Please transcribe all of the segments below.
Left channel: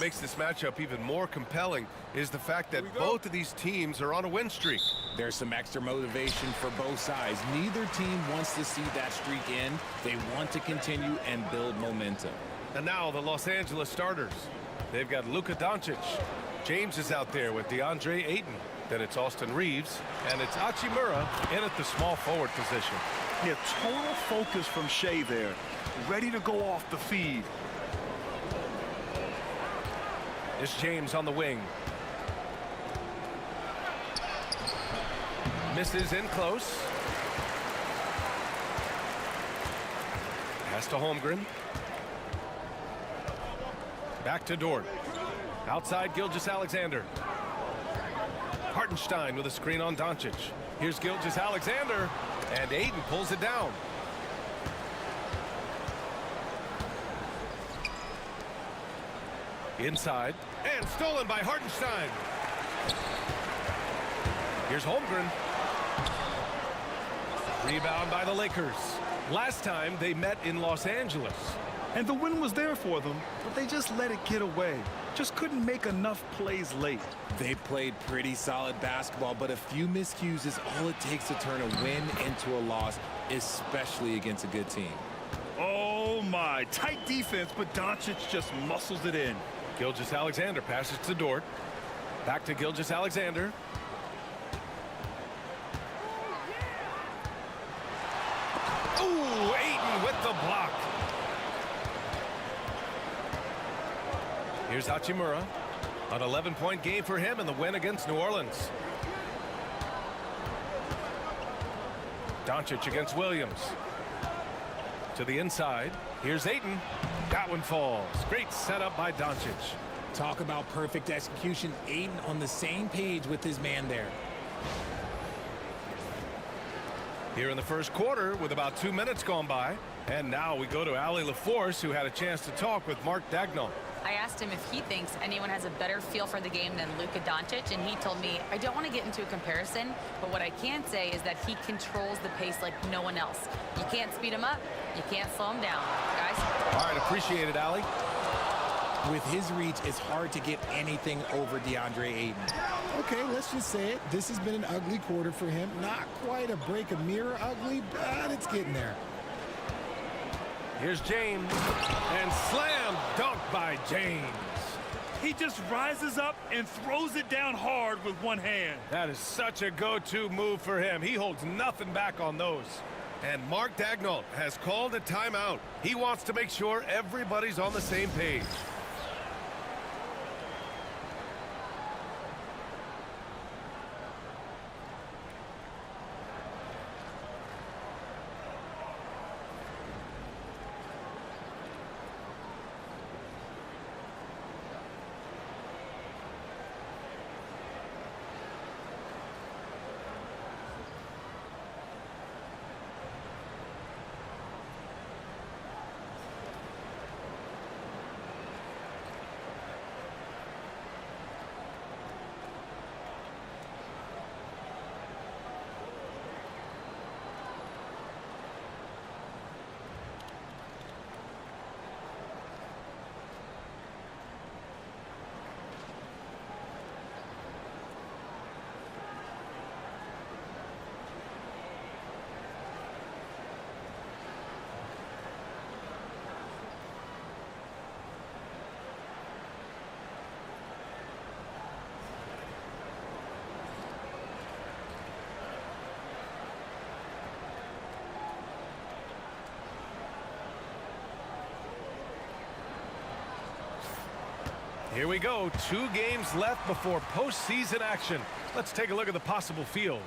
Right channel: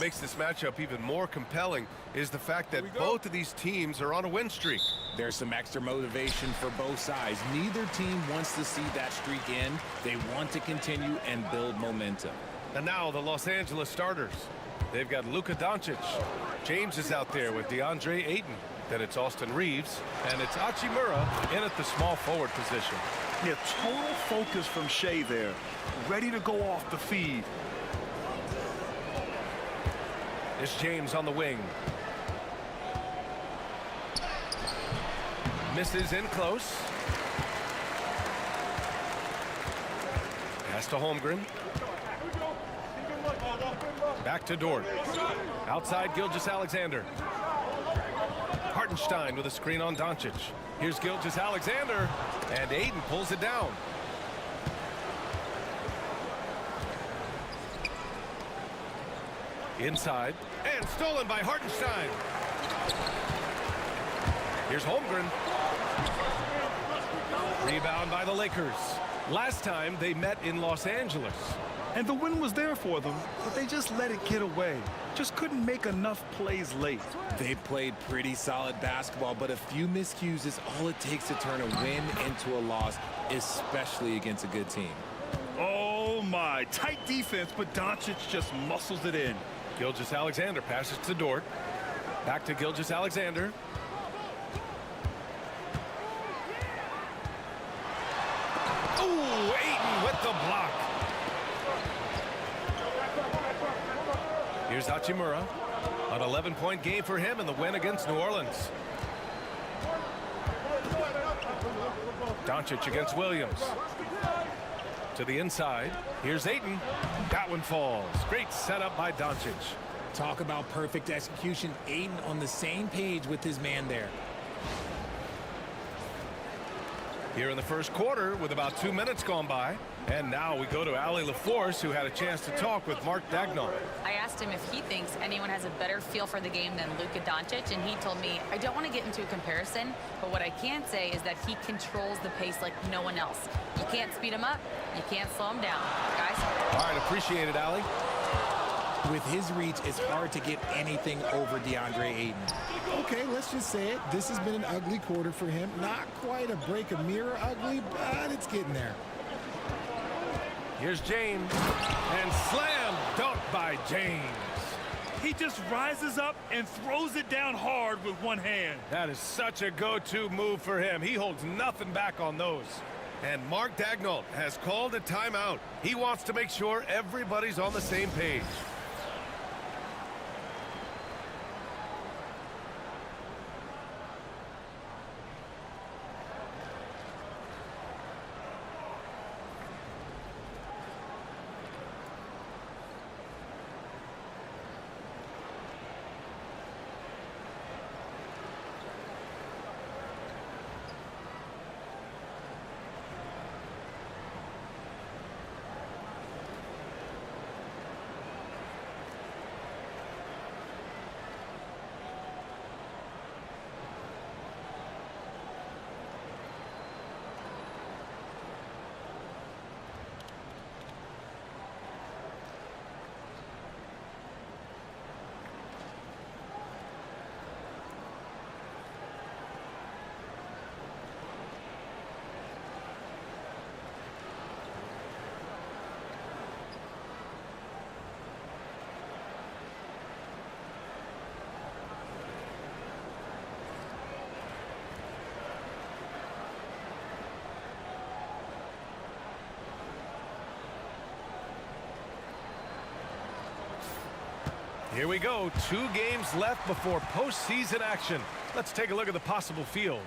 Makes this matchup even more compelling is the fact that both of these teams are on a win streak. There's some extra motivation for both sides. Neither team wants to see that streak end. They want to continue and build momentum. And now the Los Angeles starters. They've got Luka Doncic. James is out there with DeAndre Ayton. Then it's Austin Reeves, and it's Hachimura in at the small forward position. Yeah, total focus from Shai there. Ready to go off the feed. It's James on the wing. Misses in close. Pass to Holmgren. Back to Dort. Outside Gilgeous-Alexander. Hartenstein with a screen on Doncic. Here's Gilgeous-Alexander, and Ayton pulls it down. Inside, and stolen by Hartenstein. Here's Holmgren. Rebound by the Lakers. Last time they met in Los Angeles. And the win was there for them, but they just let it get away. Just couldn't make enough plays late. They played pretty solid basketball, but a few miscues is all it takes to turn a win into a loss, especially against a good team. Oh my, tight defense, but Doncic just muscles it in. Gilgeous-Alexander passes to Dort. Back to Gilgeous-Alexander. Ooh, Ayton with the block. Here's Hachimura. An 11-point game for him in the win against New Orleans. Doncic against Williams. To the inside. Here's Ayton. That one falls. Great setup by Doncic. Talk about perfect execution. Ayton on the same page with his man there. Here in the first quarter with about 2 minutes gone by. And now we go to Allie LaForce, who had a chance to talk with Mark Daigneault. I asked him if he thinks anyone has a better feel for the game than Luka Doncic, and he told me, I don't want to get into a comparison, but what I can say is that he controls the pace like no one else. You can't speed him up, you can't slow him down. Guys? All right, appreciate it, Allie. With his reach, it's hard to get anything over DeAndre Ayton. Okay, let's just say it. This has been an ugly quarter for him. Not quite a break a mirror ugly, but it's getting there. Here's James, and slam dunk by James. He just rises up and throws it down hard with one hand. That is such a go-to move for him. He holds nothing back on those. And Mark Daigneault has called a timeout. He wants to make sure everybody's on the same page. Here we go. 2 games left before postseason action. Let's take a look at the possible field.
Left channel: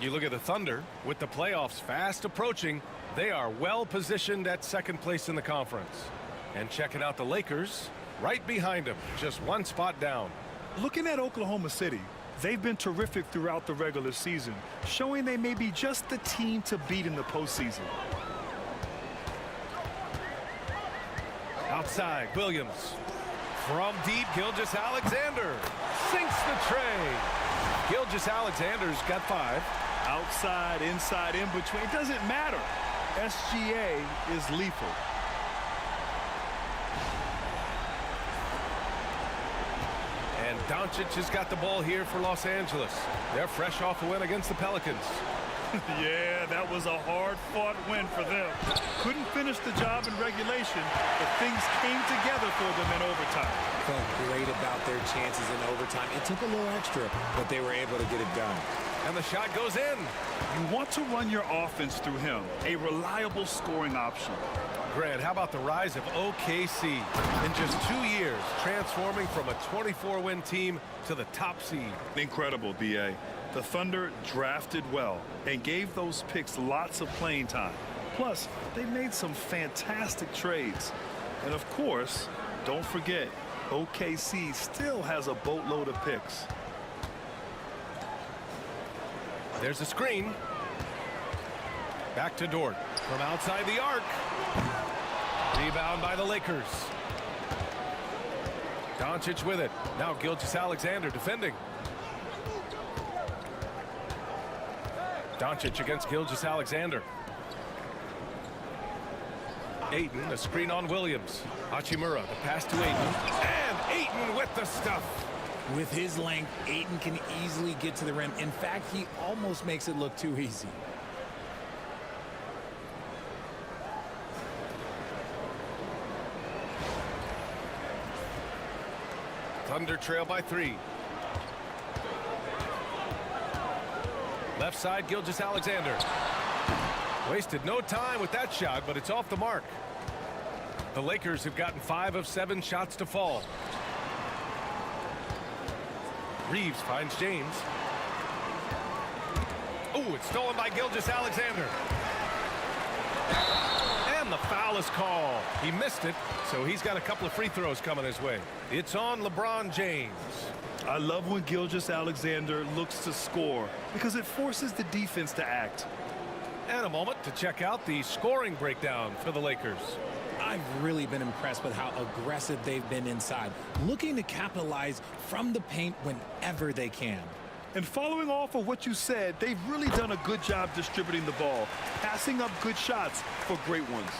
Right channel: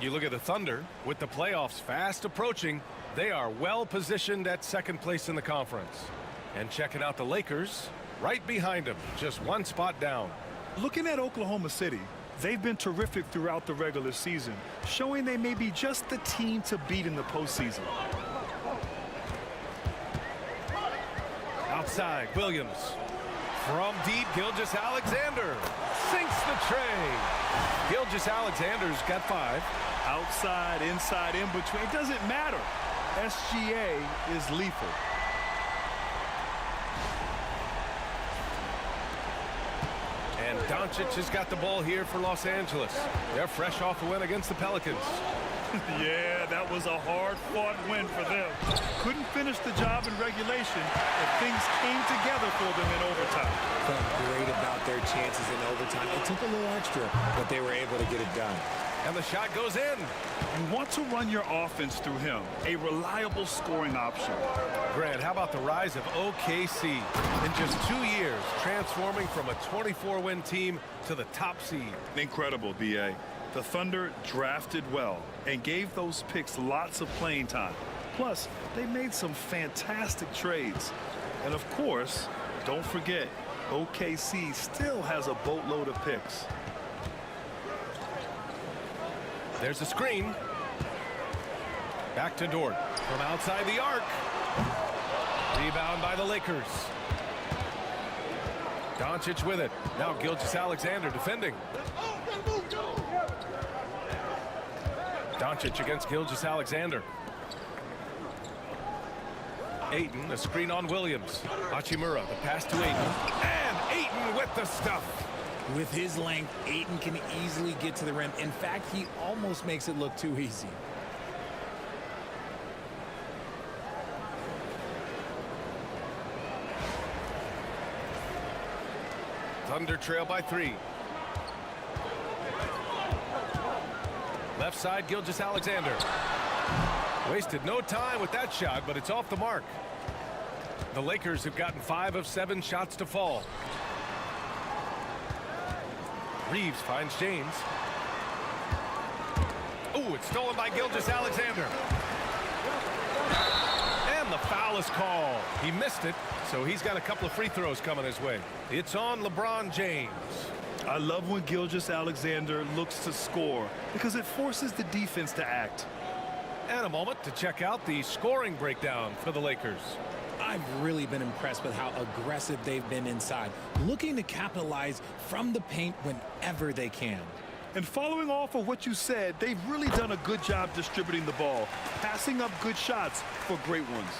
You look at the Thunder. With the playoffs fast approaching, they are well positioned at second place in the conference. And checking out the Lakers, right behind them, just 1 spot down. Looking at Oklahoma City, they've been terrific throughout the regular season, showing they may be just the team to beat in the postseason. Outside, Williams. From deep, Gilgeous-Alexander sinks the tray. Gilgeous-Alexander's got 5. Outside, inside, in between, it doesn't matter. SGA is lethal. And Doncic has got the ball here for Los Angeles. They're fresh off a win against the Pelicans. Yeah, that was a hard-fought win for them. Couldn't finish the job in regulation, but things came together for them in overtime. Felt great about their chances in overtime. It took a little extra, but they were able to get it done. And the shot goes in. You want to run your offense through him, a reliable scoring option. Grant, how about the rise of OKC? In just 2 years, transforming from a 24-win team to the top seed. Incredible, B.A. The Thunder drafted well and gave those picks lots of playing time. Plus, they made some fantastic trades. And of course, don't forget, OKC still has a boatload of picks. There's a screen. Back to Dort from outside the arc. Rebound by the Lakers. Doncic with it. Now Gilgeous-Alexander defending. Doncic against Gilgeous-Alexander. Ayton, a screen on Williams. Hachimura, the pass to Ayton. And Ayton with the stuff. With his length, Ayton can easily get to the rim. In fact, he almost makes it look too easy. Thunder trail by 3. Left side, Gilgeous-Alexander. Wasted no time with that shot, but it's off the mark. The Lakers have gotten 5 of 7 shots to fall. Reeves finds James. Oh, it's stolen by Gilgeous-Alexander. And the foul is called. He missed it, so he's got a couple of free throws coming his way. It's on LeBron James. I love when Gilgeous-Alexander looks to score because it forces the defense to act. And a moment to check out the scoring breakdown for the Lakers. I've really been impressed with how aggressive they've been inside, looking to capitalize from the paint whenever they can. And following off of what you said, they've really done a good job distributing the ball, passing up good shots for great ones.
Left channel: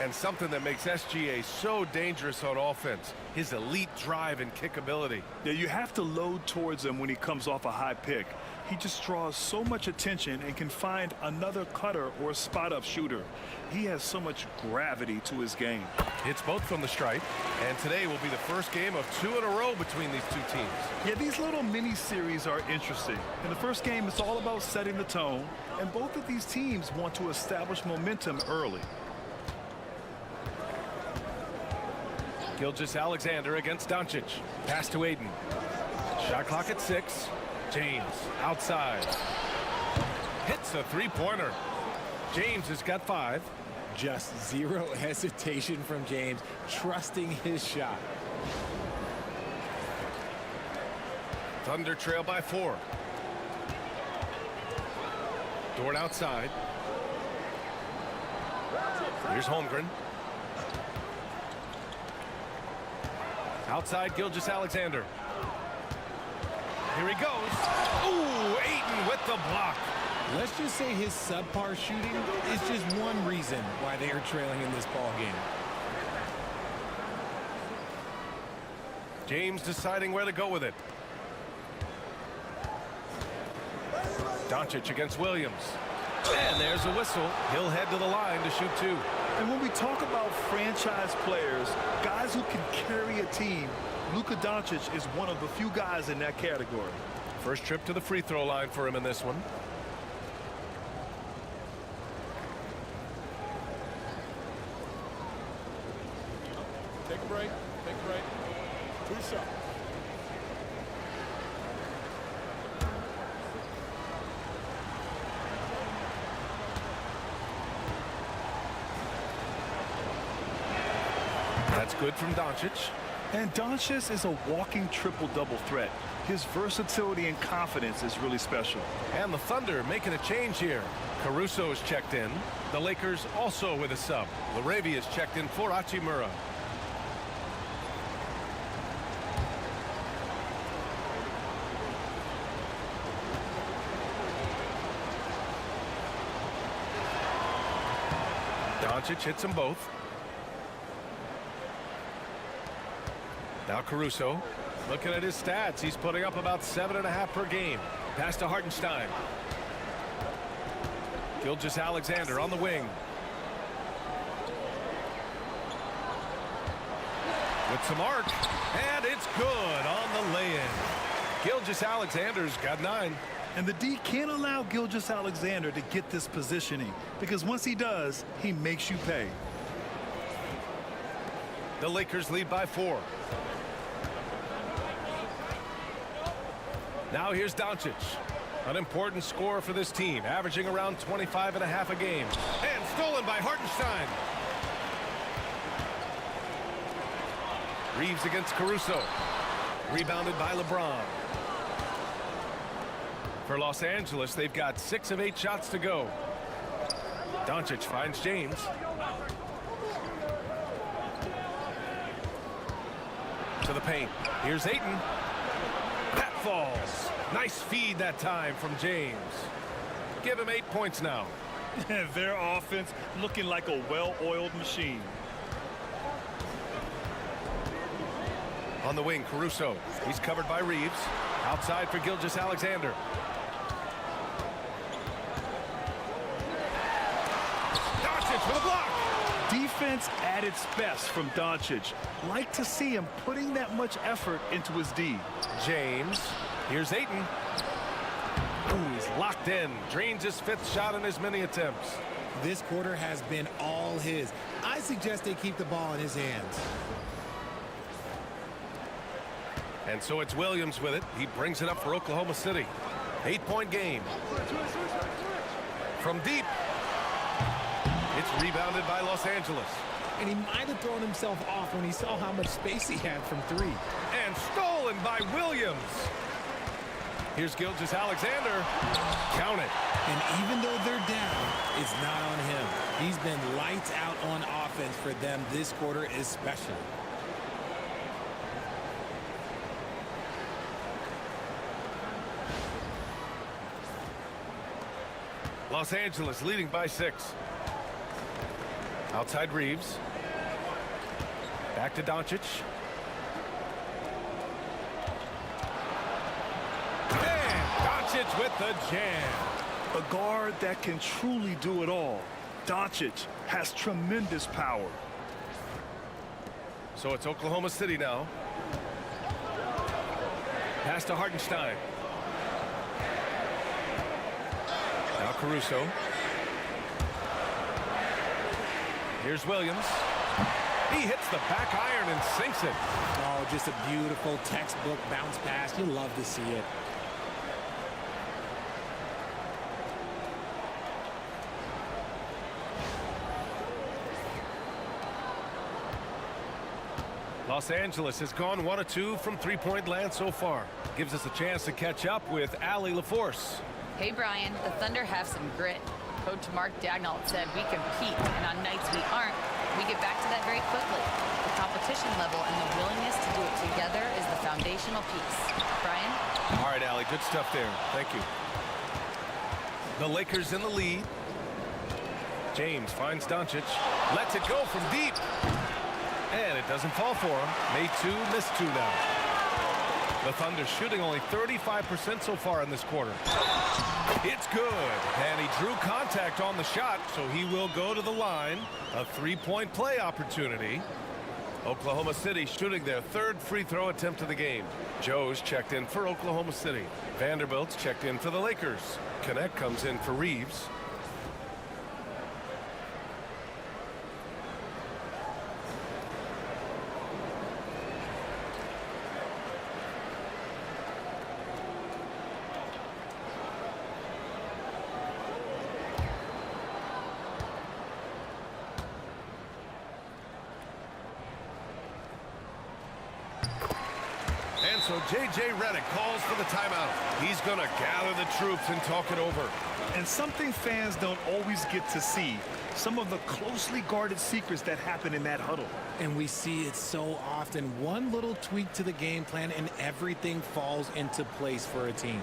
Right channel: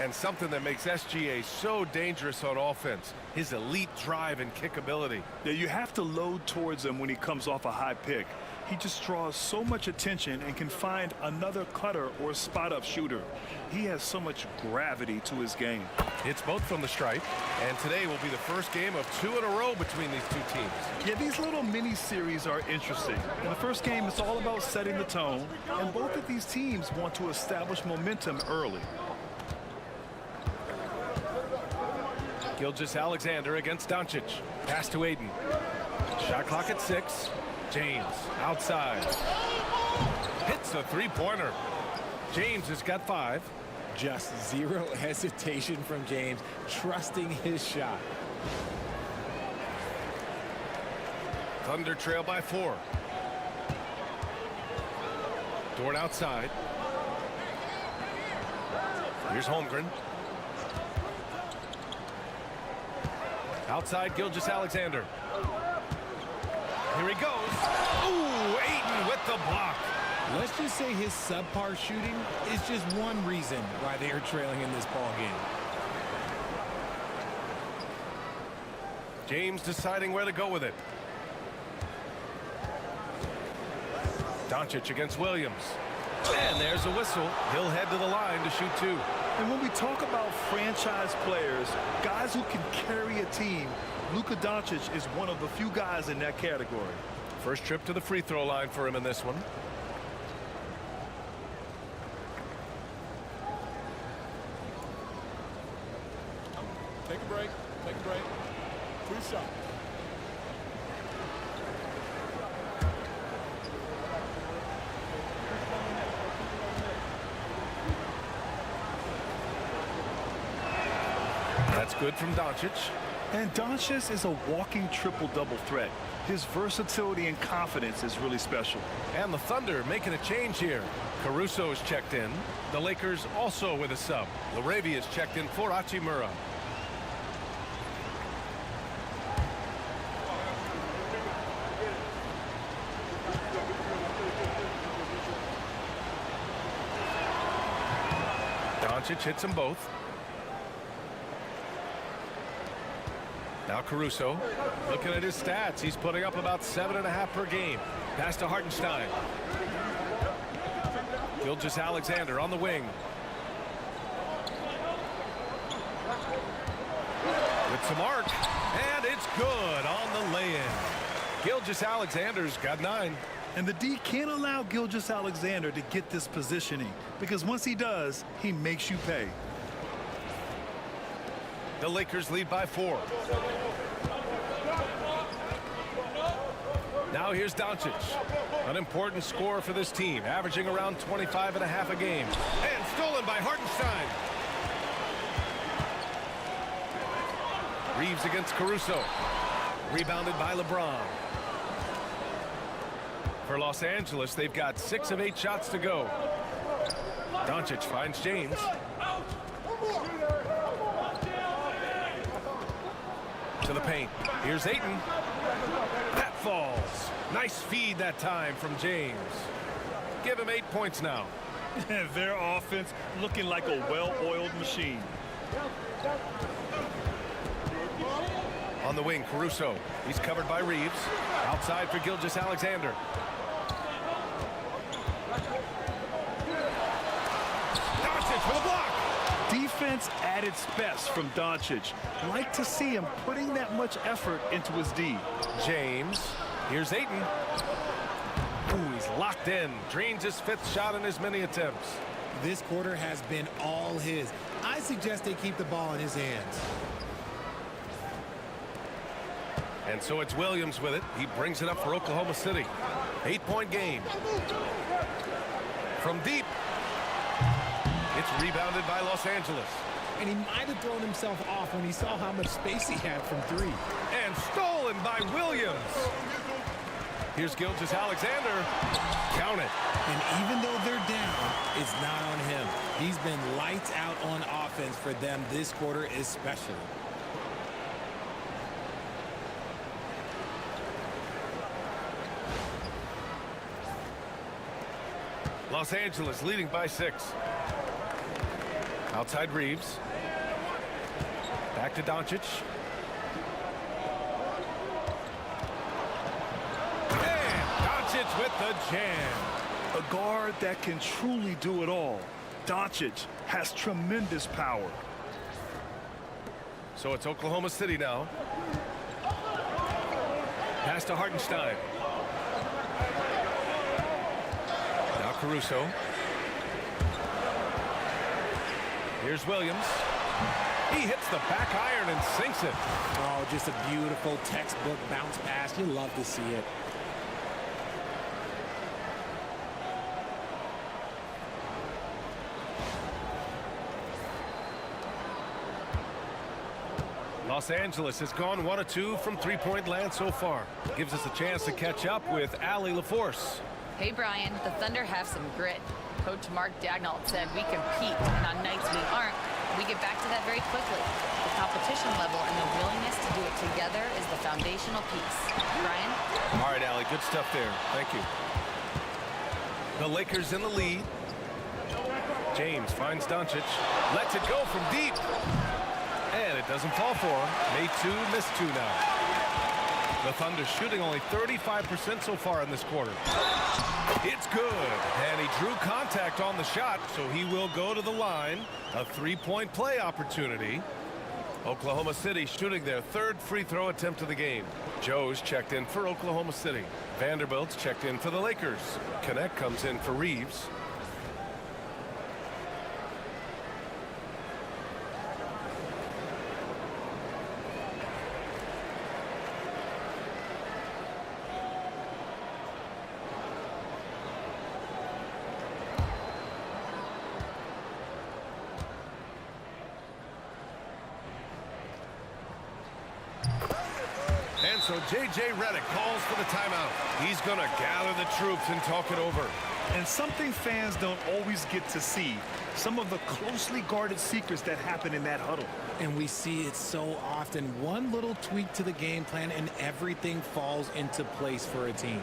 And something that makes SGA so dangerous on offense, his elite drive and kick ability. Yeah, you have to load towards him when he comes off a high pick. He just draws so much attention and can find another cutter or a spot-up shooter. He has so much gravity to his game. It's both from the stripe, and today will be the first game of 2 in a row between these two teams. Yeah, these little mini-series are interesting. In the first game, it's all about setting the tone, and both of these teams want to establish momentum early. Gilgeous-Alexander against Doncic. Pass to Ayton. Shot clock at 6. James outside. Hits a three-pointer. James has got 5. Just zero hesitation from James, trusting his shot. Thunder trail by 4. Dort outside. Here's Holmgren. Outside Gilgeous-Alexander. Here he goes. Ooh, Ayton with the block. Let's just say his subpar shooting is just one reason why they are trailing in this ball game. James deciding where to go with it. Doncic against Williams. And there's a whistle. He'll head to the line to shoot 2. And when we talk about franchise players, guys who can carry a team, Luka Doncic is one of the few guys in that category. First trip to the free throw line for him in this one. Take a break. Take a break. 2 shots. That's good from Doncic. And Doncic is a walking triple-double threat. His versatility and confidence is really special. And the Thunder making a change here. Caruso's checked in. The Lakers also with a sub. Laravia's checked in for Hachimura. Doncic hits them both. Now Caruso. Looking at his stats, he's putting up about 7.5 per game. Pass to Hartenstein. Gilgeous-Alexander on the wing. With some arc, and it's good on the lay-in. Gilgeous-Alexander's got 9. And the D can't allow Gilgeous-Alexander to get this positioning, because once he does, he makes you pay. The Lakers lead by 4. Now here's Doncic. An important scorer for this team, averaging around 25.5 a game. And stolen by Hartenstein. Reeves against Caruso. Rebounded by LeBron. For Los Angeles, they've got 6 of 8 shots to go. Doncic finds James. To the paint. Here's Ayton. That falls. Nice feed that time from James. Give him 8 points now. Their offense looking like a well-oiled machine. On the wing, Caruso. He's covered by Reeves. Outside for Gilgeous-Alexander. Doncic for the block. Defense at its best from Doncic. Like to see him putting that much effort into his D. James. Here's Ayton. Ooh, he's locked in. Drains his 5th shot in as many attempts. This quarter has been all his. I suggest they keep the ball in his hands. And so it's Williams with it. He brings it up for Oklahoma City. 8-point game. From deep. It's rebounded by Los Angeles. And he might have thrown himself off when he saw how much space he had from 3. And stolen by Williams. Here's Gilgeous-Alexander. Count it. And even though they're down, it's not on him. He's been lights out on offense for them this quarter especially. Los Angeles leading by 6. Outside Reeves. Back to Doncic. And Doncic with the jam. A guard that can truly do it all. Doncic has tremendous power. So it's Oklahoma City now. Pass to Hartenstein. Now Caruso. Here's Williams. He hits the back iron and sinks it. Oh, just a beautiful textbook bounce pass. You love to see it. Los Angeles has gone 1 of 2 from 3-point land so far. Gives us a chance to catch up with Allie LaForce. Hey, Brian, the Thunder have some grit. Coach Mark Daigneault said we compete, and on nights we aren't, we get back to that very quickly. The competition level and the willingness to do it together is the foundational piece. Brian? All right, Allie, good stuff there. Thank you. The Lakers in the lead. James finds Doncic. Lets it go from deep. And it doesn't fall for him. Made 2, missed 2 now. The Thunder shooting only 35% so far in this quarter. It's good. And he drew contact on the shot, so he will go to the line. A 3-point play opportunity. Oklahoma City shooting their 3rd free throw attempt of the game. Joe's checked in for Oklahoma City. Vanderbilt's checked in for the Lakers. Connect comes in for Reeves. And so J.J. Redick calls for the timeout. He's going to gather the troops and talk it over. And something fans don't always get to see, some of the closely guarded secrets that happen in that huddle. And we see it so often. One little tweak to the game plan and everything falls into place for a team.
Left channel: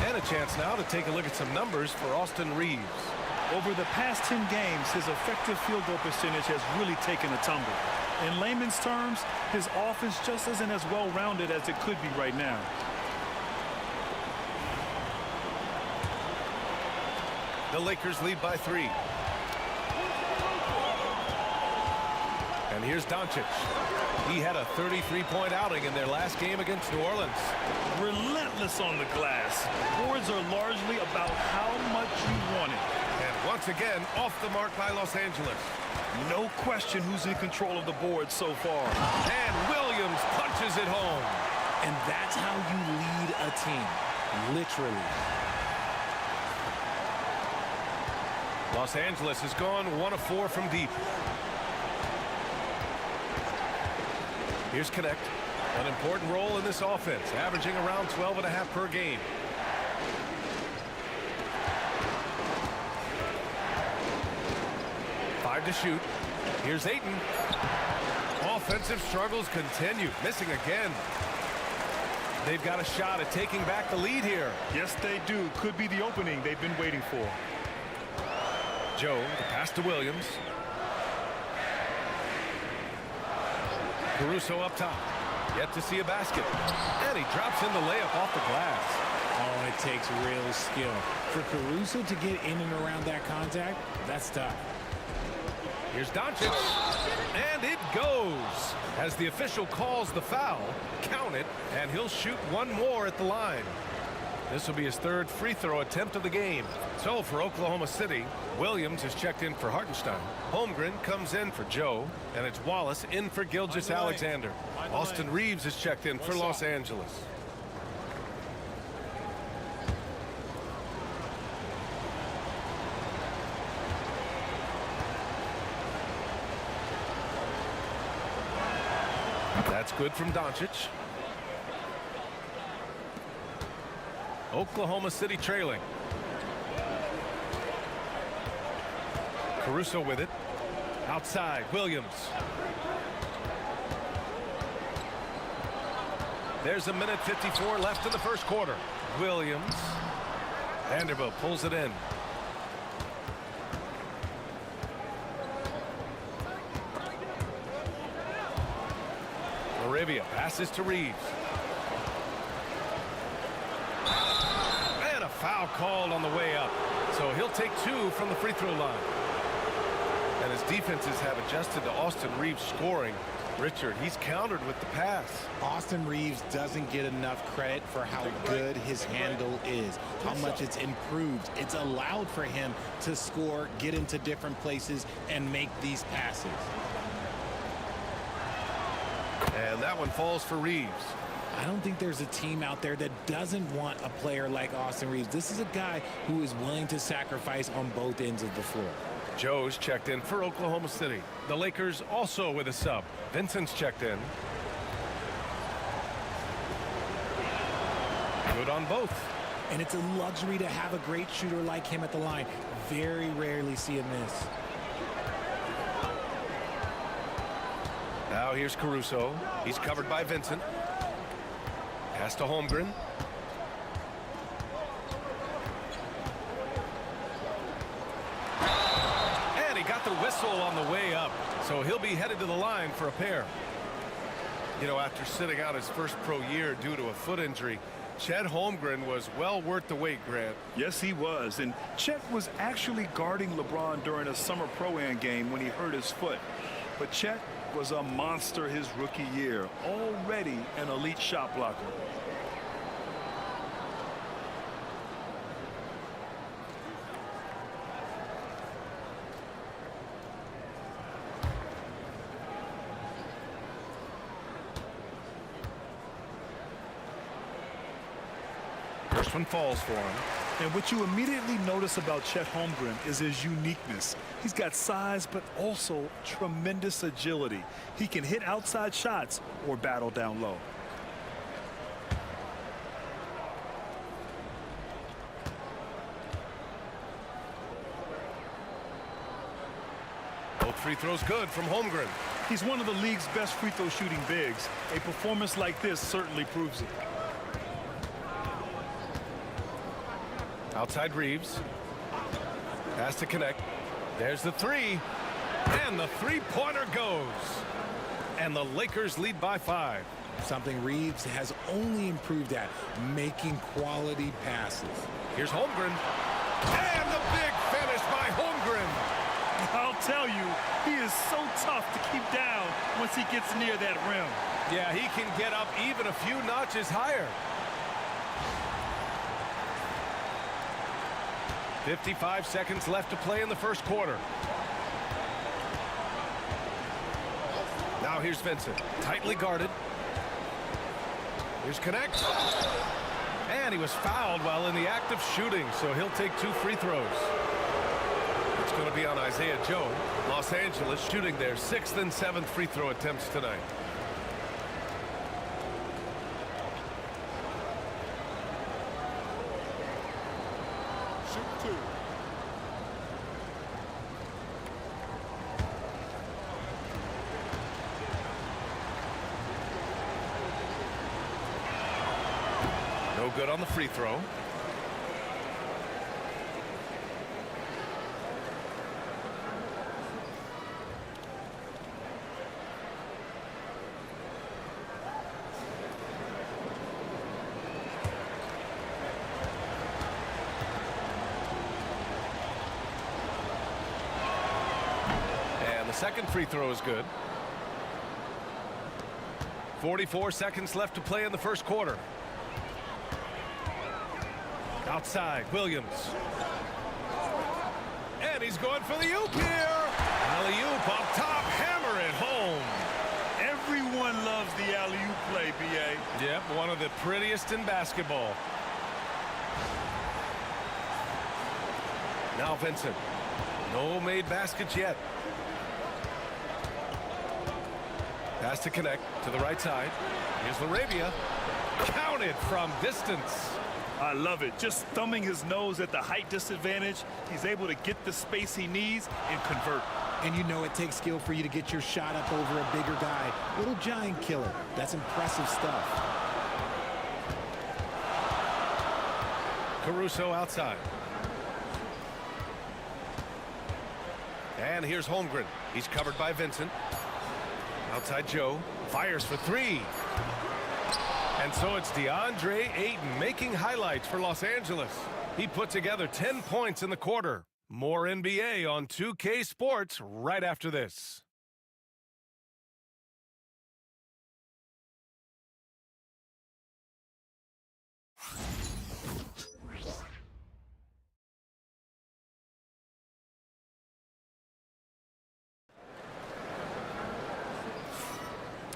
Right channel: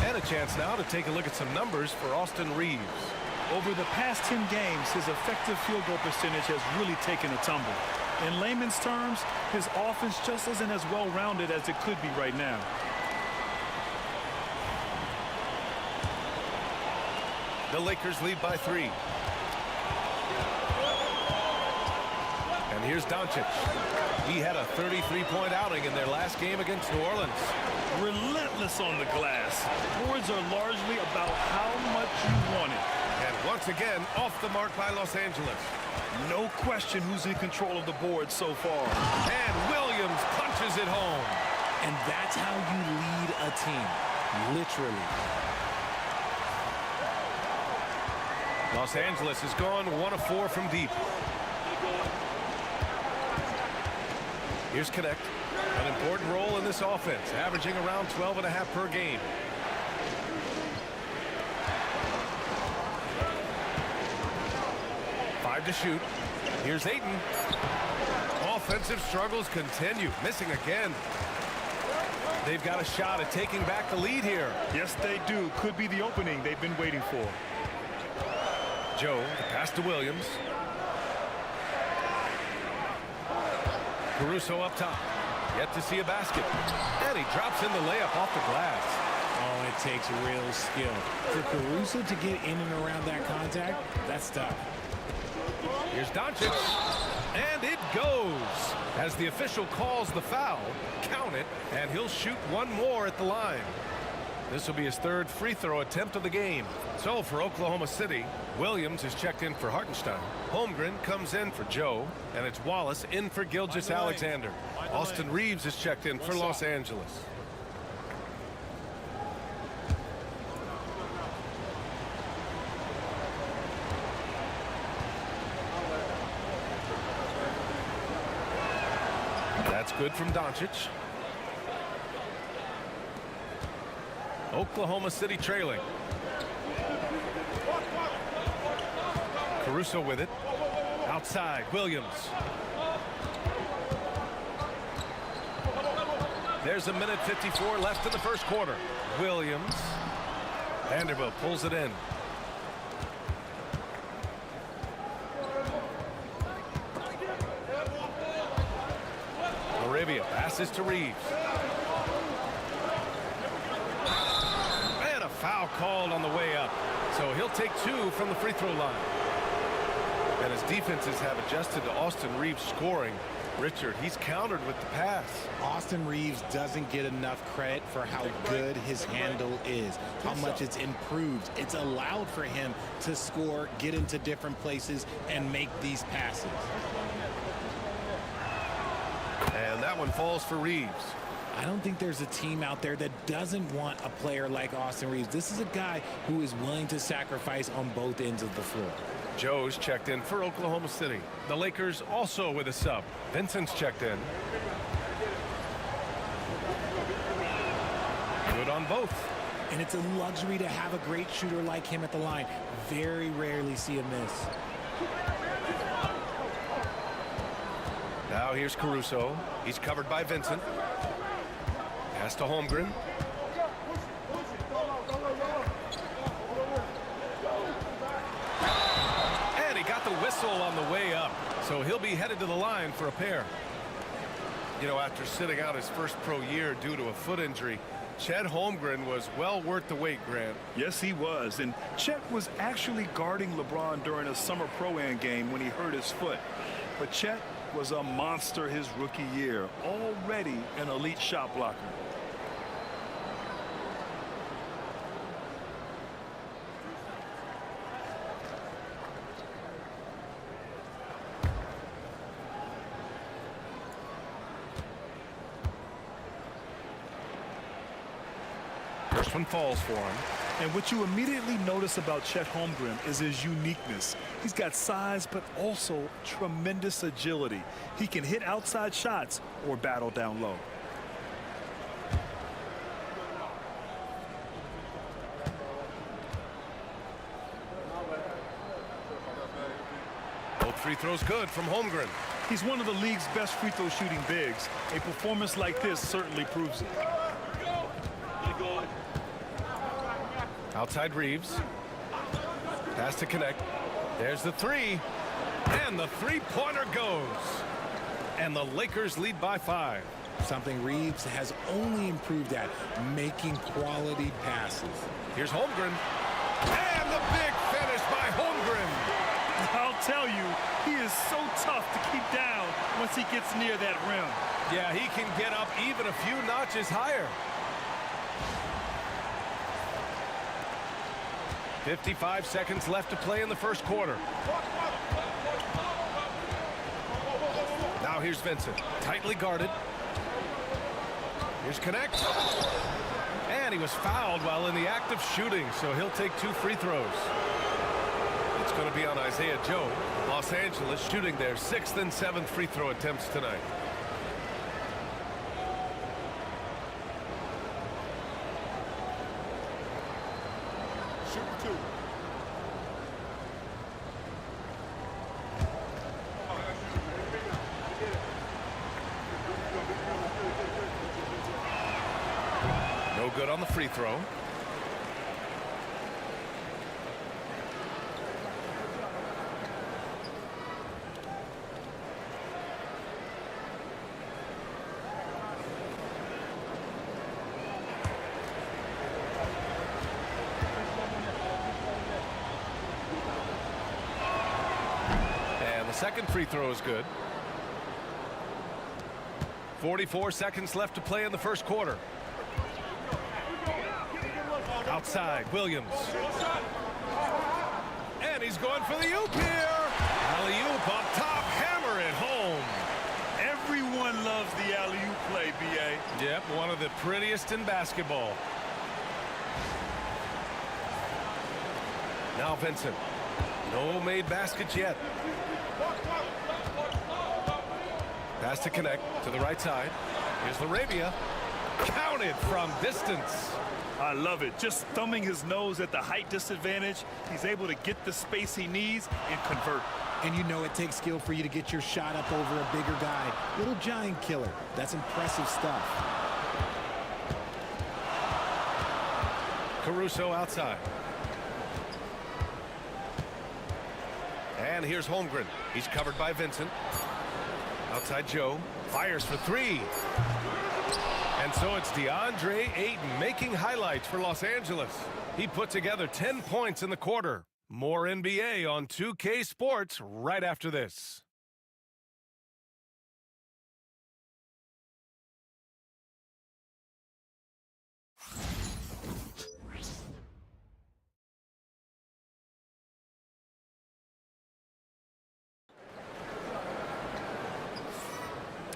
And a chance now to take a look at some numbers for Austin Reeves. Over the past 10 games, his effective field goal percentage has really taken a tumble. In layman's terms, his offense just isn't as well-rounded as it could be right now. The Lakers lead by 3. And here's Doncic. He had a 33-point outing in their last game against New Orleans. Relentless on the glass. Boards are largely about how much you want it. And once again, off the mark by Los Angeles. No question who's in control of the board so far. And Williams punches it home. And that's how you lead a team, literally. Los Angeles has gone 1 of 4 from deep. Here's Connect. An important role in this offense, averaging around 12.5 per game. Five to shoot. Here's Ayton. Offensive struggles continue. Missing again. They've got a shot at taking back the lead here. Yes, they do. Could be the opening they've been waiting for. Joe, the pass to Williams. Caruso up top. Yet to see a basket. And he drops in the layup off the glass. Oh, it takes real skill. For Caruso to get in and around that contact, that's tough. Here's Doncic. And it goes. As the official calls the foul, count it, and he'll shoot one more at the line. This will be his 3rd free throw attempt of the game. So for Oklahoma City, Williams is checked in for Hartenstein. Holmgren comes in for Joe, and it's Wallace in for Gilgeous-Alexander. Austin Reeves is checked in for Los Angeles. That's good from Doncic. Oklahoma City trailing. Caruso with it. Outside, Williams. There's 1:54 left in the first quarter. Williams. Vanderbilt pulls it in. Laravia passes to Reeves. And a foul called on the way up. So he'll take 2 from the free throw line. And his defenses have adjusted to Austin Reeves scoring. Richard, he's countered with the pass. Austin Reeves doesn't get enough credit for how good his handle is, how much it's improved. It's allowed for him to score, get into different places, and make these passes. And that one falls for Reeves. I don't think there's a team out there that doesn't want a player like Austin Reeves. This is a guy who is willing to sacrifice on both ends of the floor. Joe's checked in for Oklahoma City. The Lakers also with a sub. Vincent's checked in. Good on both. And it's a luxury to have a great shooter like him at the line. Very rarely see him miss. Now here's Caruso. He's covered by Vincent. Pass to Holmgren. And he got the whistle on the way up. So he'll be headed to the line for a pair. You know, after sitting out his first pro year due to a foot injury, Chet Holmgren was well worth the wait, Grant. Yes, he was. And Chet was actually guarding LeBron during a summer pro-am game when he hurt his foot. But Chet was a monster his rookie year, already an elite shot blocker. First one falls for him. And what you immediately notice about Chet Holmgren is his uniqueness. He's got size, but also tremendous agility. He can hit outside shots or battle down low. Both free throws good from Holmgren. He's one of the league's best free throw shooting bigs. A performance like this certainly proves it. Outside Reeves. Pass to connect. There's the three. And the three-pointer goes. And the Lakers lead by 5. Something Reeves has only improved at, making quality passes. Here's Holmgren. And the big finish by Holmgren. I'll tell you, he is so tough to keep down once he gets near that rim. Yeah, he can get up even a few notches higher. 55 seconds left to play in the first quarter. Now here's Vincent, tightly guarded. Here's Connect. And he was fouled while in the act of shooting, so he'll take 2 free throws. It's going to be on Isaiah Joe. Los Angeles shooting their 6th and 7th free throw attempts tonight. Shoot 2. No good on the free throw. And the second free throw is good. 44 seconds left to play in the first quarter. Outside, Williams. And he's going for the oop here. Alley-oop up top, hammer it home. Everyone loves the alley-oop play, B.A. Yep, one of the prettiest in basketball. Now Vincent. No made baskets yet. Pass to connect to the right side. Here's Laravia. Counted from distance. I love it. Just thumbing his nose at the height disadvantage, he's able to get the space he needs and convert. And you know it takes skill for you to get your shot up over a bigger guy. Little giant killer. That's impressive stuff. Caruso outside. And here's Holmgren. He's covered by Vincent. Outside Joe. Fires for 3. And so it's DeAndre Ayton making highlights for Los Angeles. He put together 10 points in the quarter. More NBA on 2K Sports right after this.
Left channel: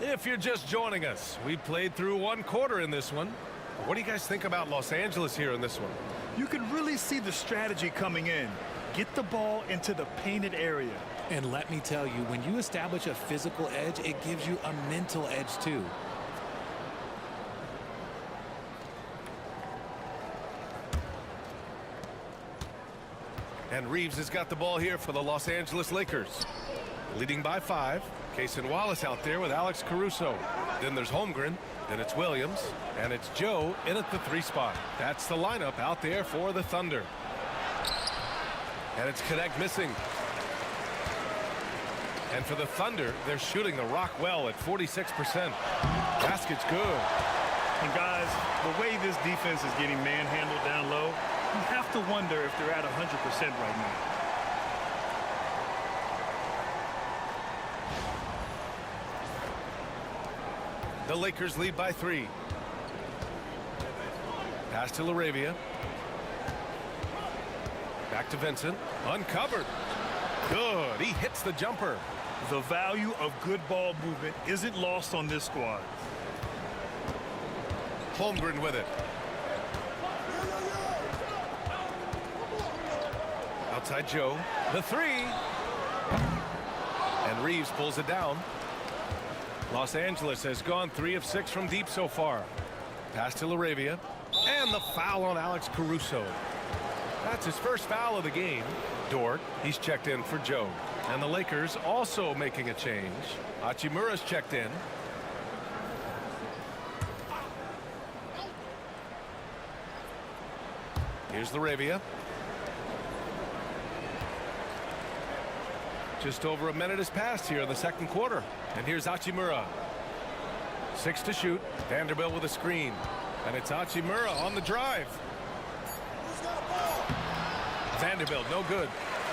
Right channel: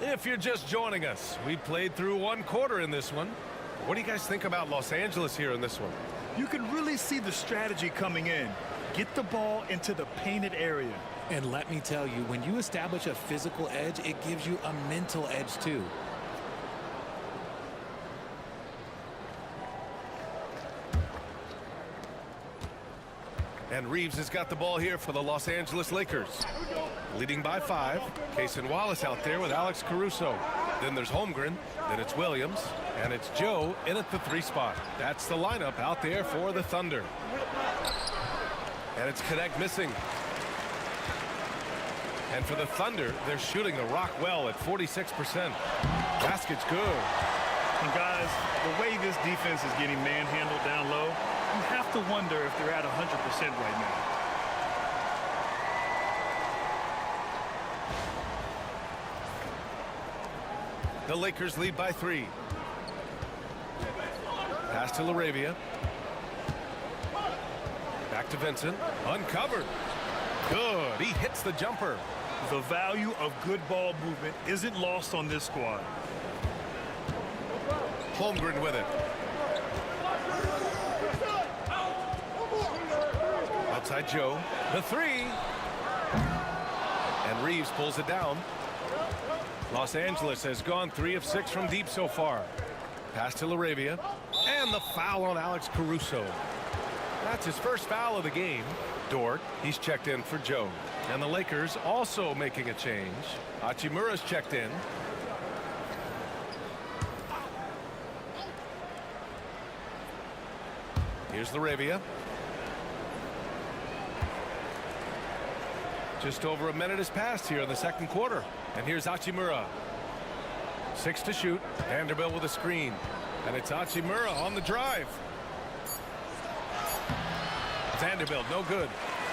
If you're just joining us, we played through 1 quarter in this one. What do you guys think about Los Angeles here in this one? You can really see the strategy coming in. Get the ball into the painted area. And let me tell you, when you establish a physical edge, it gives you a mental edge too. And Reeves has got the ball here for the Los Angeles Lakers. Leading by 5. Cason Wallace out there with Alex Caruso. Then there's Holmgren. Then it's Williams. And it's Joe in at the 3 spot. That's the lineup out there for the Thunder. And it's Connect missing. And for the Thunder, they're shooting the rock well at 46%. Basket's good. And guys, the way this defense is getting manhandled down low, you have to wonder if they're at 100% right now. The Lakers lead by 3. Pass to Laravia. Back to Vincent. Uncovered. Good. He hits the jumper. The value of good ball movement isn't lost on this squad. Holmgren with it. Outside Joe. The 3. And Reeves pulls it down. Los Angeles has gone 3 of 6 from deep so far. Pass to Laravia. And the foul on Alex Caruso. That's his first foul of the game. Dort, he's checked in for Joe. And the Lakers also making a change. Hachimura's checked in. Here's Laravia. Just over a minute has passed here in the second quarter. And here's Hachimura. 6 to shoot. Vanderbilt with a screen. And it's Hachimura on the drive. Vanderbilt, no good.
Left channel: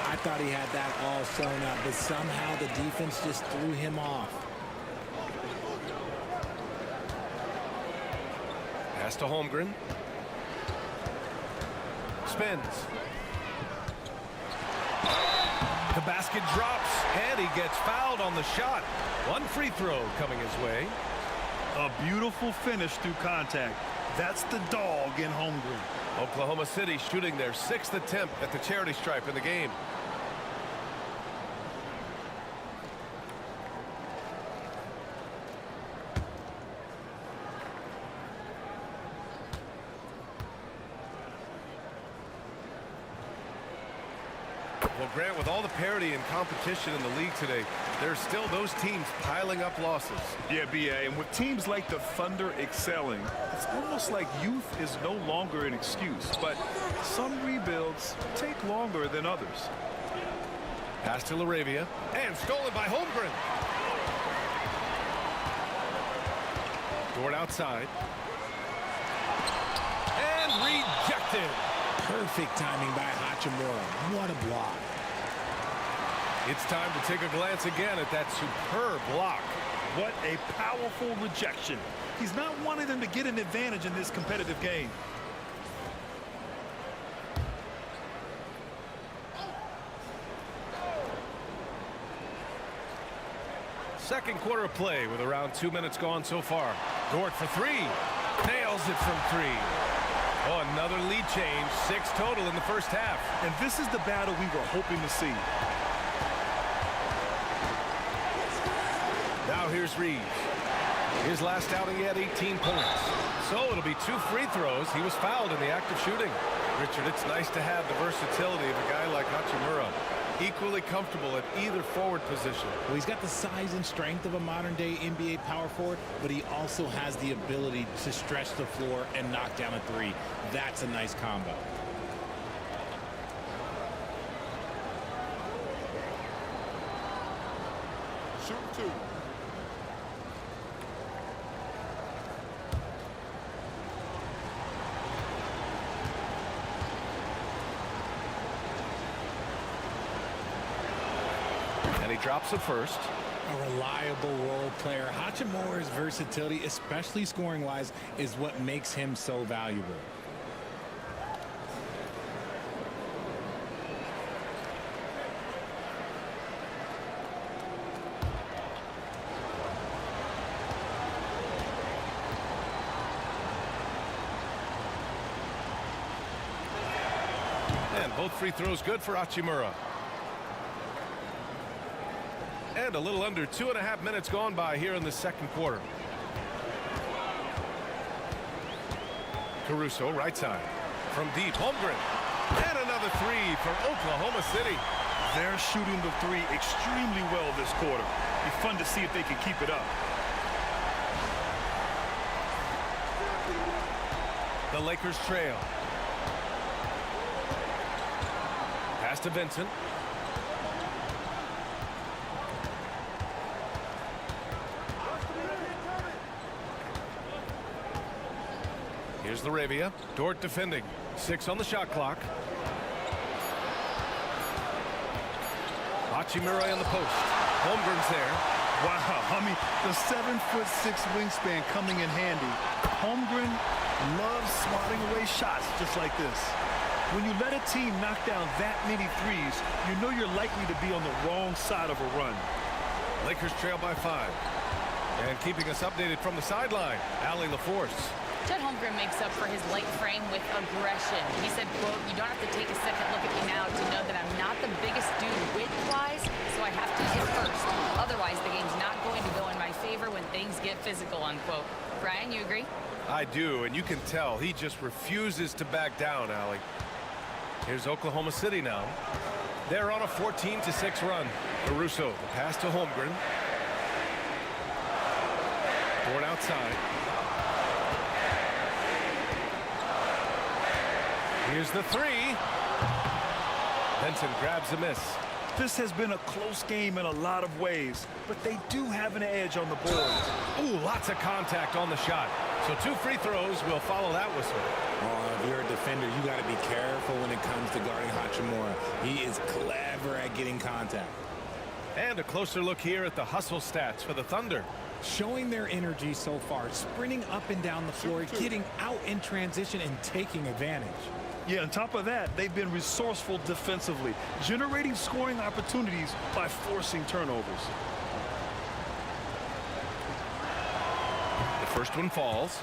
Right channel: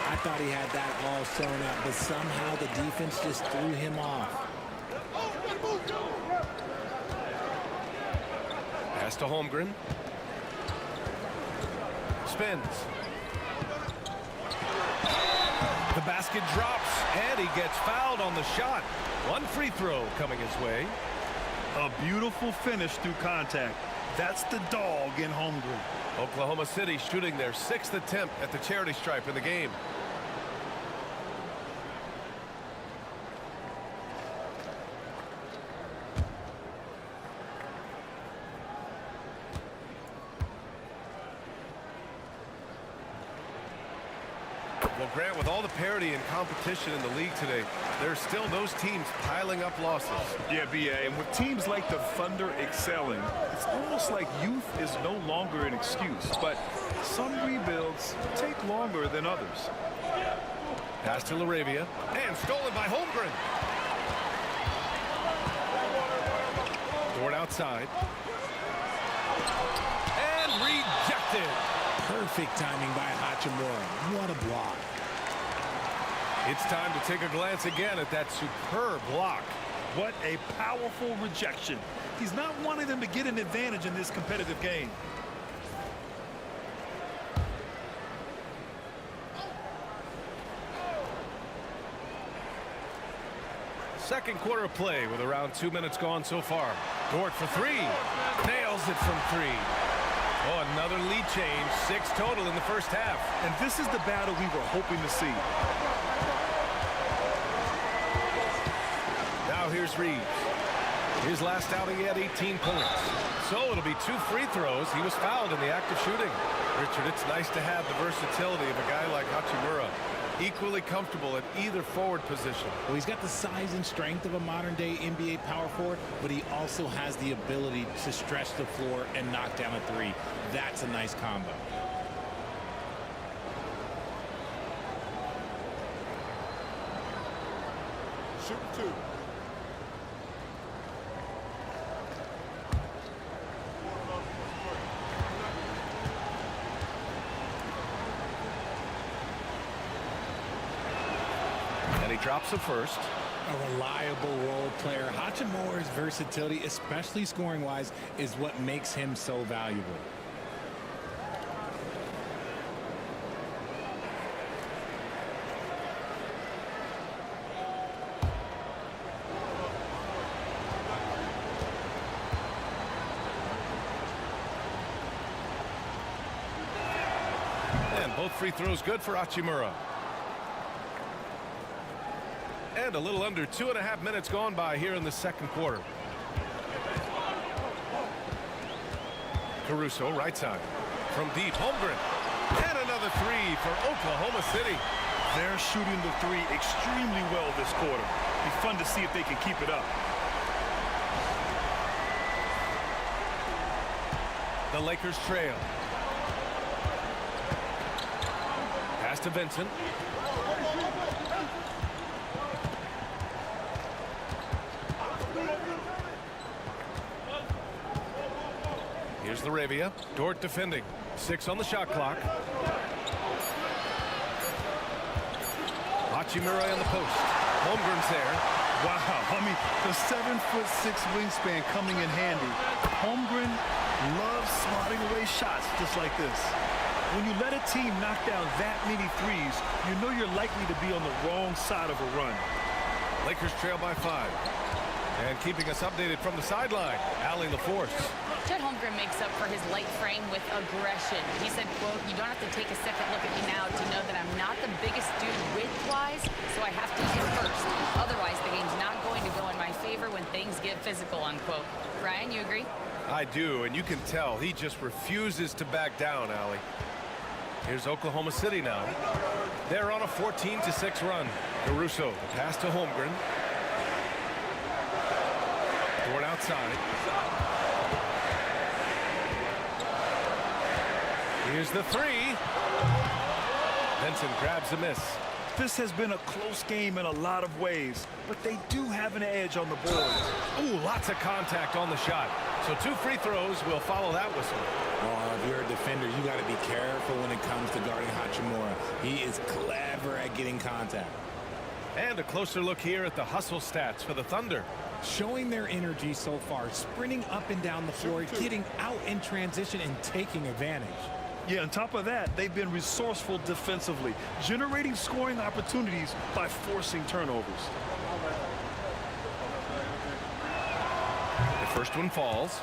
I thought he had that all sewn up, but somehow the defense just threw him off. Pass to Holmgren. Spins. The basket drops, and he gets fouled on the shot. One free throw coming his way. A beautiful finish through contact. That's the dog in Holmgren. Oklahoma City shooting their 6th attempt at the charity stripe in the game. Well, Grant, with all the parity and competition in the league today, there's still those teams piling up losses. Yeah, BA, and with teams like the Thunder excelling, it's almost like youth is no longer an excuse, but some rebuilds take longer than others. Pass to Laravia, and stolen by Holmgren. Dort outside. And rejected. Perfect timing by Hachimura. What a block. It's time to take a glance again at that superb block. What a powerful rejection. He's not wanting them to get an advantage in this competitive game. Second quarter of play with around 2 minutes gone so far. Dort for 3. Nails it from 3. Oh, another lead change. 6 total in the first half. And this is the battle we were hoping to see. Now here's Reeves. His last outing, he had 18 points. So it'll be 2 free throws. He was fouled in the act of shooting. Richard, it's nice to have the versatility of a guy like Hachimura. Equally comfortable at either forward position. Well, he's got the size and strength of a modern-day NBA power forward, but he also has the ability to stretch the floor and knock down a 3. That's a nice combo. Shooting 2. And he drops it first. A reliable role player. Hachimura's versatility, especially scoring-wise, is what makes him so valuable. And both free throws good for Hachimura. And a little under 2.5 minutes gone by here in the second quarter. Caruso, right side. From deep, Holmgren. And another 3 for Oklahoma City. They're shooting the 3 extremely well this quarter. Be fun to see if they can keep it up. The Lakers trail. Pass to Vincent. Here's Laravia. Dort defending. 6 on the shot clock. Hachimura in the post. Holmgren's there. Wow, I mean, the 7'6" wingspan coming in handy. Holmgren loves swatting away shots just like this. When you let a team knock down that many threes, you know you're likely to be on the wrong side of a run. Lakers trail by 5. And keeping us updated from the sideline, Allie LaForce. Chet Holmgren makes up for his light frame with aggression. He said, quote, "You don't have to take a second look at me now to know that I'm not the biggest dude width-wise, so I have to hit first. Otherwise, the game's not going to go in my favor when things get physical," unquote. Brian, you agree? I do, and you can tell he just refuses to back down, Allie. Here's Oklahoma City now. They're on a 14-6 run. Caruso, the pass to Holmgren. Dort outside. Here's the three. Benson grabs a miss. This has been a close game in a lot of ways, but they do have an edge on the board. Ooh, lots of contact on the shot. So 2 free throws will follow that whistle. Oh, if you're a defender, you got to be careful when it comes to guarding Hachimura. He is clever at getting contact. And a closer look here at the hustle stats for the Thunder. Showing their energy so far, sprinting up and down the floor, getting out in transition and taking advantage. Yeah, on top of that, they've been resourceful defensively, generating scoring opportunities by forcing turnovers. The first one falls.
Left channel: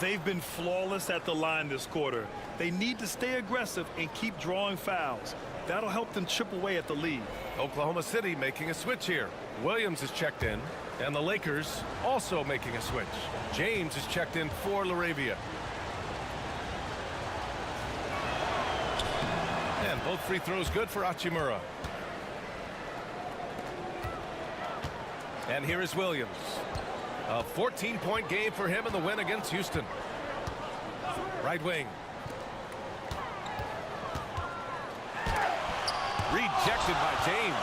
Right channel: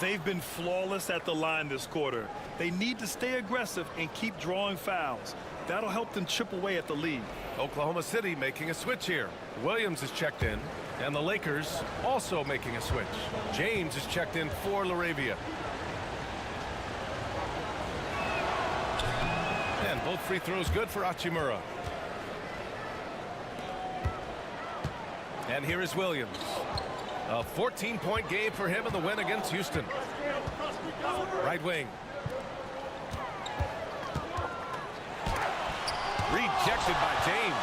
They've been flawless at the line this quarter. They need to stay aggressive and keep drawing fouls. That'll help them chip away at the lead. Oklahoma City making a switch here. Williams is checked in, and the Lakers also making a switch. James is checked in for LaRavia. And both free throws good for Hachimura. And here is Williams. A 14-point game for him in the win against Houston. Right wing. Rejected by James.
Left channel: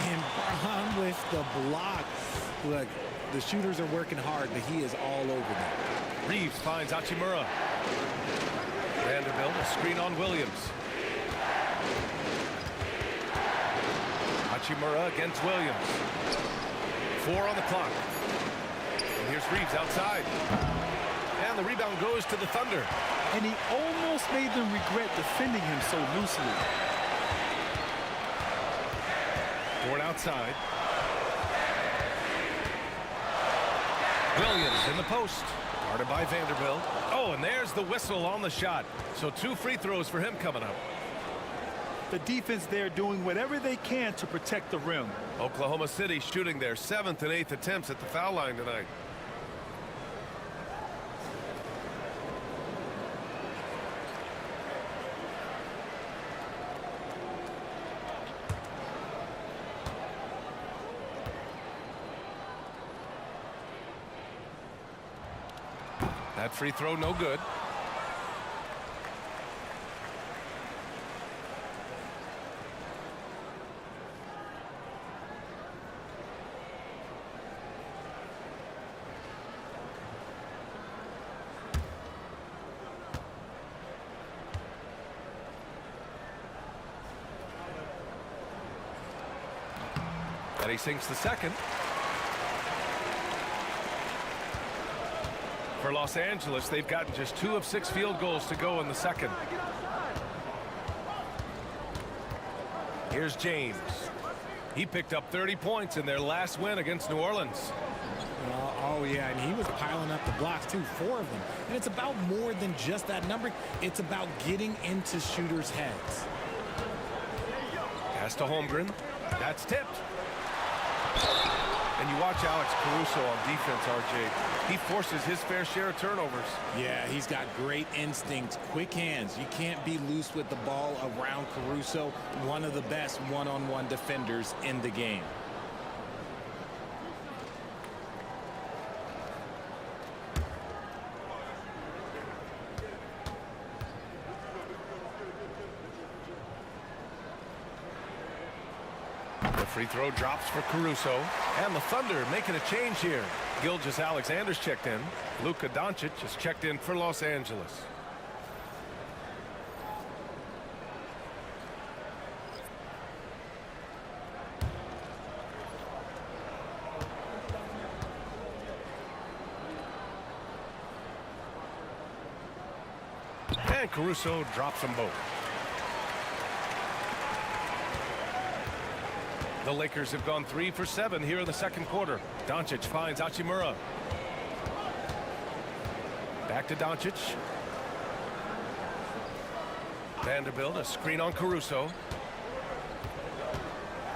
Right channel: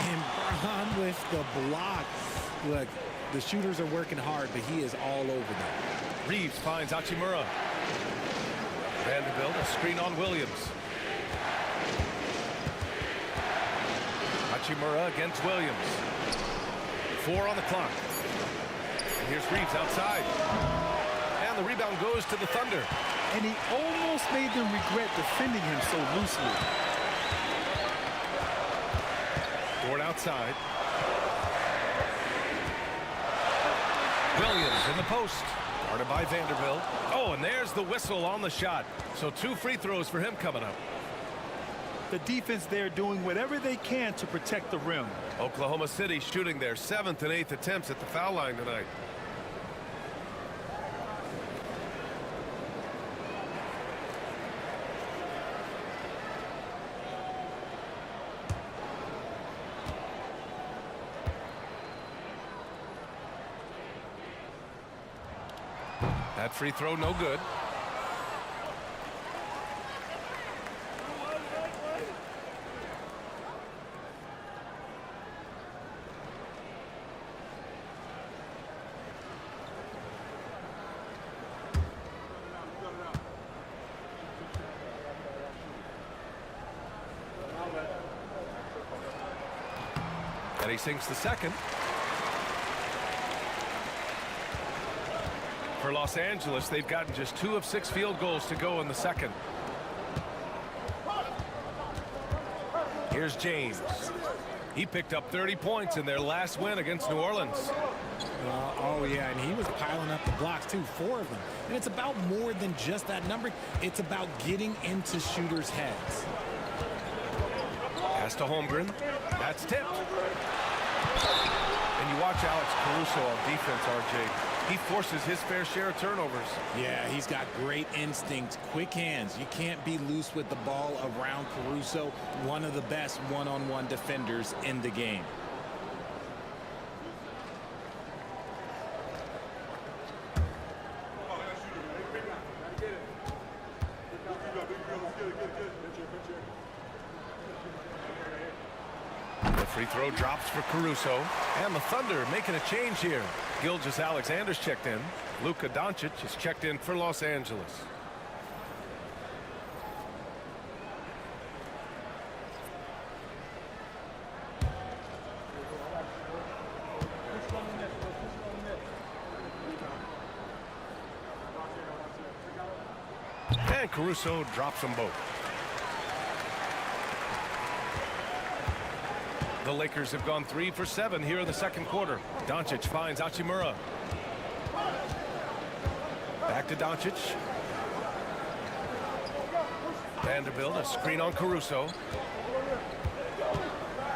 And Braun with the block. Look, the shooters are working hard, but he is all over them. Reeves finds Hachimura. Vanderbilt, a screen on Williams. Hachimura against Williams. 4 on the clock. And here's Reeves outside. And the rebound goes to the Thunder. And he almost made them regret defending him so loosely. Dort outside. Williams in the post. Guarded by Vanderbilt. Oh, and there's the whistle on the shot. So 2 free throws for him coming up. The defense there doing whatever they can to protect the rim. Oklahoma City shooting their 7th and 8th attempts at the foul line tonight. That free throw no good. And he sinks the second. For Los Angeles, they've gotten just 2 of 6 field goals to go in the second. Here's James. He picked up 30 points in their last win against New Orleans. Oh, yeah, and he was piling up the blocks, too, 4 of them. And it's about more than just that number. It's about getting into shooters' heads. Pass to Holmgren. That's tipped. And you watch Alex Caruso on defense, RJ. He forces his fair share of turnovers. Yeah, he's got great instincts, quick hands. You can't be loose with the ball around Caruso, one of the best one-on-one defenders in the game. The free throw drops for Caruso. And the Thunder making a change here. Gilgeous-Alexander's checked in. Luka Doncic is checked in for Los Angeles. And Caruso drops them both. The Lakers have gone 3 for 7 here in the second quarter. Doncic finds Hachimura. Back to Doncic. Vanderbilt, a screen on Caruso.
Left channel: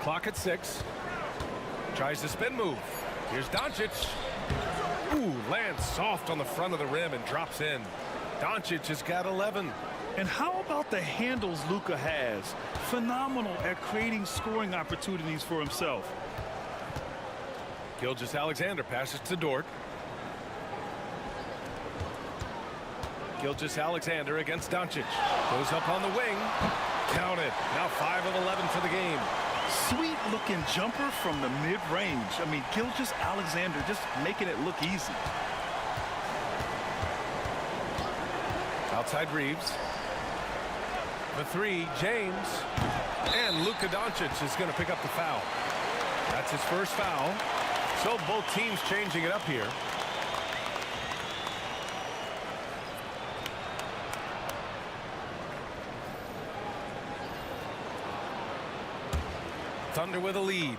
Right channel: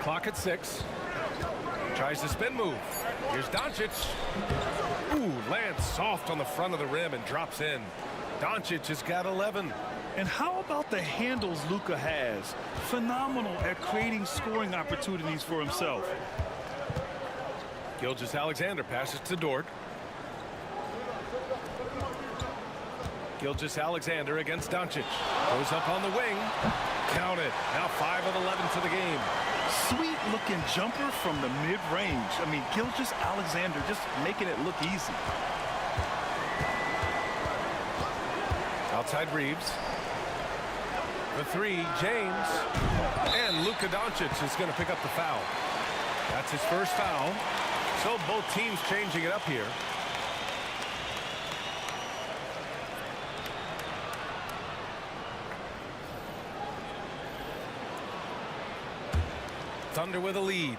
Clock at 6. Tries the spin move. Here's Doncic. Ooh, lands soft on the front of the rim and drops in. Doncic has got 11. And how about the handles Luka has? Phenomenal at creating scoring opportunities for himself. Gilgeous-Alexander passes to Dort. Gilgeous-Alexander against Doncic. Goes up on the wing. Count it. Now 5 of 11 for the game. Sweet looking jumper from the mid-range. I mean, Gilgeous-Alexander just making it look easy. Outside Reeves. For 3, James. And Luka Doncic is going to pick up the foul. That's his first foul. So both teams changing it up here. Thunder with a lead.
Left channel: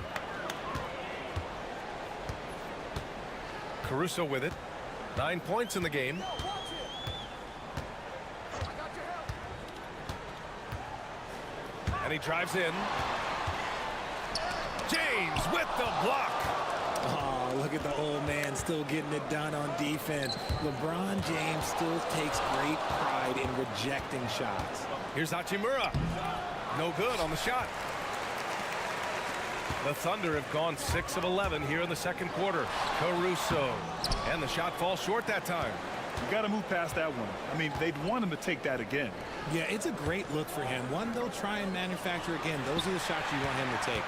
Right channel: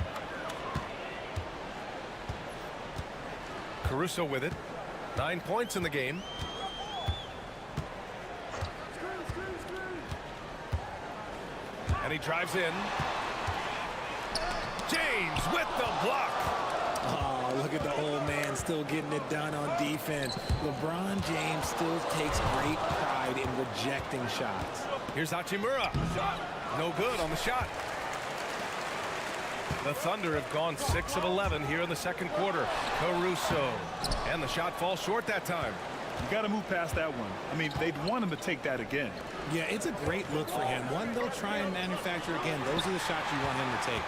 Caruso with it. 9 points in the game. And he drives in. James with the block. Oh, look at the old man still getting it done on defense. LeBron James still takes great pride in rejecting shots. Here's Hachimura. No good on the shot. The Thunder have gone 6 of 11 here in the second quarter. Caruso. And the shot falls short that time. You got to move past that one. I mean, they'd want him to take that again. Yeah, it's a great look for him. One they'll try and manufacture again. Those are the shots you want him to take.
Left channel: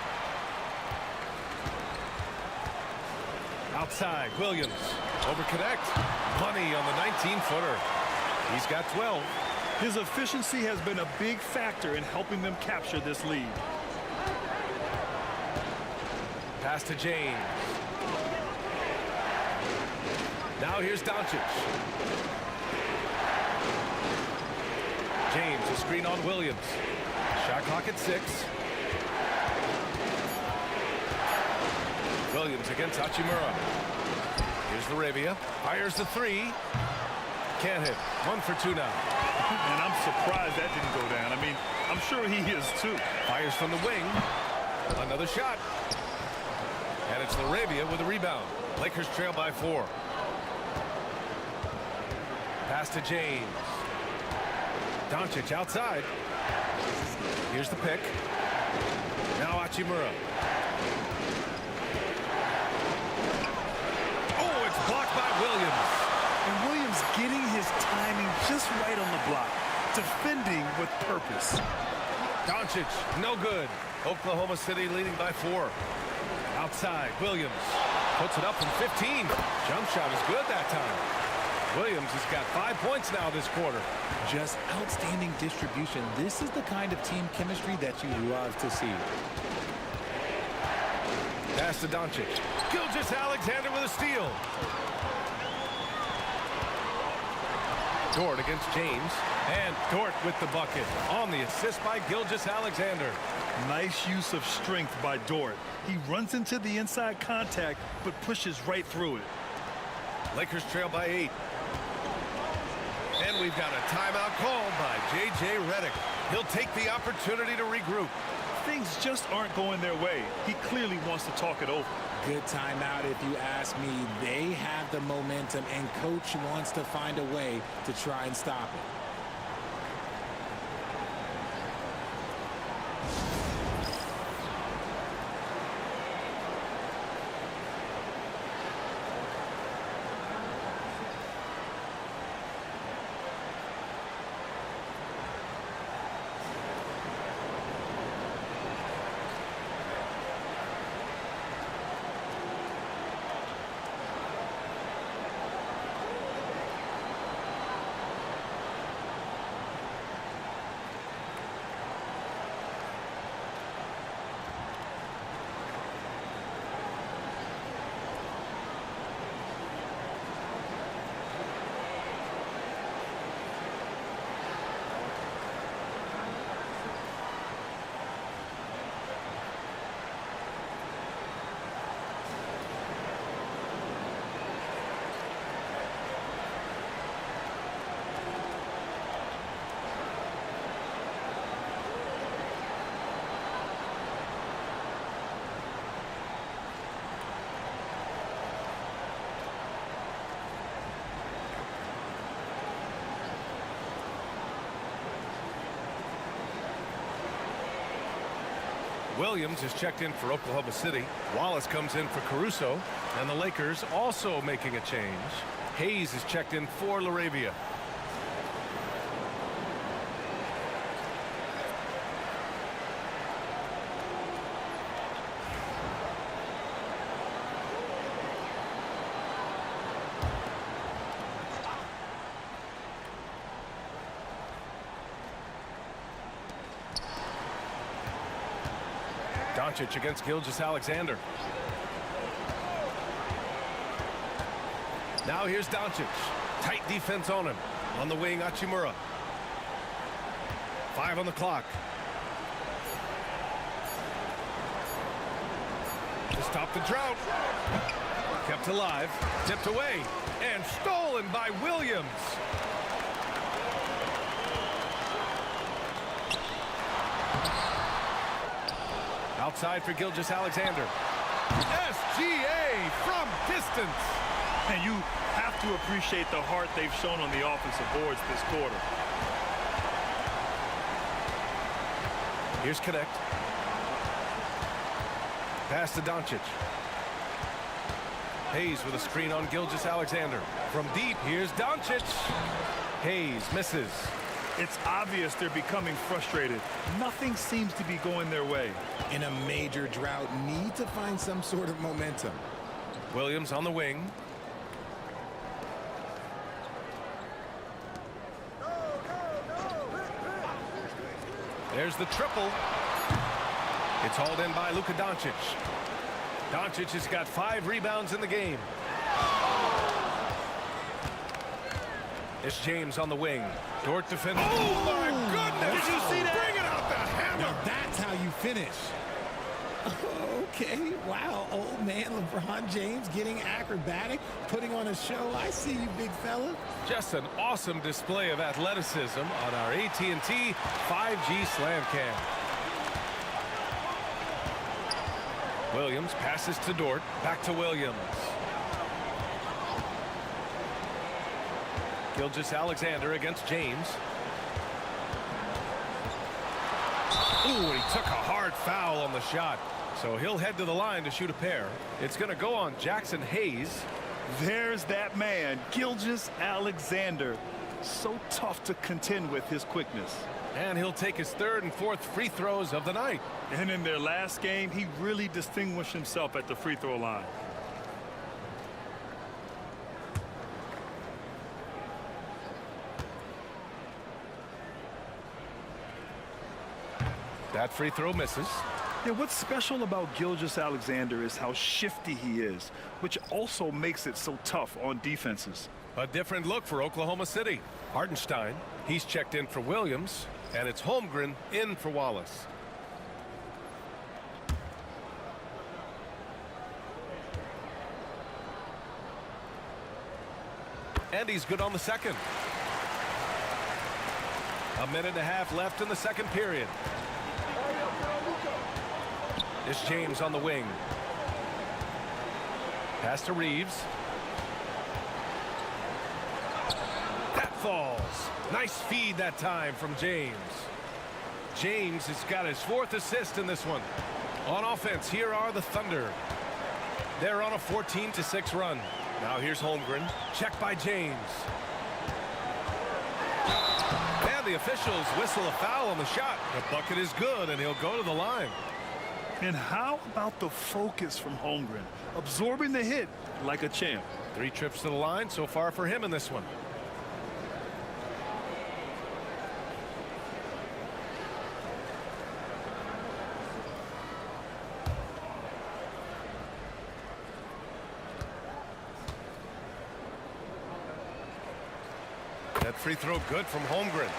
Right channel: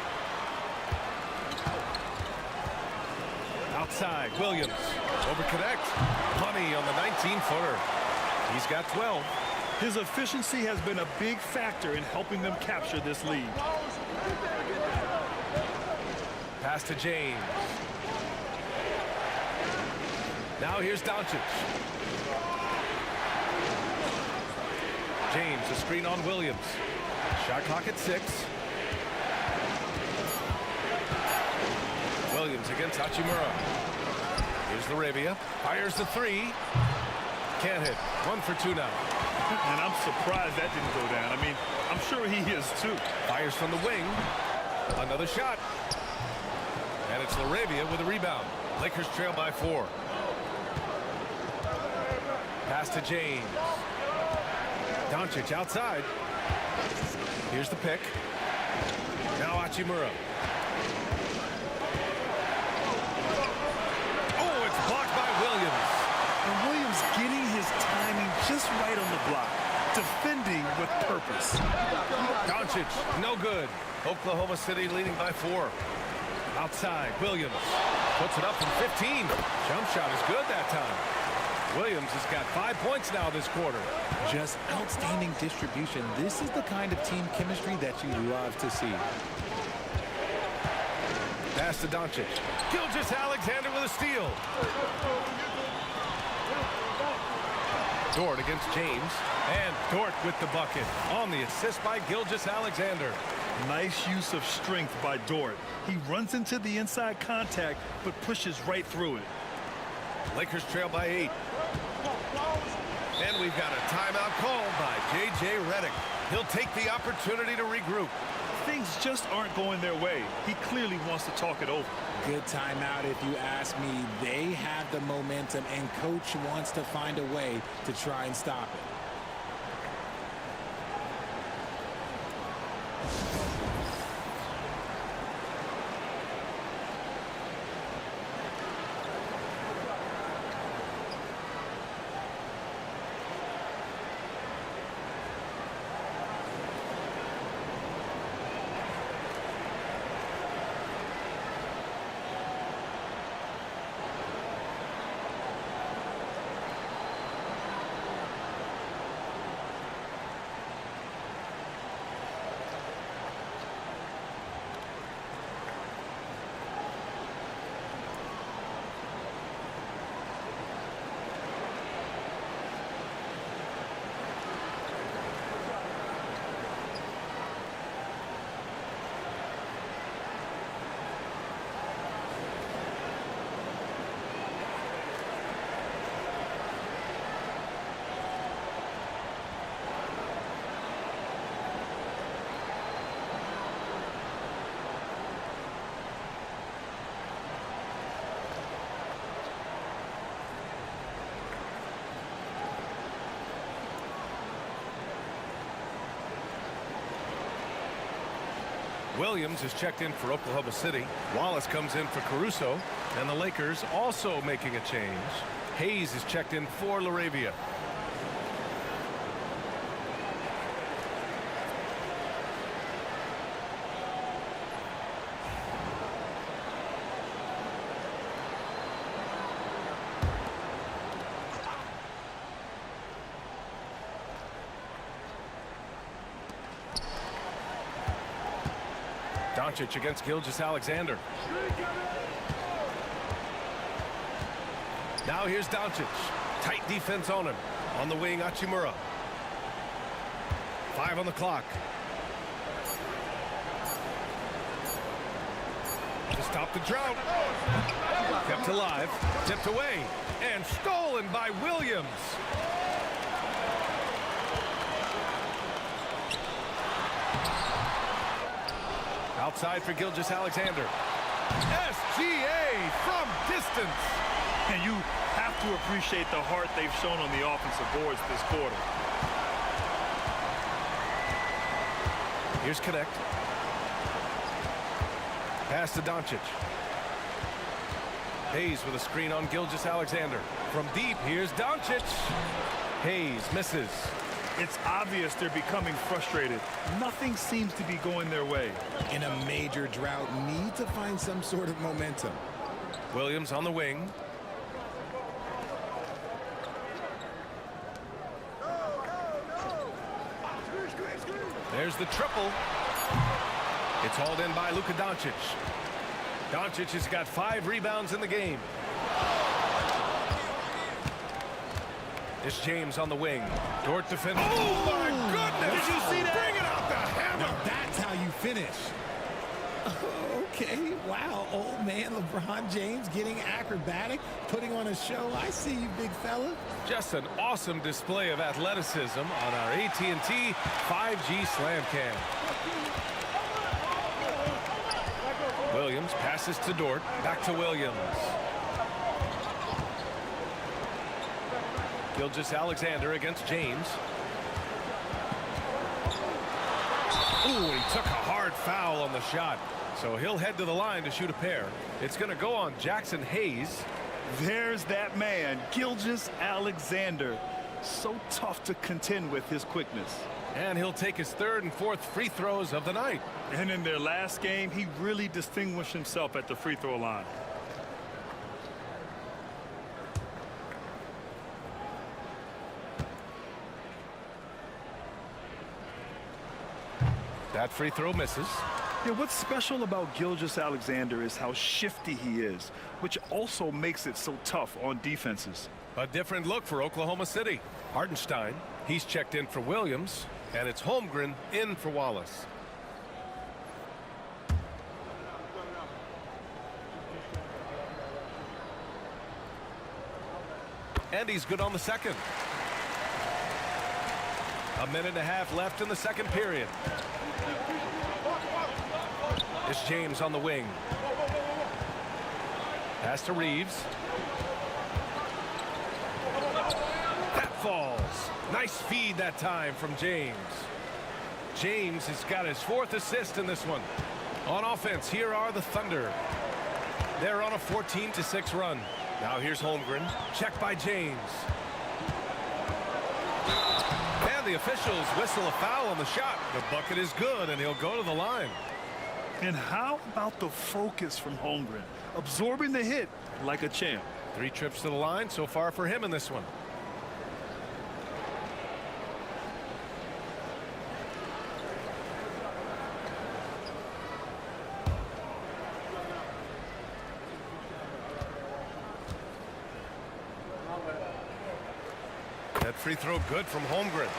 Outside, Williams. Overconnect. Money on the 19-footer. He's got 12. His efficiency has been a big factor in helping them capture this lead. Pass to James. Now here's Doncic. James, a screen on Williams. Shot clock at 6. Williams against Hachimura. Here's Laravia. Fires the 3. Can't hit. 1 for 2 now. And I'm surprised that didn't go down. I mean, I'm sure he is too. Fires from the wing. Another shot. And it's Laravia with a rebound. Lakers trail by 4. Pass to James. Doncic outside. Here's the pick. Now Hachimura. Oh, it's blocked by Williams. And Williams getting his timing just right on the block. Defending with purpose. Doncic, no good. Oklahoma City leading by 4. Outside, Williams puts it up from 15. Jump shot is good that time. Williams has got 5 points now this quarter. Just outstanding distribution. This is the kind of team chemistry that you love to see. Pass to Doncic. Gilgeous-Alexander with a steal. Dort against James. And Dort with the bucket on the assist by Gilgeous-Alexander. Nice use of strength by Dort. He runs into the inside contact, but pushes right through it. Lakers trail by 8. And we've got a timeout called by J.J. Redick. He'll take the opportunity to regroup. Things just aren't going their way. He clearly wants to talk it over. Good timeout if you ask me. They have the momentum, and coach wants to find a way to try and stop it. Williams is checked in for Oklahoma City. Wallace comes in for Caruso. And the Lakers also making a change. Hayes is checked in for Laravia. Doncic against Gilgeous-Alexander. Now here's Doncic. Tight defense on him. On the wing, Hachimura. 5 on the clock. To stop the drought. Kept alive. Tipped away. And stolen by Williams. Outside for Gilgeous-Alexander. SGA from distance. And you have to appreciate the heart they've shown on the offensive boards this quarter. Here's Connect. Pass to Doncic. Hayes with a screen on Gilgeous-Alexander. From deep, here's Doncic. Hayes misses. It's obvious they're becoming frustrated. Nothing seems to be going their way. In a major drought, need to find some sort of momentum. Williams on the wing. There's the triple. It's hauled in by Luka Doncic. Doncic has got 5 rebounds in the game. It's James on the wing. Dort defending. Oh, my goodness! Did you see that? Bring it out the hammer! Now that's how you finish. Okay, wow, old man LeBron James getting acrobatic, putting on a show. I see you, big fella. Just an awesome display of athleticism on our AT&T 5G Slam Cam. Williams passes to Dort. Back to Williams. Gilgeous-Alexander against James. Ooh, and he took a hard foul on the shot. So he'll head to the line to shoot a pair. It's going to go on Jackson Hayes. There's that man, Gilgeous-Alexander. So tough to contend with his quickness. And he'll take his 3rd and 4th free throws of the night. And in their last game, he really distinguished himself at the free throw line. That free throw misses. Yeah, what's special about Gilgeous-Alexander is how shifty he is, which also makes it so tough on defenses. A different look for Oklahoma City. Hartenstein, he's checked in for Williams, and it's Holmgren in for Wallace. And he's good on the second. 1.5 minutes left in the second period. It's James on the wing. Pass to Reeves. That falls. Nice feed that time from James. James has got his 4th assist in this one. On offense, here are the Thunder. They're on a 14-6 run. Now here's Holmgren. Checked by James. And the officials whistle a foul on the shot. The bucket is good, and he'll go to the line. And how about the focus from Holmgren? Absorbing the hit like a champ. 3 trips to the line so far for him in this one. That free throw good from Holmgren.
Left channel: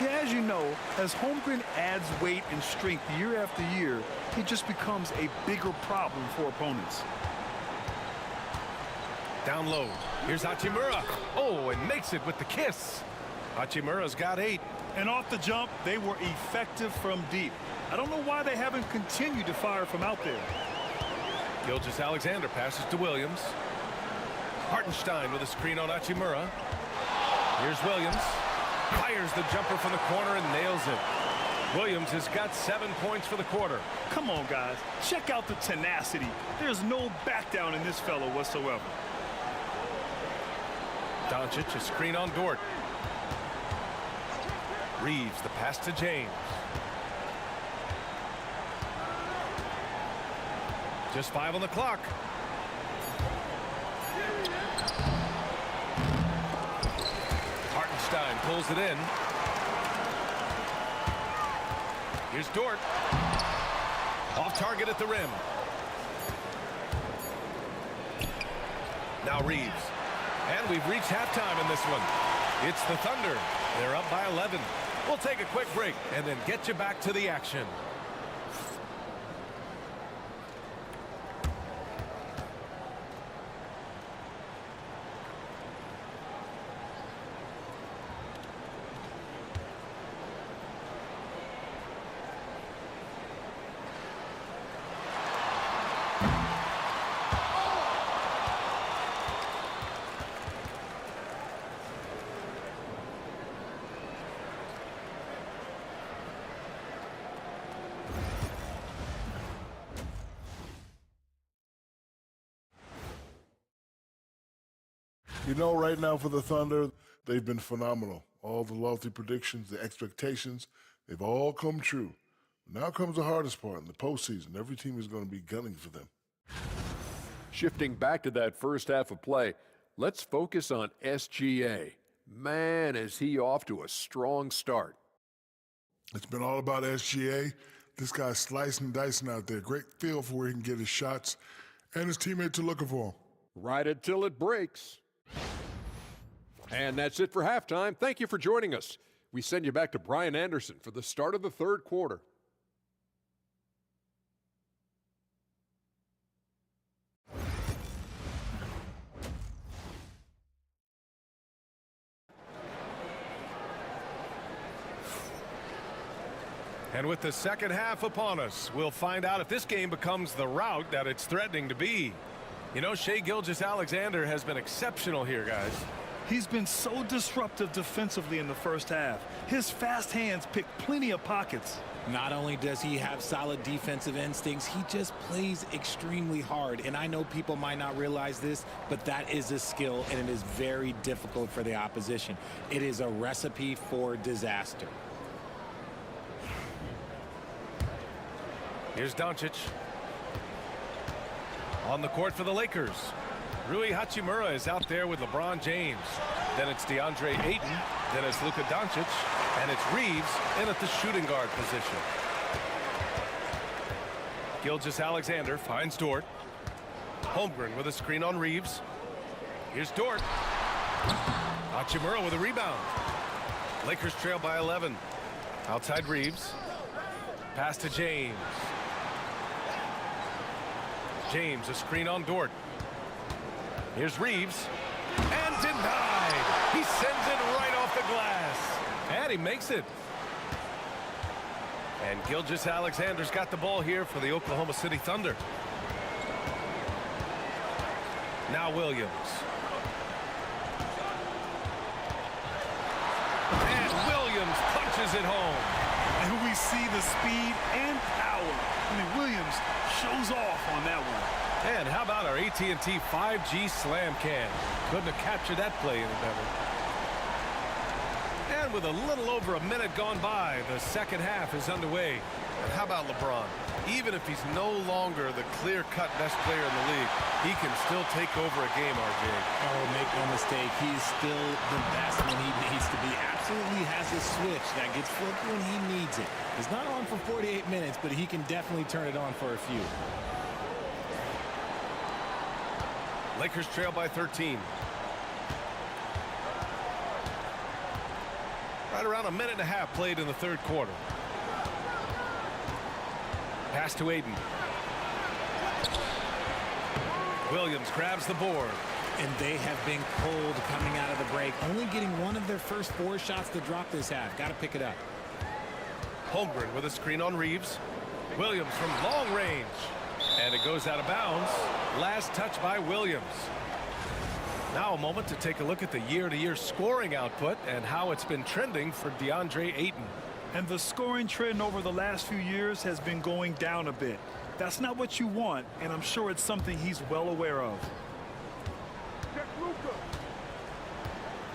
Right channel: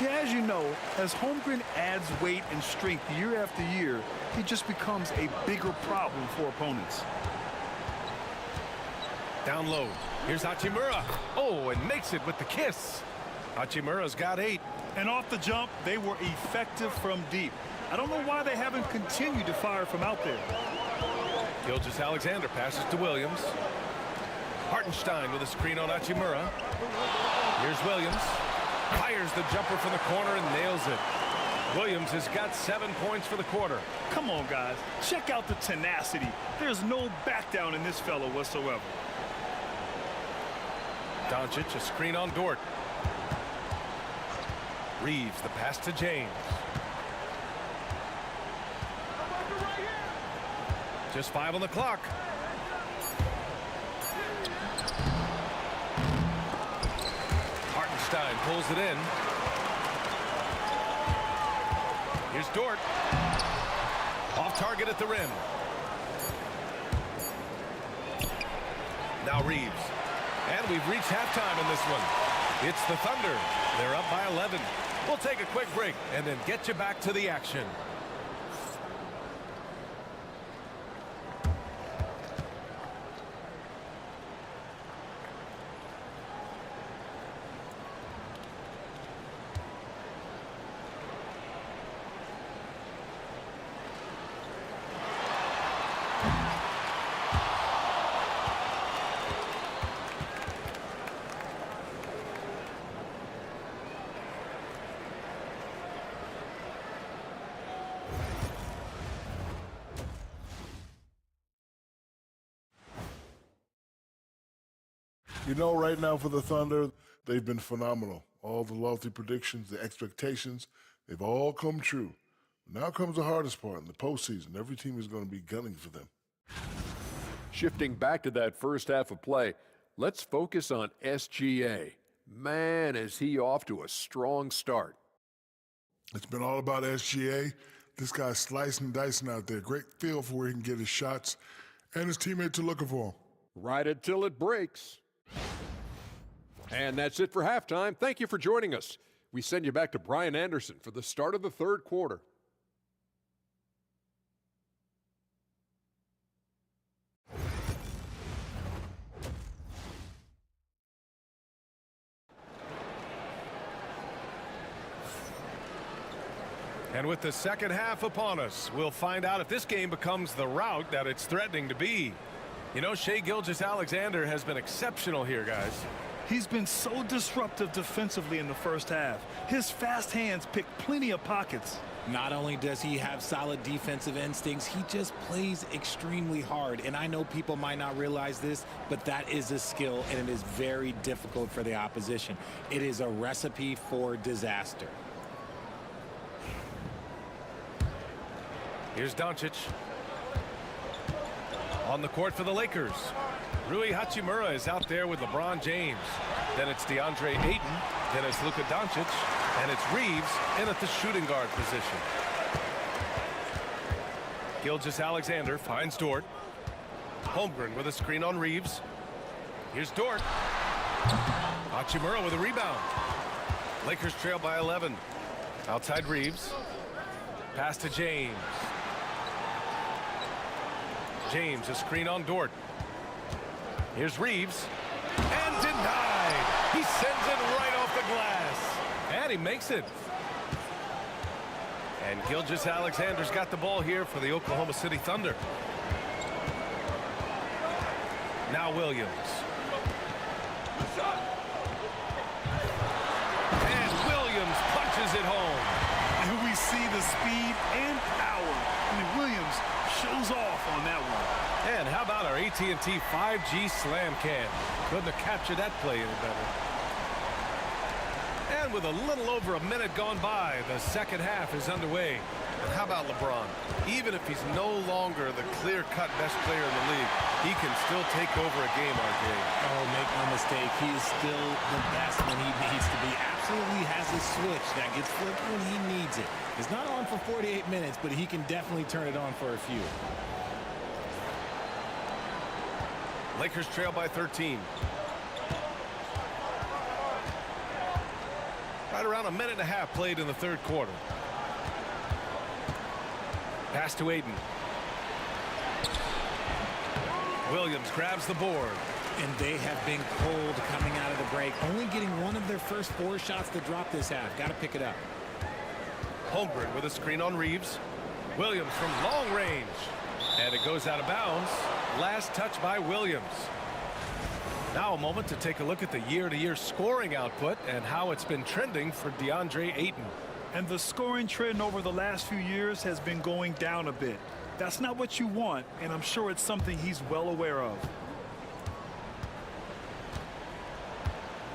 Yeah, as you know, as Holmgren adds weight and strength year after year, he just becomes a bigger problem for opponents. Down low. Here's Hachimura. Oh, and makes it with the kiss. Hachimura's got 8. And off the jump, they were effective from deep. I don't know why they haven't continued to fire from out there. Gilgeous-Alexander passes to Williams. Hartenstein with a screen on Hachimura. Here's Williams. Fires the jumper from the corner and nails it. Williams has got 7 points for the quarter. Come on, guys. Check out the tenacity. There's no back down in this fellow whatsoever. Doncic, a screen on Dort. Reeves, the pass to James. Just 5 on the clock. Hartenstein pulls it in. Here's Dort. Off target at the rim. Now Reeves. And we've reached halftime in this one. It's the Thunder. They're up by 11. We'll take a quick break and then get you back to the action. You know, right now for the Thunder, they've been phenomenal. All the lofty predictions, the expectations, they've all come true. Now comes the hardest part in the postseason. Every team is going to be gunning for them. Shifting back to that first half of play, let's focus on SGA. Man, is he off to a strong start. It's been all about SGA. This guy's slicing and dicing out there. Great feel for where he can get his shots, and his teammates are looking for him. Right until it breaks. And that's it for halftime. Thank you for joining us. We send you back to Brian Anderson for the start of the third quarter. And with the second half upon us, we'll find out if this game becomes the rout that it's threatening to be. You know, Shai Gilgeous-Alexander has been exceptional here, guys. He's been so disruptive defensively in the first half. His fast hands pick plenty of pockets. Not only does he have solid defensive instincts, he just plays extremely hard. And I know people might not realize this, but that is a skill, and it is very difficult for the opposition. It is a recipe for disaster. Here's Doncic. On the court for the Lakers. Rui Hachimura is out there with LeBron James. Then it's DeAndre Ayton. Then it's Luka Doncic. And it's Reeves in at the shooting guard position. Gilgeous-Alexander finds Dort. Holmgren with a screen on Reeves. Here's Dort. Hachimura with a rebound. Lakers trail by 11. Outside Reeves. Pass to James. James, a screen on Dort. Here's Reeves. And denied. He sends it right off the glass. And he makes it. And Gilgeous-Alexander's got the ball here for the Oklahoma City Thunder. Now Williams. And Williams punches it home. And we see the speed and power. I mean, Williams shows off on that one. And how about our AT&T 5G slam cam? Couldn't have captured that play any better. And with a little over a minute gone by, the second half is underway. And how about LeBron? Even if he's no longer the clear-cut best player in the league, he can still take over a game, RJ. Oh, make no mistake, he is still the best when he needs to be. Absolutely has a switch that gets flipped when he needs it. It's not on for 48 minutes, but he can definitely turn it on for a few. Lakers trail by 13. Right around a minute and a half played in the third quarter. Pass to Ayton. Williams grabs the board. And they have been cold coming out of the break. Only getting one of their first 4 shots to drop this half. Got to pick it up. Holmgren with a screen on Reeves. Williams from long range. And it goes out of bounds. Last touch by Williams. Now a moment to take a look at the year-to-year scoring output and how it's been trending for DeAndre Ayton. And the scoring trend over the last few years has been going down a bit. That's not what you want, and I'm sure it's something he's well aware of.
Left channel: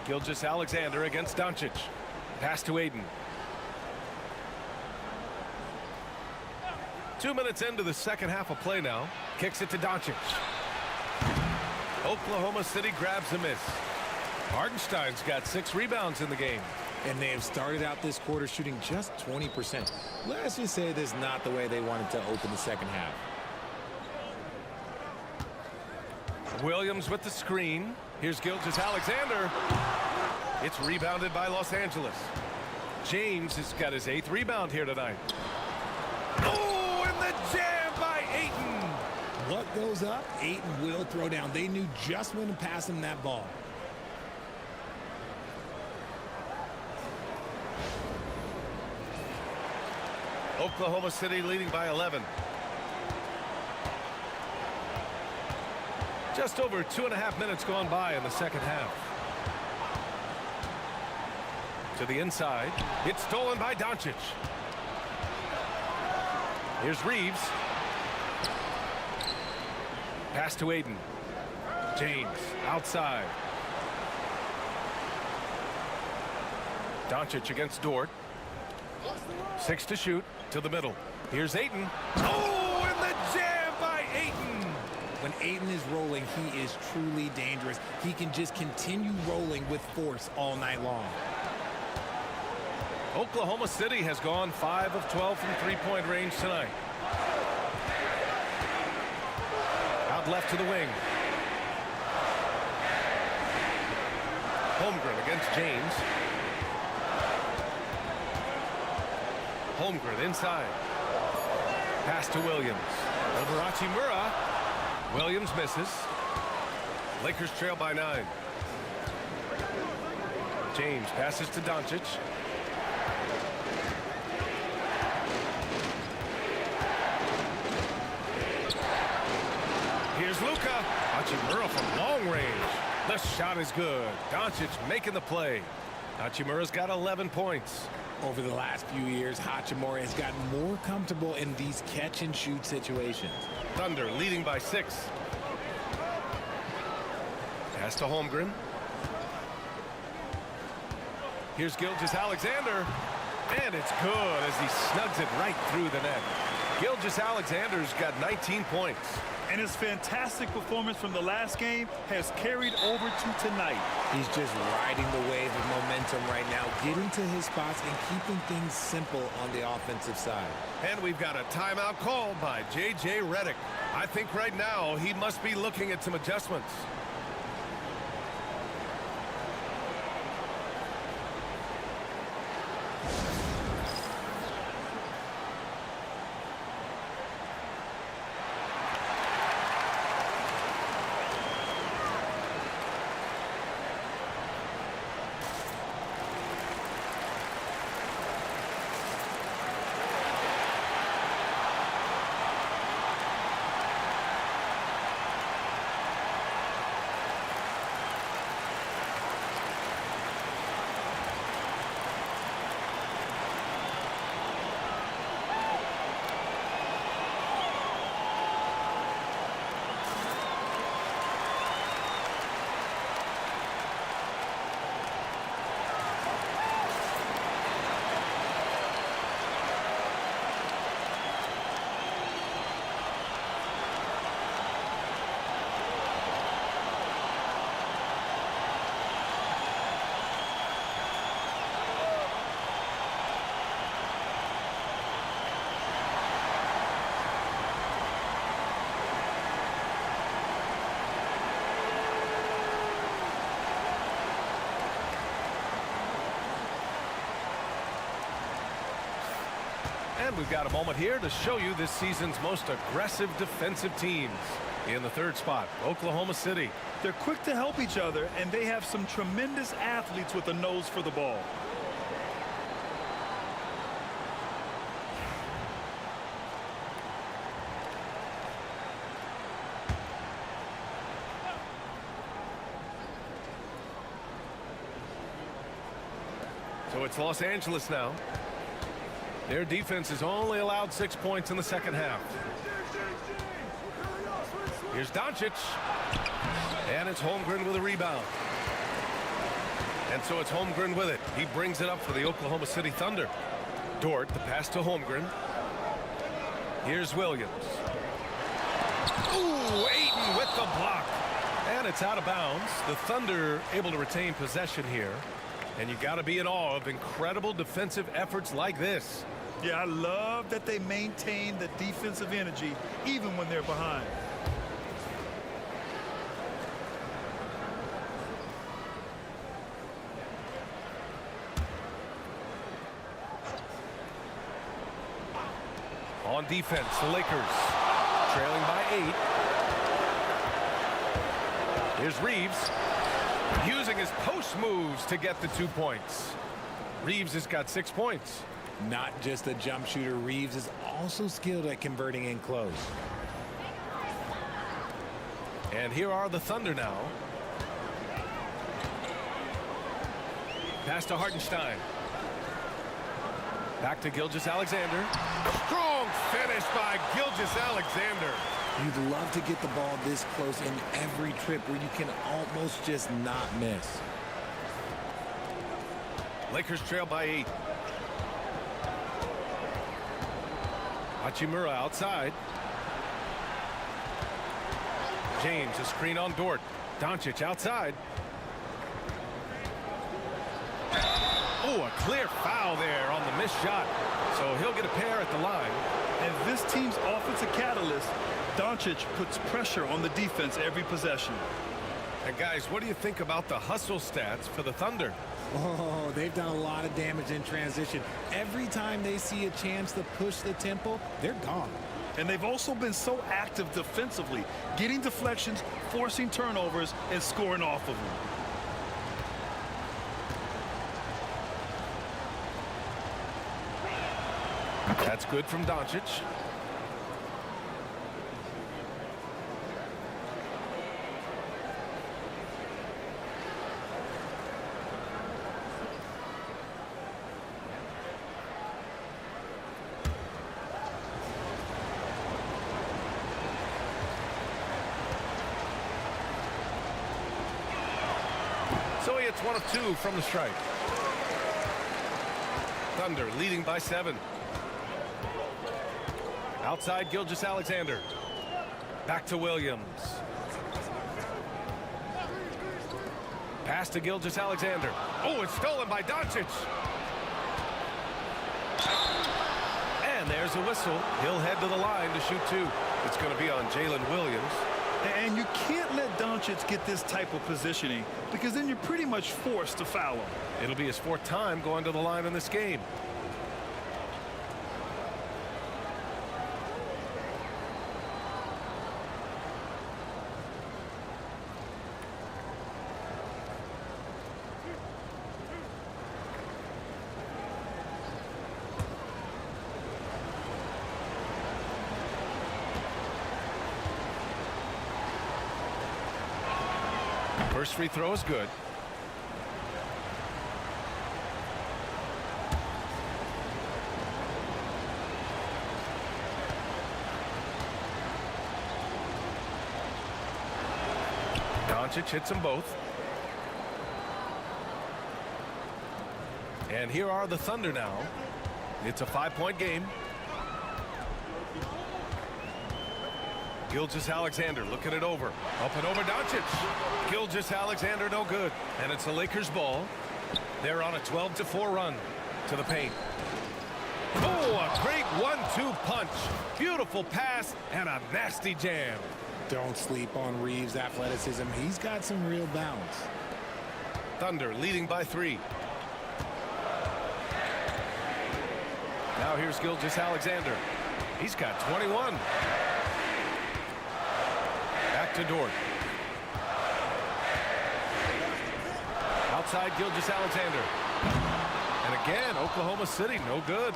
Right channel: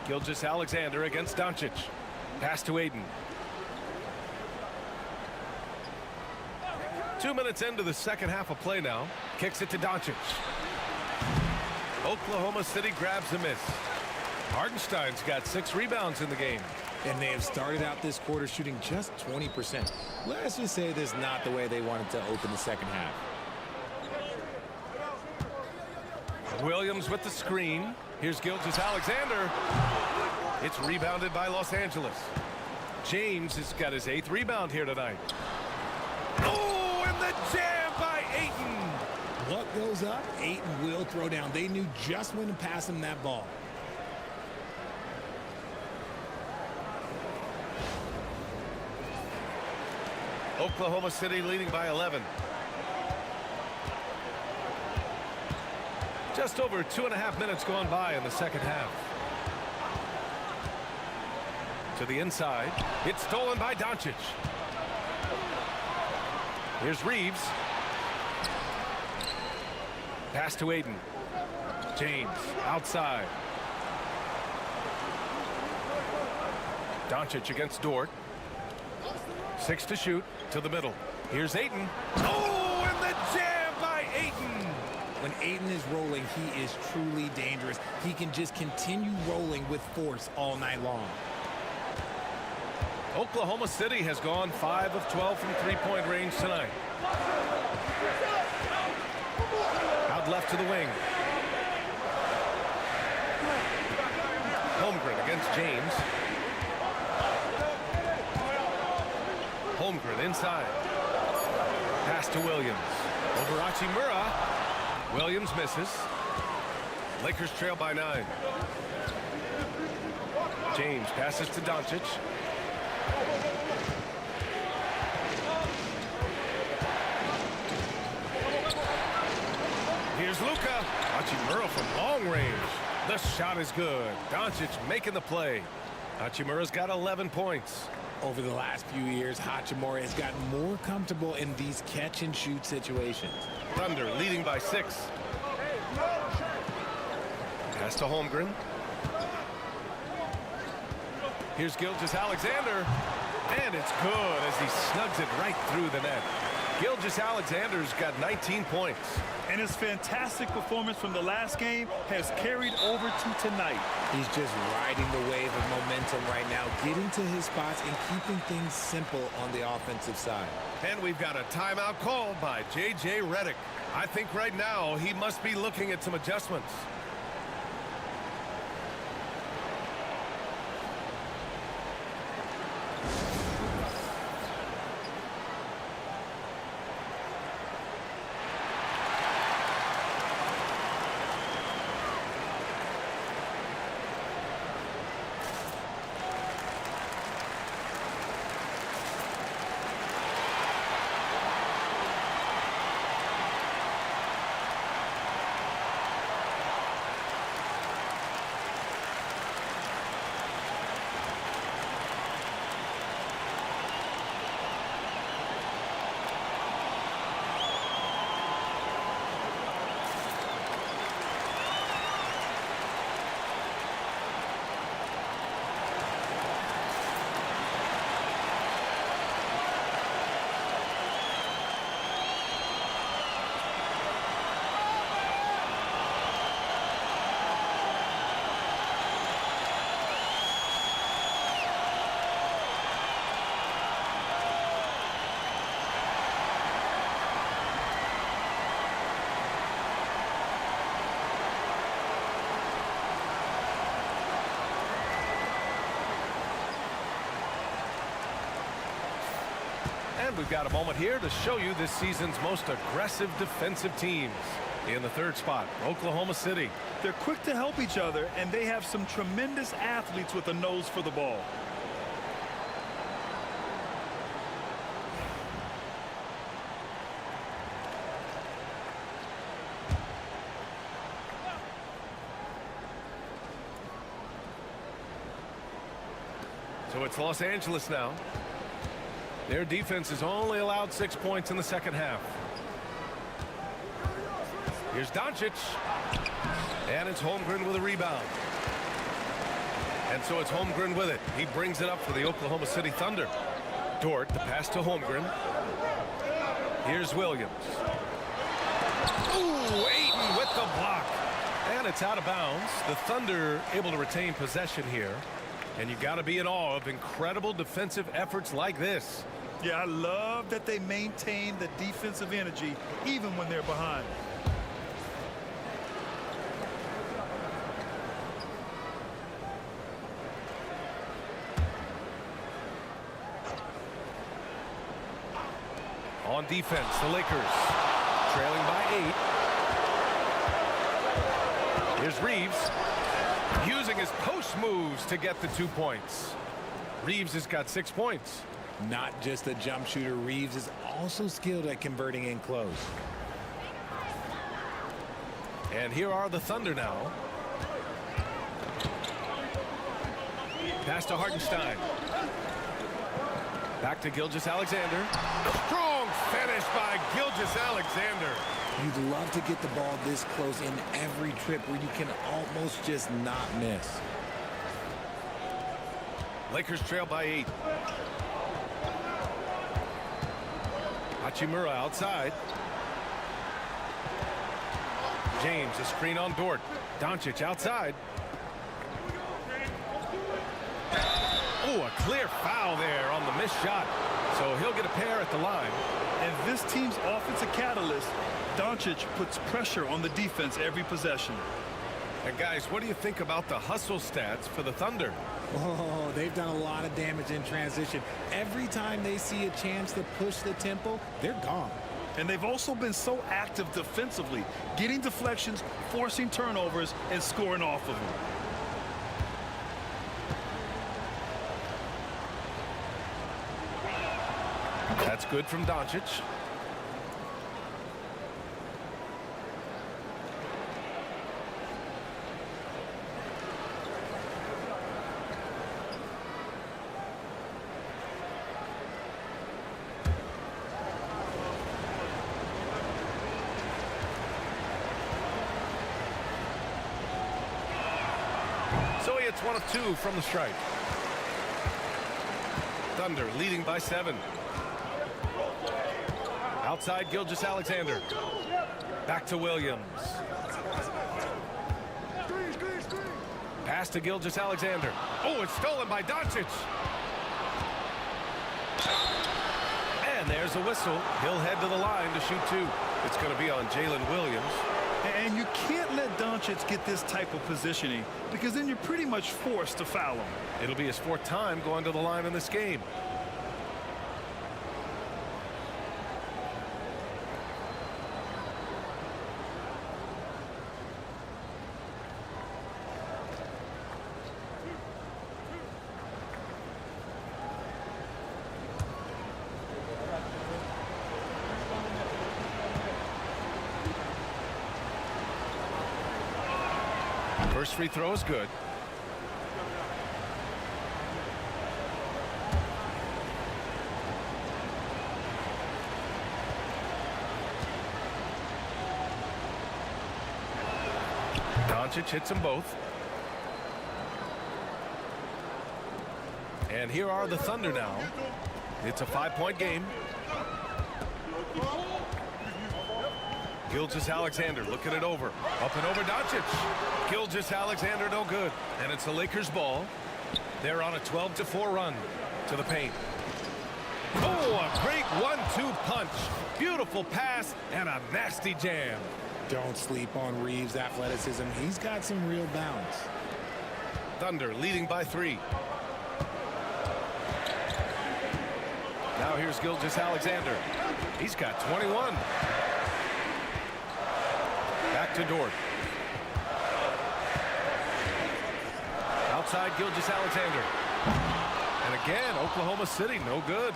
Gilgeous-Alexander against Doncic. Pass to Ayton. 2 minutes into the second half of play now. Kicks it to Doncic. Oklahoma City grabs a miss. Hartenstein's got 6 rebounds in the game. And they have started out this quarter shooting just 20%. Let's just say this is not the way they wanted to open the second half. Williams with the screen. Here's Gilgeous-Alexander. It's rebounded by Los Angeles. James has got his 8th rebound here tonight. Oh, and the jam by Ayton. What goes up, Ayton will throw down. They knew just when to pass him that ball. Oklahoma City leading by 11. Just over 2.5 minutes gone by in the second half. To the inside. It's stolen by Doncic. Here's Reeves. Pass to Ayton. James outside. Doncic against Dort. 6 to shoot. To the middle. Here's Ayton. Oh, and the jam by Ayton. When Ayton is rolling, he is truly dangerous. He can just continue rolling with force all night long. Oklahoma City has gone 5 of 12 from three-point range tonight. Out left to the wing. Holmgren against James. Holmgren inside. Pass to Williams. Over Hachimura. Williams misses. Lakers trail by 9. James passes to Doncic. Here's Luka. Hachimura from long range. The shot is good. Doncic making the play. Hachimura's got 11 points. Over the last few years, Hachimura has gotten more comfortable in these catch-and-shoot situations. Thunder leading by 6. Pass to Holmgren. Here's Gilgeous-Alexander. And it's good as he snugs it right through the net. Gilgeous-Alexander's got 19 points. And his fantastic performance from the last game has carried over to tonight. He's just riding the wave of momentum right now, getting to his spots and keeping things simple on the offensive side. And we've got a timeout called by J.J. Redick. I think right now he must be looking at some adjustments. And we've got a moment here to show you this season's most aggressive defensive teams. In the third spot, Oklahoma City. They're quick to help each other, and they have some tremendous athletes with a nose for the ball. So it's Los Angeles now. Their defense has only allowed 6 points in the second half. Here's Doncic. And it's Holmgren with a rebound. And so it's Holmgren with it. He brings it up for the Oklahoma City Thunder. Dort, the pass to Holmgren. Here's Williams. Ooh, Ayton with the block. And it's out of bounds. The Thunder able to retain possession here. And you got to be in awe of incredible defensive efforts like this. Yeah, I love that they maintain the defensive energy even when they're behind. On defense, the Lakers trailing by 8. Here's Reeves using his post moves to get the 2 points. Reeves has got 6 points. Not just a jump shooter, Reeves is also skilled at converting in close. And here are the Thunder now. Pass to Hartenstein. Back to Gilgeous-Alexander. Strong finish by Gilgeous-Alexander. You'd love to get the ball this close in every trip where you can almost just not miss. Lakers trail by 8. Hachimura outside. James, a screen on Dort. Doncic outside. Oh, a clear foul there on the missed shot. So he'll get a pair at the line. And this team's offensive catalyst, Doncic, puts pressure on the defense every possession. And guys, what do you think about the hustle stats for the Thunder? Oh, they've done a lot of damage in transition. Every time they see a chance to push the tempo, they're gone. And they've also been so active defensively, getting deflections, forcing turnovers, and scoring off of them. That's good from Doncic. So he hits 1 of 2 from the stripe. Thunder leading by 7. Outside Gilgeous-Alexander. Back to Williams. Pass to Gilgeous-Alexander. Oh, it's stolen by Doncic. And there's a whistle. He'll head to the line to shoot 2. It's going to be on Jalen Williams. And you can't let Doncic get this type of positioning because then you're pretty much forced to foul him. It'll be his 4th time going to the line in this game. First free throw is good. Doncic hits them both. And here are the Thunder now. It's a 5-point game. Gilgeous-Alexander looking it over. Up and over Doncic. Gilgeous-Alexander no good. And it's the Lakers ball. They're on a 12-4 run to the paint. Oh, a great 1-2 punch. Beautiful pass and a nasty jam. Don't sleep on Reeves' athleticism. He's got some real bounce. Thunder leading by 3. Now here's Gilgeous-Alexander. He's got 21. Back to Dort. Outside Gilgeous-Alexander. And again, Oklahoma City, no good.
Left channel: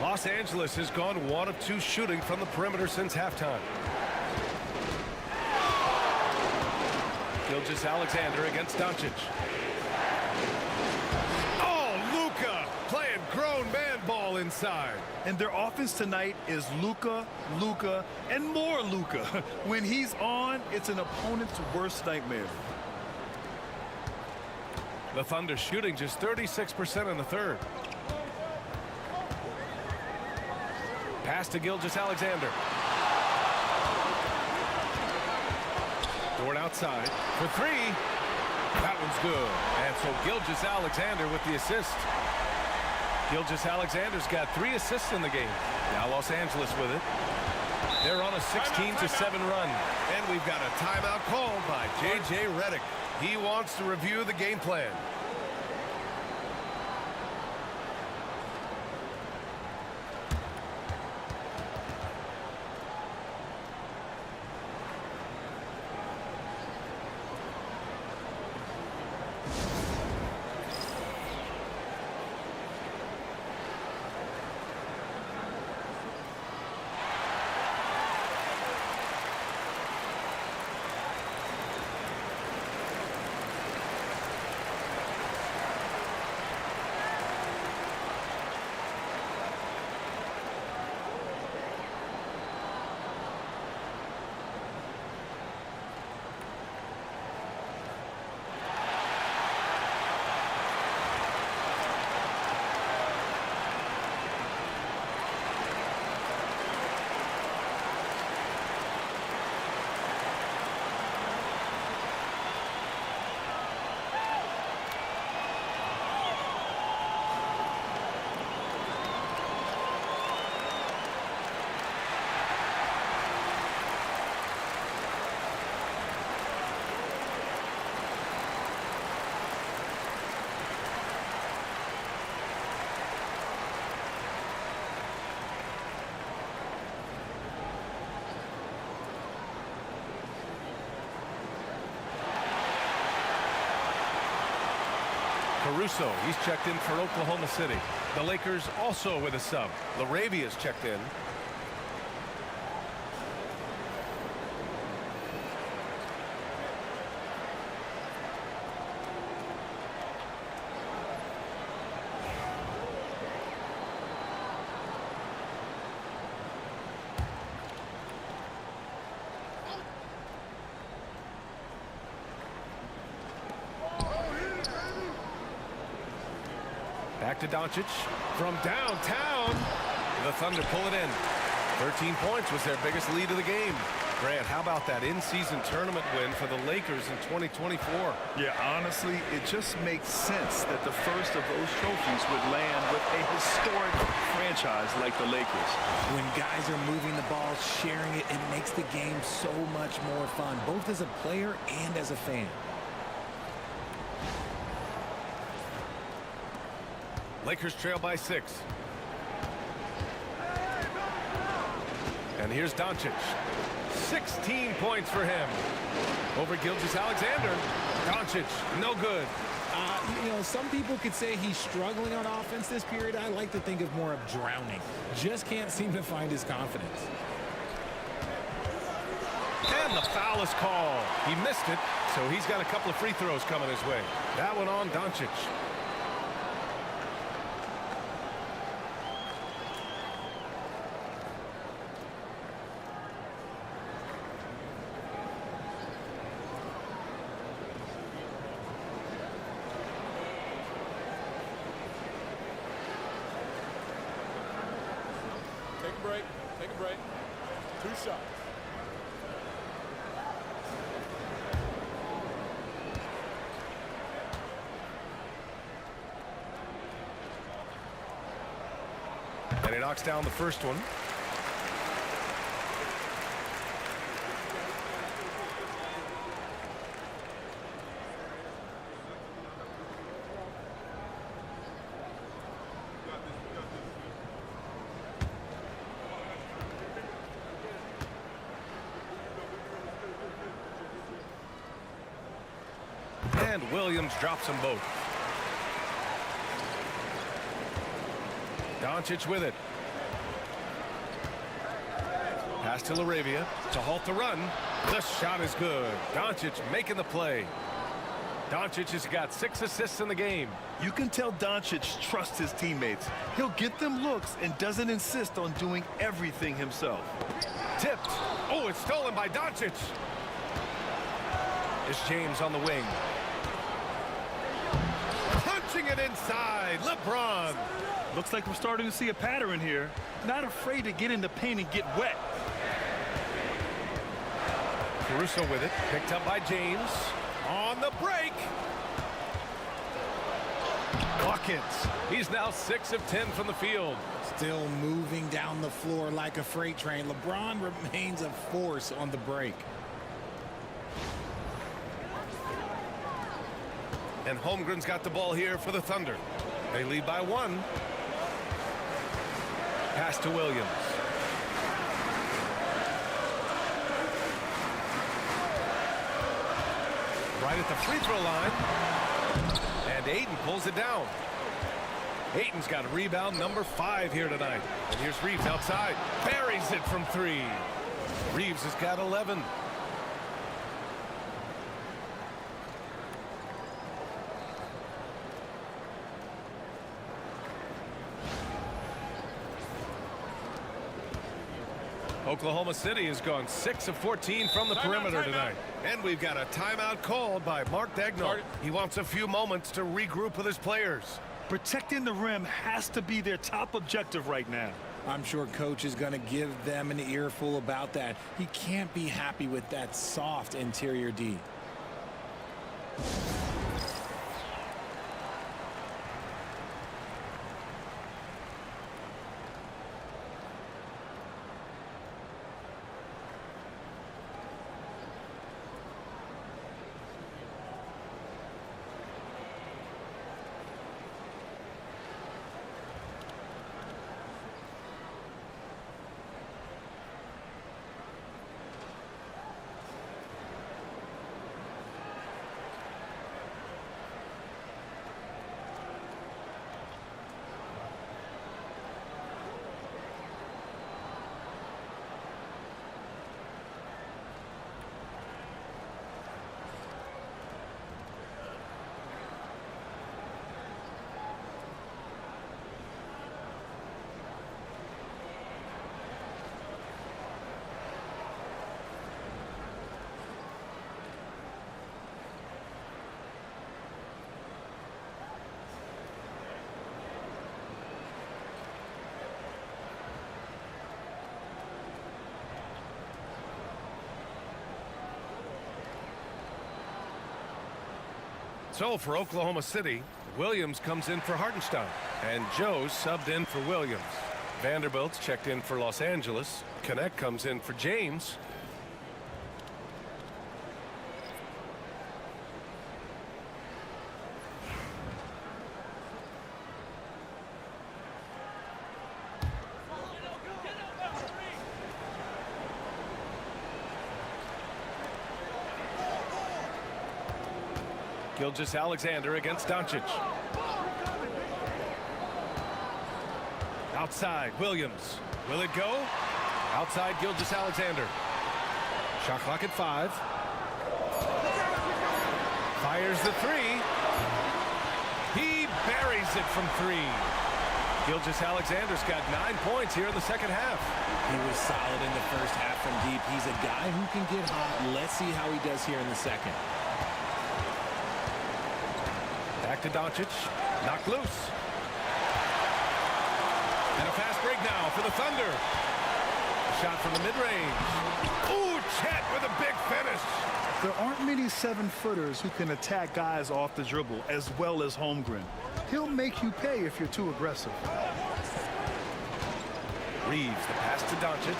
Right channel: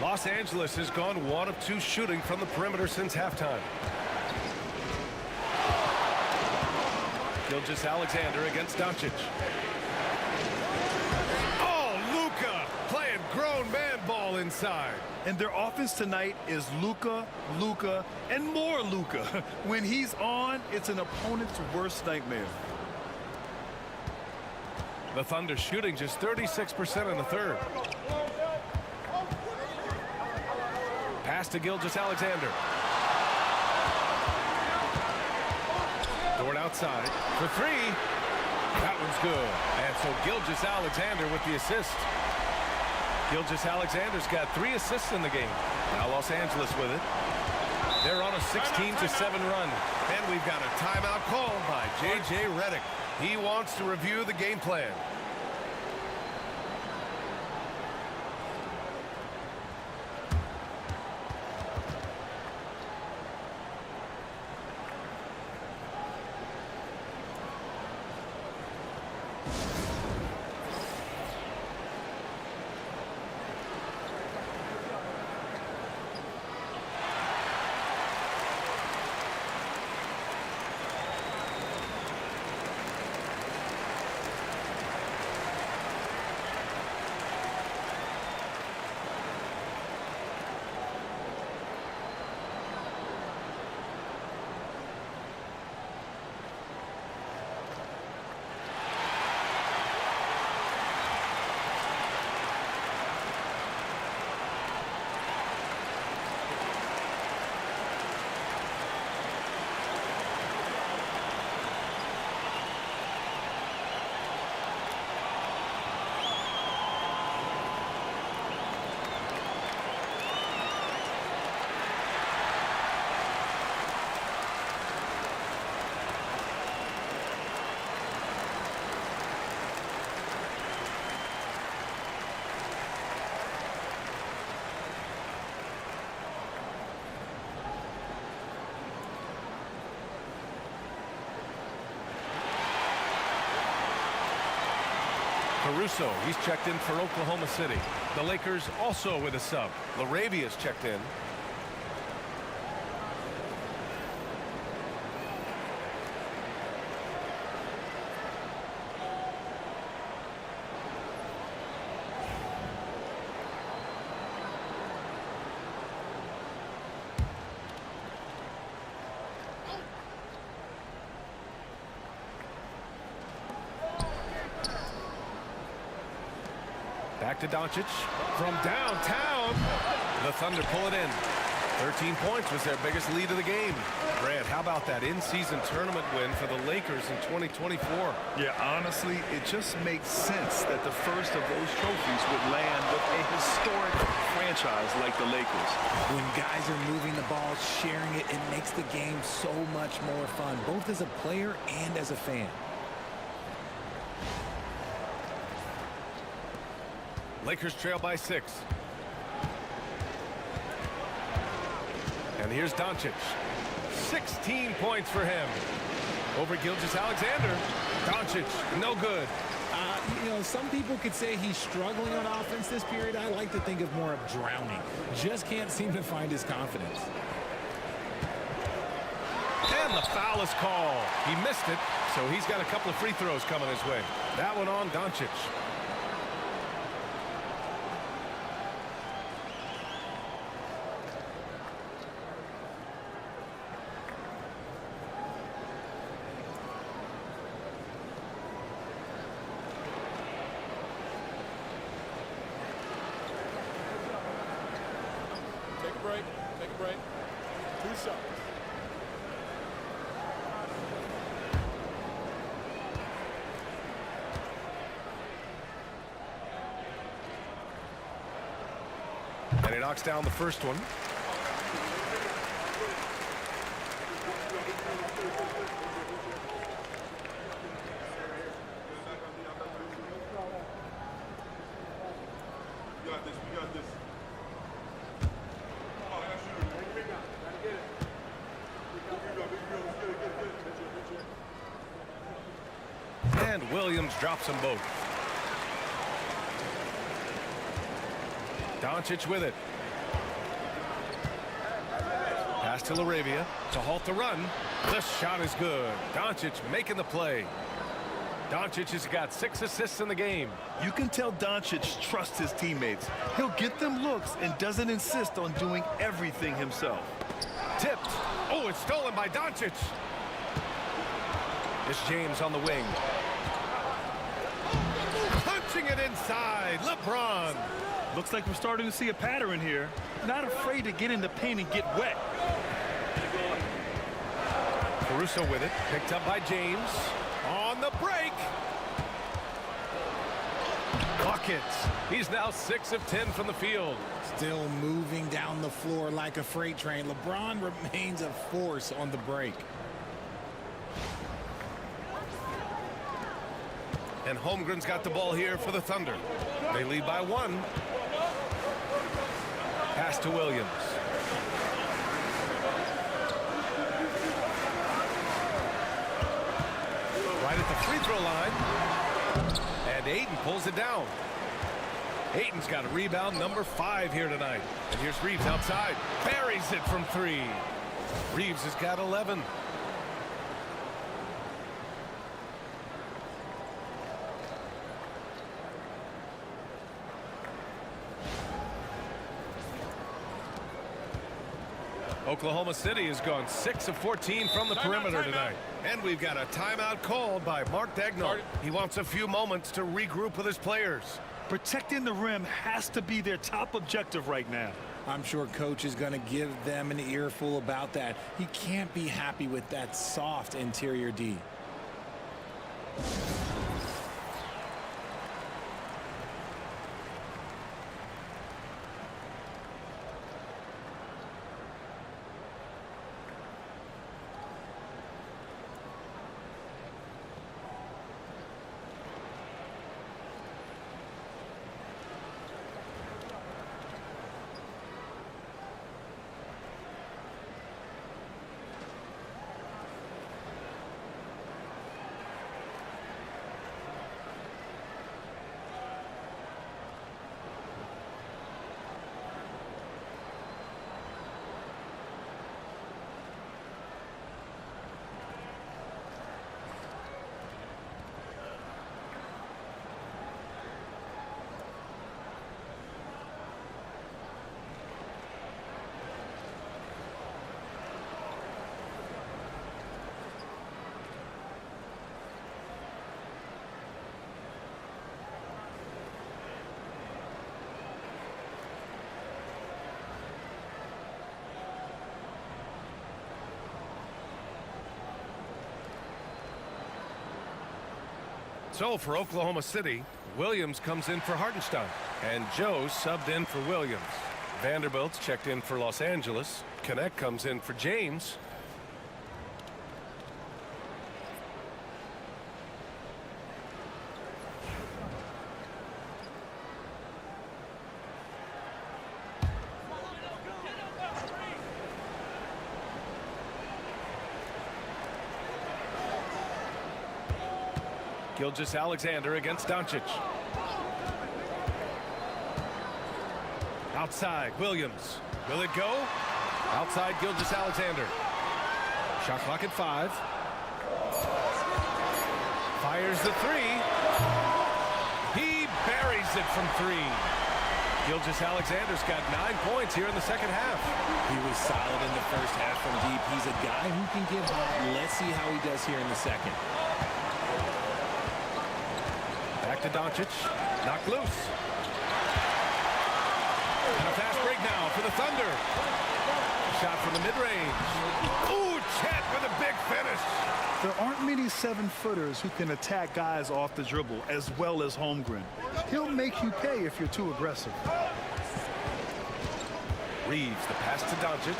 Los Angeles has gone 1 of 2 shooting from the perimeter since halftime. Gilgeous-Alexander against Doncic. Oh, Luka playing grown man ball inside. And their offense tonight is Luka, Luka, and more Luka. When he's on, it's an opponent's worst nightmare. The Thunder shooting just 36% in the 3rd. Pass to Gilgeous-Alexander. Dort outside for 3. That one's good. And so Gilgeous-Alexander with the assist. Gilgeous-Alexander's got 3 assists in the game. Now Los Angeles with it. They're on a 16-7 run. And we've got a timeout called by J.J. Redick. He wants to review the game plan. Caruso, he's checked in for Oklahoma City. The Lakers also with a sub. Laravia's checked in. Back to Doncic from downtown. The Thunder pull it in. 13 points was their biggest lead of the game. Grant, how about that in-season tournament win for the Lakers in 2024? Yeah, honestly, it just makes sense that the first of those trophies would land with a historic franchise like the Lakers. When guys are moving the ball, sharing it, it makes the game so much more fun, both as a player and as a fan. Lakers trail by 6. And here's Doncic. 16 points for him. Over Gilgeous-Alexander. Doncic, no good. You know, some people could say he's struggling on offense this period. I like to think of more of drowning. Just can't seem to find his confidence. And the foul is called. He missed it, so he's got a couple of free throws coming his way. That one on Doncic. Take a break. Take a break. 2 shots. And he knocks down the first one. And Williams drops them both. Doncic with it. Pass to Laravia to halt the run. The shot is good. Doncic making the play. Doncic has got 6 assists in the game. You can tell Doncic trusts his teammates. He'll get them looks and doesn't insist on doing everything himself. Tipped. Oh, it's stolen by Doncic. It's James on the wing. Punching it inside. LeBron. Looks like we're starting to see a pattern here. Not afraid to get in the paint and get wet. Caruso with it. Picked up by James. On the break. Buckets. He's now 6 of 10 from the field. Still moving down the floor like a freight train. LeBron remains a force on the break. And Holmgren's got the ball here for the Thunder. They lead by 1. Pass to Williams. Right at the free throw line. And Ayton pulls it down. Ayton's got a rebound number 5 here tonight. And here's Reeves outside. Buries it from 3. Reeves has got 11. Oklahoma City has gone 6 of 14 from the perimeter tonight. And we've got a timeout called by Mark Daigneault. He wants a few moments to regroup with his players. Protecting the rim has to be their top objective right now. I'm sure coach is going to give them an earful about that. He can't be happy with that soft interior D. So for Oklahoma City, Williams comes in for Hartenstein. And Joe subbed in for Williams. Vanderbilt's checked in for Los Angeles. Connect comes in for James. Gilgeous-Alexander against Doncic. Outside, Williams. Will it go? Outside, Gilgeous-Alexander. Shot clock at 5. Fires the 3. He buries it from 3. Gilgeous-Alexander's got 9 points here in the second half. He was solid in the first half from deep. He's a guy who can get hot. Let's see how he does here in the second. Back to Doncic. Knocked loose. And a fast break now for the Thunder. A shot from the mid-range. Ooh, Chet with a big finish. There aren't many 7-footers who can attack guys off the dribble as well as Holmgren. He'll make you pay if you're too aggressive. Reeves, the pass to Doncic.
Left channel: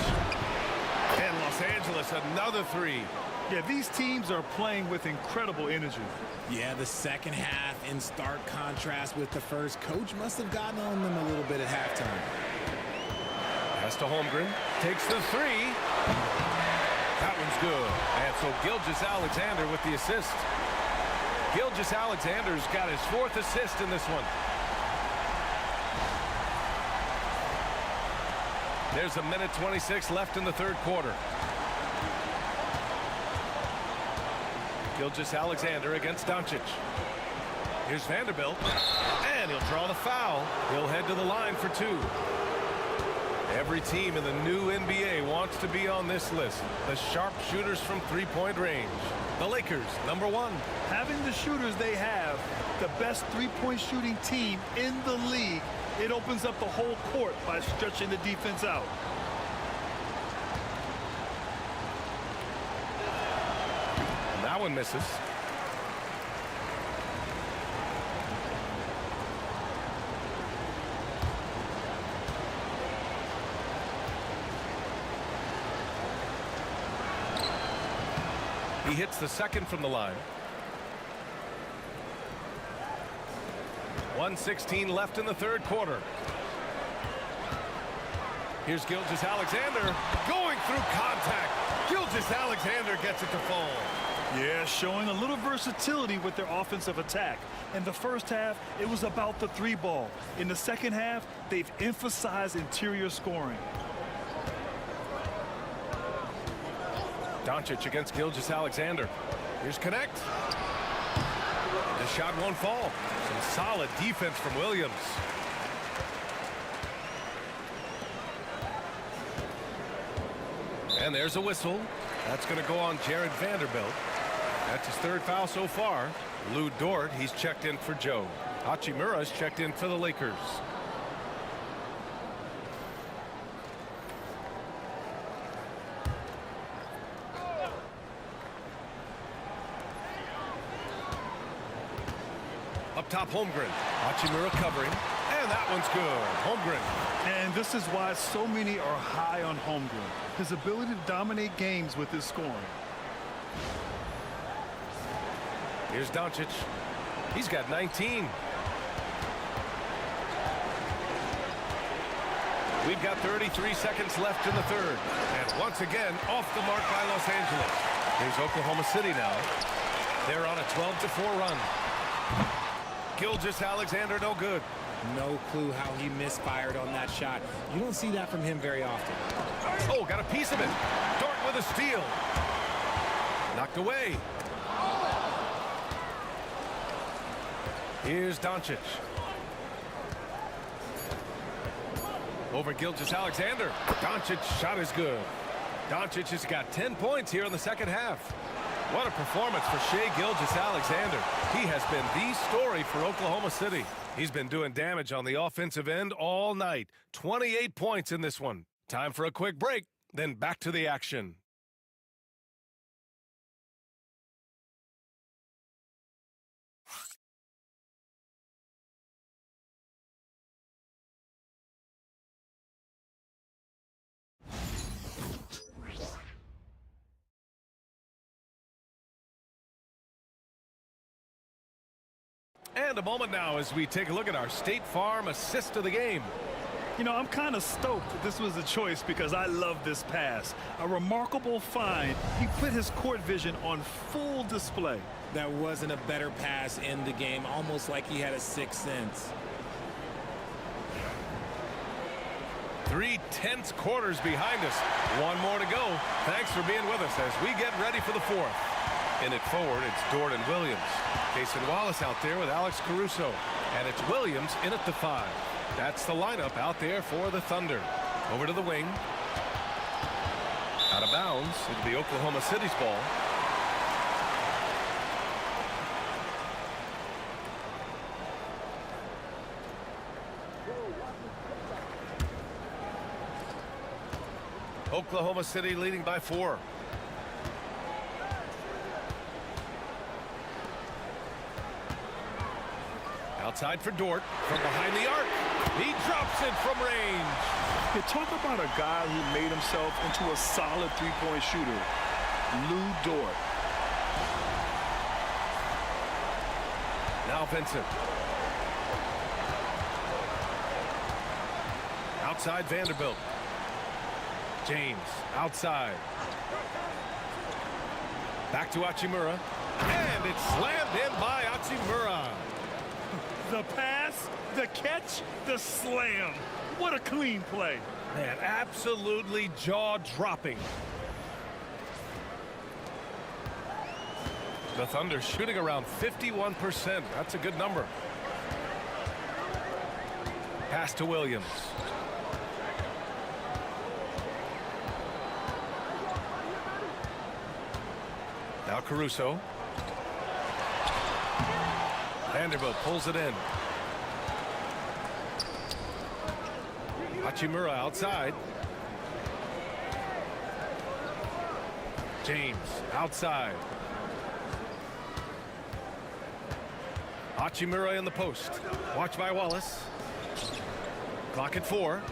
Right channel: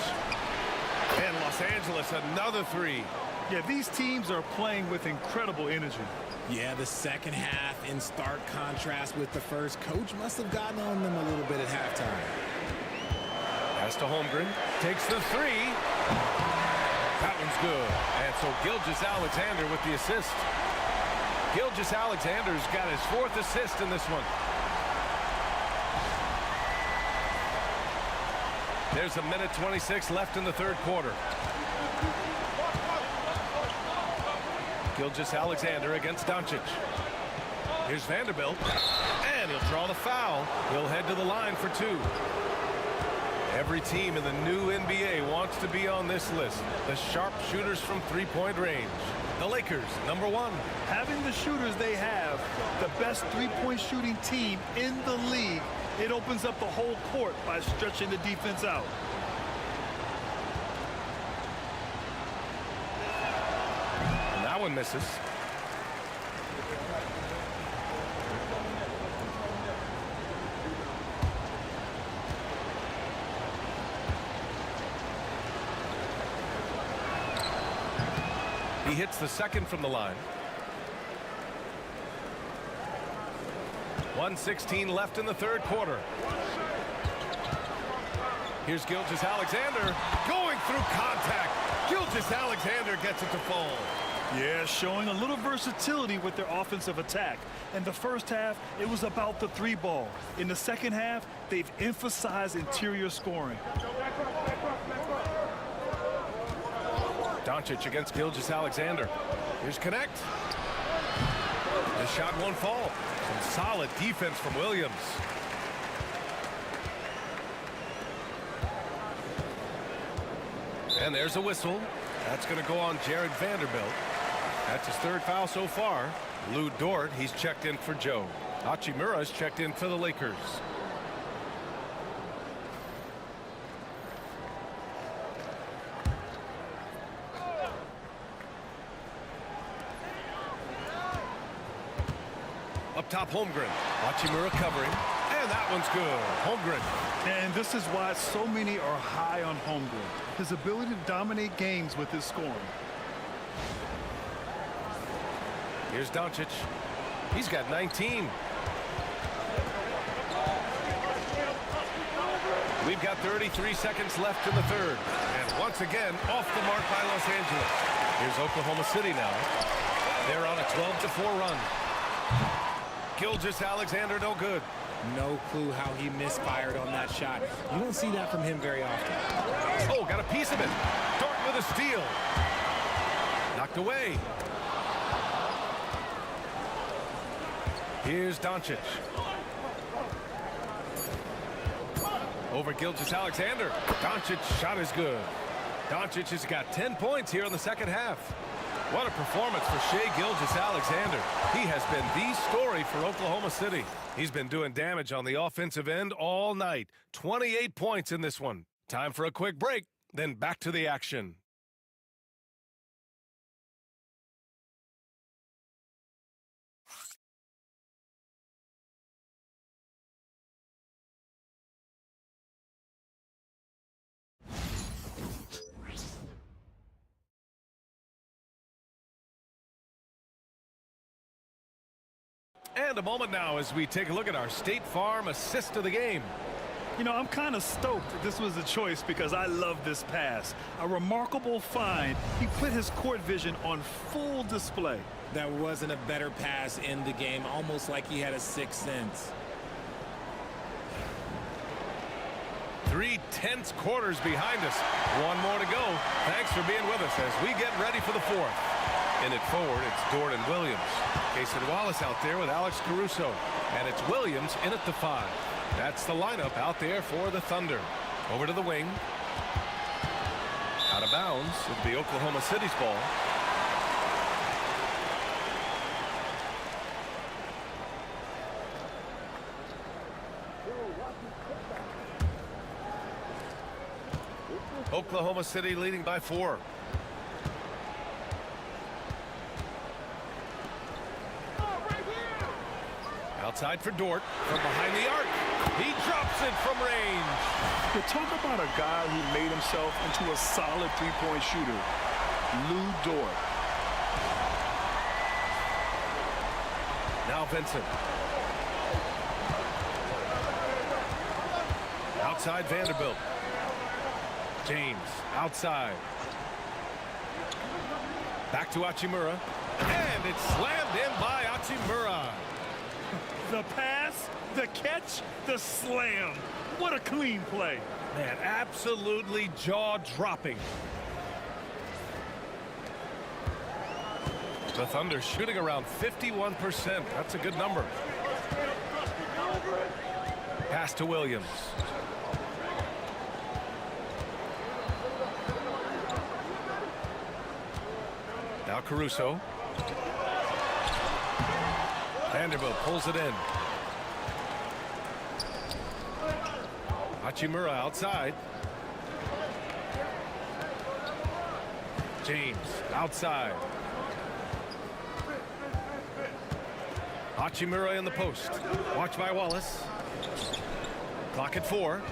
And Los Angeles, another 3. Yeah, these teams are playing with incredible energy. Yeah, the second half in stark contrast with the first. Coach must have gotten on them a little bit at halftime. Pass to Holmgren. Takes the 3. That one's good. And so Gilgeous-Alexander with the assist. Gilgeous-Alexander's got his 4th assist in this one. There's a minute 26 left in the third quarter. Gilgeous-Alexander against Doncic. Here's Vanderbilt. And he'll draw the foul. He'll head to the line for 2. Every team in the new NBA wants to be on this list. The sharpshooters from three-point range. The Lakers, number 1. Having the shooters they have, the best three-point shooting team in the league, it opens up the whole court by stretching the defense out. And that one misses. He hits the second from the line. 1:16 left in the third quarter. Here's Gilgeous-Alexander going through contact. Gilgeous-Alexander gets it to fall. Yeah, showing a little versatility with their offensive attack. In the first half, it was about the three ball. In the second half, they've emphasized interior scoring. Doncic against Gilgeous-Alexander. Here's Connect. The shot won't fall. Some solid defense from Williams. And there's a whistle. That's going to go on Jared Vanderbilt. That's his third foul so far. Lou Dort, he's checked in for Joe. Hachimura's checked in for the Lakers. Up top, Holmgren. Hachimura covering. And that one's good. Holmgren. And this is why so many are high on Holmgren. His ability to dominate games with his scoring. Here's Doncic. He's got 19. We've got 33 seconds left in the third. And once again, off the mark by Los Angeles. Here's Oklahoma City now. They're on a 12-4 run. Gilgeous-Alexander no good. No clue how he misfired on that shot. You don't see that from him very often. Oh, got a piece of it. Dort with a steal. Knocked away. Here's Doncic. Over Gilgeous-Alexander. Doncic's shot is good. Doncic has got 10 points here in the second half. What a performance for Shai Gilgeous-Alexander. He has been the story for Oklahoma City. He's been doing damage on the offensive end all night. 28 points in this one. Time for a quick break, then back to the action. And a moment now as we take a look at our State Farm assist of the game. You know, I'm kind of stoked that this was a choice because I love this pass. A remarkable find. He put his court vision on full display. That wasn't a better pass in the game, almost like he had a sixth sense. 3 tense quarters behind us. One more to go. Thanks for being with us as we get ready for the fourth. In it forward, it's Dort and Williams. Cason Wallace out there with Alex Caruso. And it's Williams in at the 5. That's the lineup out there for the Thunder. Over to the wing. Out of bounds. It'll be Oklahoma City's ball. Oklahoma City leading by 4. Outside for Dort from behind the arc. He drops it from range. You talk about a guy who made himself into a solid three-point shooter. Lou Dort. Now Vincent. Outside Vanderbilt. James outside. Back to Hachimura. And it's slammed in by Hachimura. The pass, the catch, the slam. What a clean play. Man, absolutely jaw-dropping. The Thunder shooting around 51%. That's a good number. Pass to Williams. Now Caruso. Vanderbilt pulls it in. Hachimura outside. James outside. Hachimura in the post. Watch by Wallace. Clock at 4.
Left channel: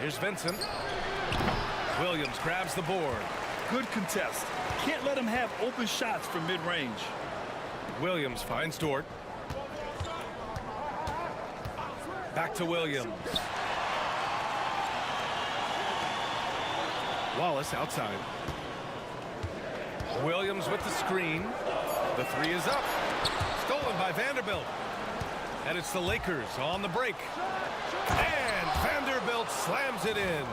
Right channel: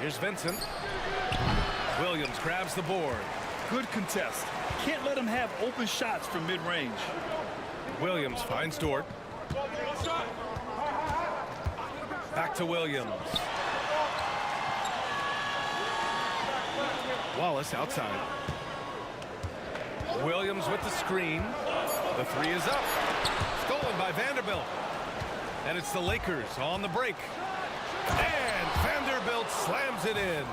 Here's Vincent. Williams grabs the board. Good contest. Can't let him have open shots from mid-range. Williams finds Dort. Back to Williams. Wallace outside. Williams with the screen. The three is up. Stolen by Vanderbilt. And it's the Lakers on the break. And Vanderbilt slams it in.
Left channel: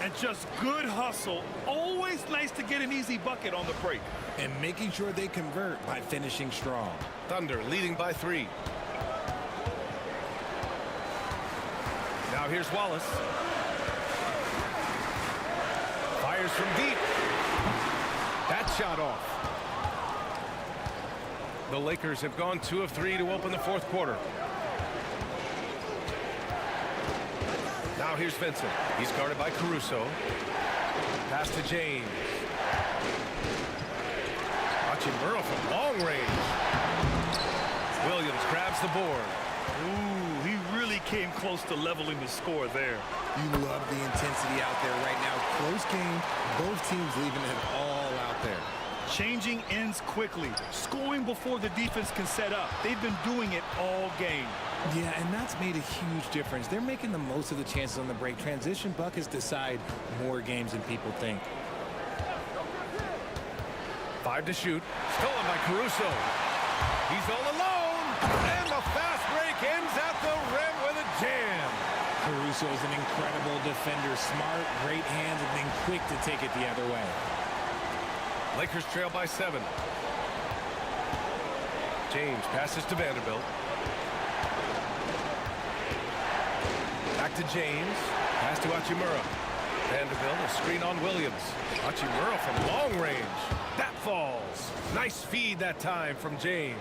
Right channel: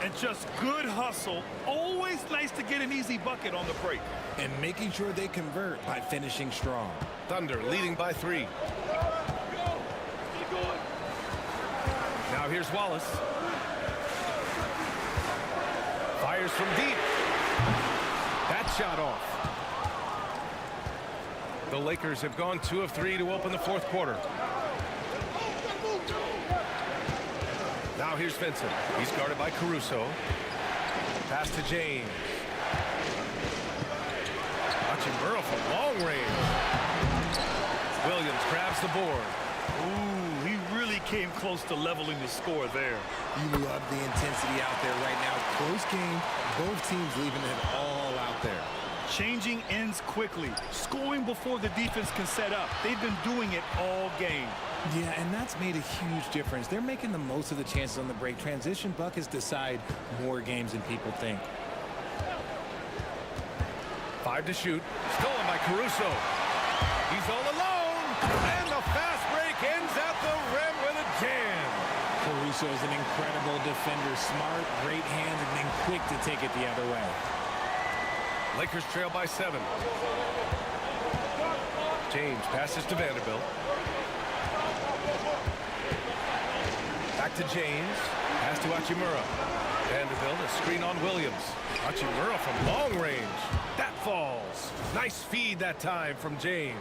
And just good hustle. Always nice to get an easy bucket on the break. And making sure they convert by finishing strong. Thunder leading by 3. Now here's Wallace. Fires from deep. That shot off. The Lakers have gone 2 of 3 to open the fourth quarter. Now here's Vincent. He's guarded by Caruso. Pass to James. Hachimura from long range. Williams grabs the board. Ooh, he really came close to leveling the score there. You love the intensity out there right now. Close game. Both teams leaving it all out there. Changing ends quickly. Scoring before the defense can set up. They've been doing it all game. Yeah, and that's made a huge difference. They're making the most of the chances on the break. Transition buckets decide more games than people think. 5 to shoot. Stolen by Caruso. He's all alone. And the fast break ends at the rim with a jam. Caruso is an incredible defender. Smart, great hands, and then quick to take it the other way. Lakers trail by 7. James passes to Vanderbilt. Back to James. Pass to Hachimura. Vanderbilt, a screen on Williams. Hachimura from long range. That falls. Nice feed that time from James.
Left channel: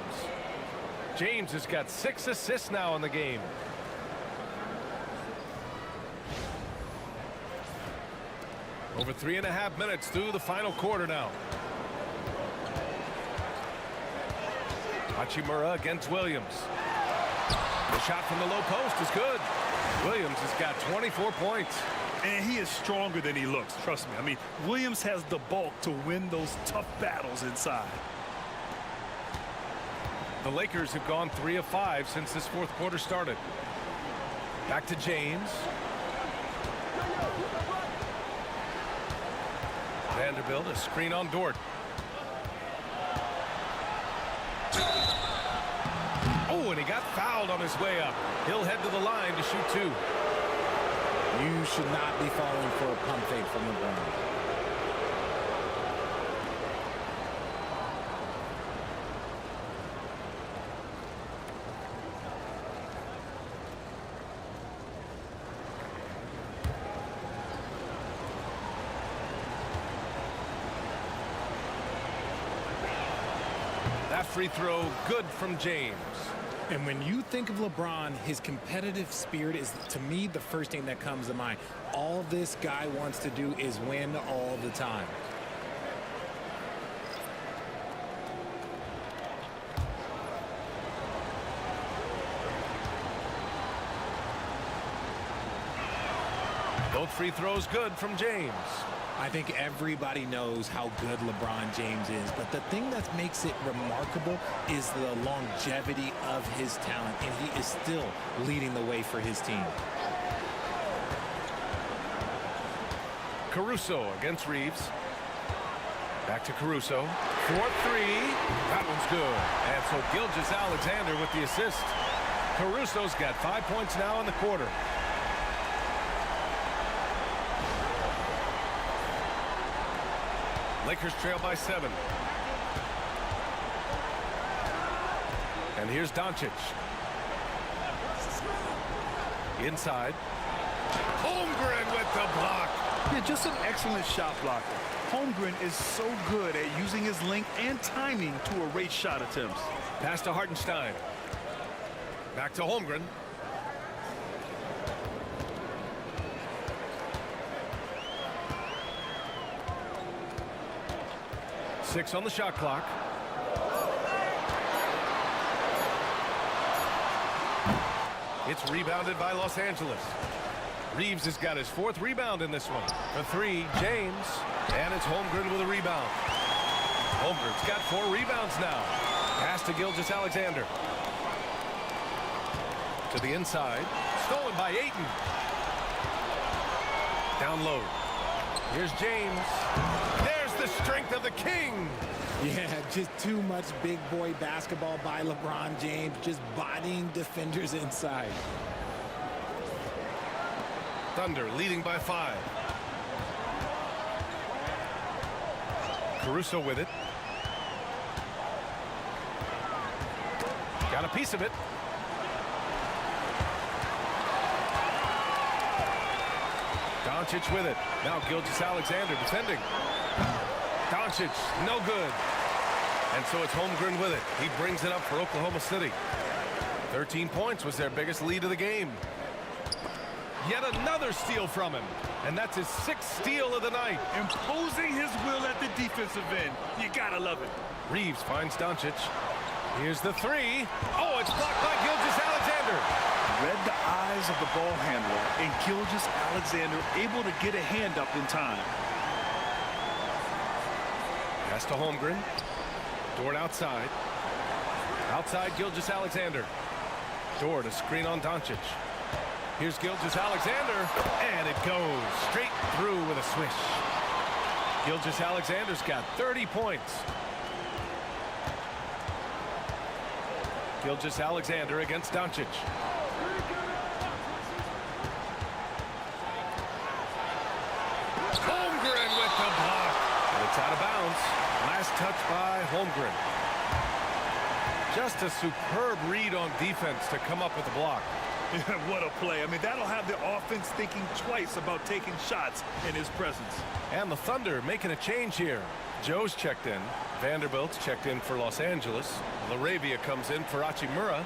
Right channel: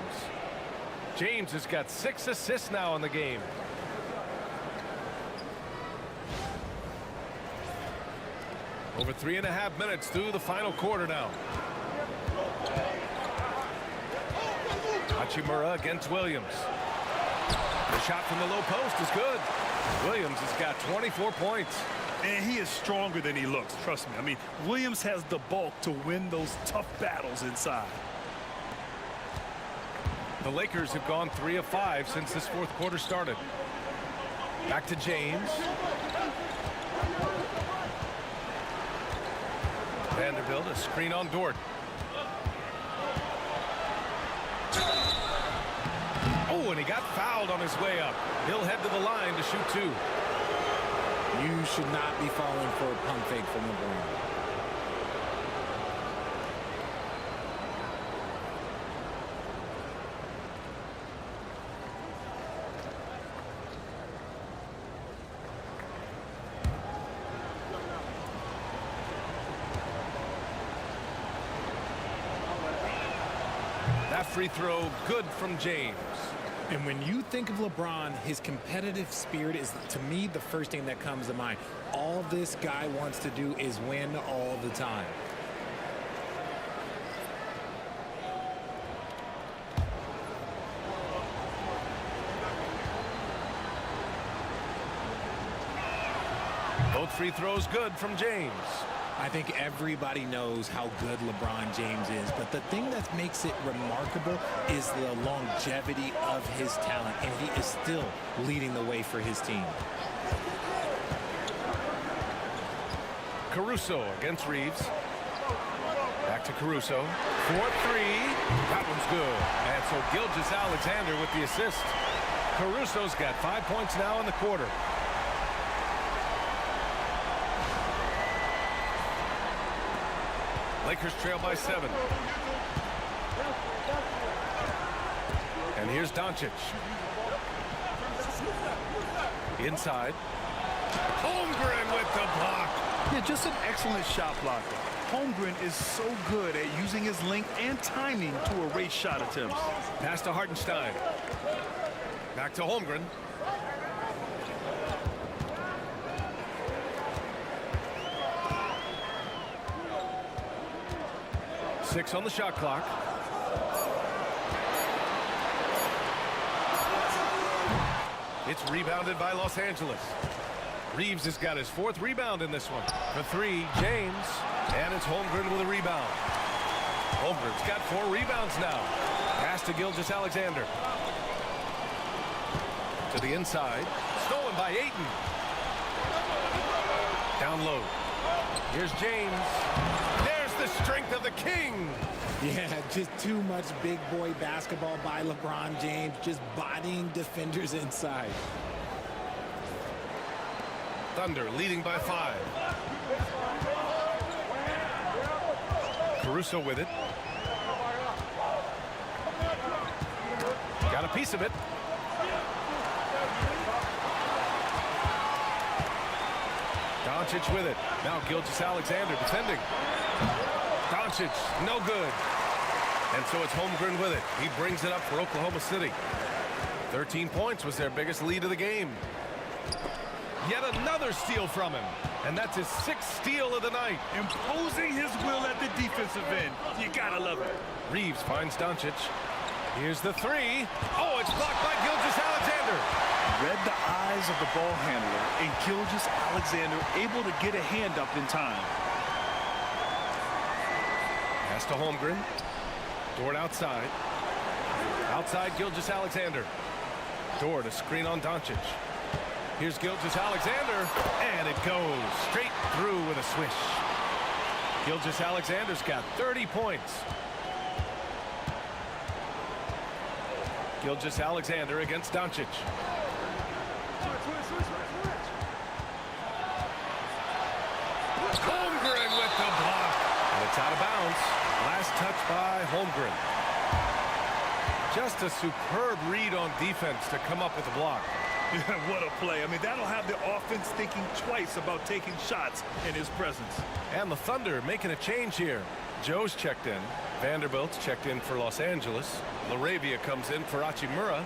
James has got 6 assists now in the game. Over 3.5 minutes through the final quarter now. Hachimura against Williams. The shot from the low post is good. Williams has got 24 points. And he is stronger than he looks, trust me. I mean, Williams has the bulk to win those tough battles inside. The Lakers have gone 3 of 5 since this fourth quarter started. Back to James. Vanderbilt, a screen on Dort. Oh, and he got fouled on his way up. He'll head to the line to shoot 2. You should not be falling for a pump fake from LeBron. That free throw good from James. And when you think of LeBron, his competitive spirit is, to me, the first thing that comes to mind. All this guy wants to do is win all the time. Both free throws good from James. I think everybody knows how good LeBron James is, but the thing that makes it remarkable is the longevity of his talent, and he is still leading the way for his team. Caruso against Reeves. Back to Caruso. 4-3. That one's good. And so Gilgeous-Alexander with the assist. Caruso's got 5 points now in the quarter. Lakers trail by 7. And here's Doncic. Inside. Holmgren with the block. Yeah, just an excellent shot blocker. Holmgren is so good at using his length and timing to erase shot attempts. Pass to Hartenstein. Back to Holmgren. Six on the shot clock. It's rebounded by Los Angeles. Reeves has got his 4th rebound in this one. For 3, James. And it's Holmgren with a rebound. Holmgren's got 4 rebounds now. Pass to Gilgeous-Alexander. To the inside. Stolen by Ayton. Down low. Here's James. There's the strength of the king. Yeah, just too much big boy basketball by LeBron James, just bodying defenders inside. Thunder leading by 5. Caruso with it. Got a piece of it. Doncic with it. Now Gilgeous-Alexander defending. Doncic, no good. And so it's Holmgren with it. He brings it up for Oklahoma City. 13 points was their biggest lead of the game. Yet another steal from him. And that's his 6th steal of the night. Imposing his will at the defensive end. You gotta love it. Reeves finds Doncic. Here's the 3. Oh, it's blocked by Gilgeous-Alexander. Read the eyes of the ball handler, and Gilgeous-Alexander able to get a hand up in time. Pass to Holmgren. Dort outside. Outside Gilgeous-Alexander. Dort a screen on Doncic. Here's Gilgeous-Alexander, and it goes straight through with a swish. Gilgeous-Alexander's got 30 points. Gilgeous-Alexander against Doncic. Holmgren with the block. And it's out of bounds. Last touch by Holmgren. Just a superb read on defense to come up with the block. What a play. I mean, that'll have the offense thinking twice about taking shots in his presence. And the Thunder making a change here. Joe's checked in. Vanderbilt's checked in for Los Angeles. LaRavia comes in for Hachimura.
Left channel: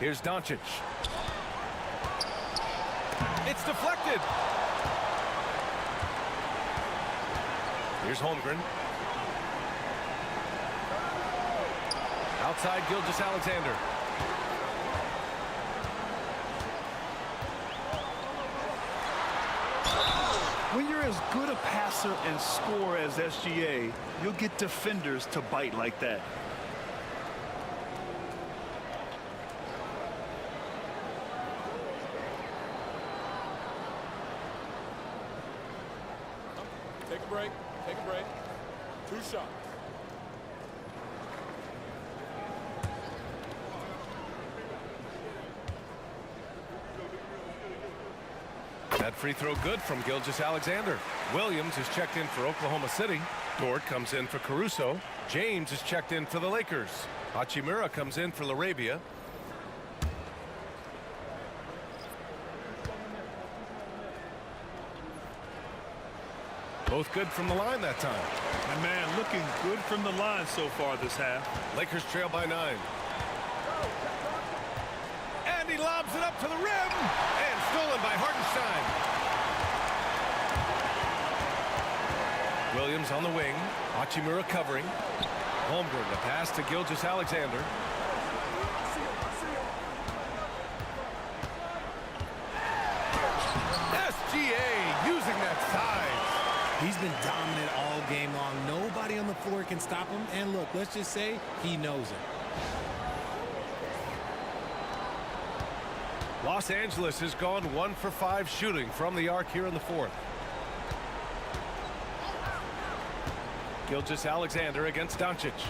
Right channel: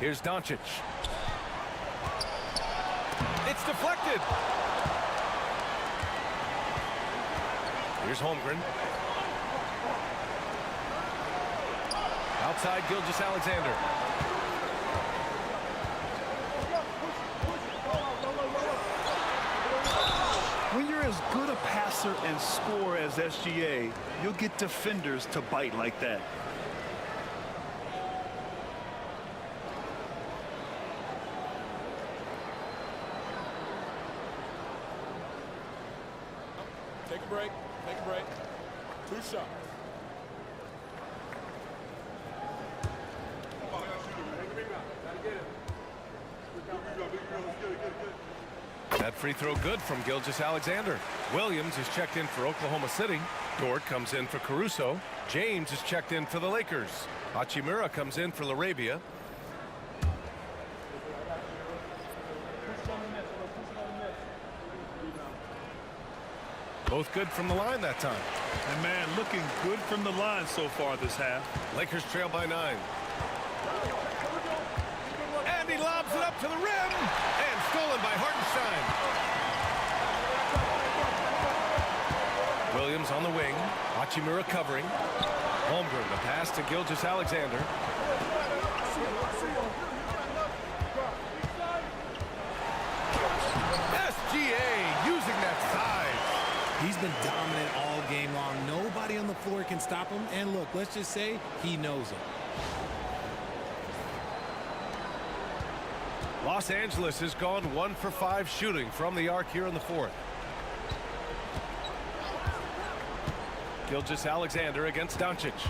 Here's Doncic. It's deflected. Here's Holmgren. Outside Gilgeous-Alexander. When you're as good a passer and scorer as SGA, you'll get defenders to bite like that. Take a break. Take a break. 2 shots. That free throw good from Gilgeous-Alexander. Williams is checked in for Oklahoma City. Dort comes in for Caruso. James is checked in for the Lakers. Hachimura comes in for LaRavia. Both good from the line that time. And man, looking good from the line so far this half. Lakers trail by 9. And he lobs it up to the rim. And stolen by Hartenstein. Williams on the wing. Hachimura covering. Holmgren, the pass to Gilgeous-Alexander. SGA using that size. He's been dominant all game long. Nobody on the floor can stop him. And look, let's just say he knows it. Los Angeles has gone 1 for 5 shooting from the arc here in the 4th. Gilgeous-Alexander against Doncic.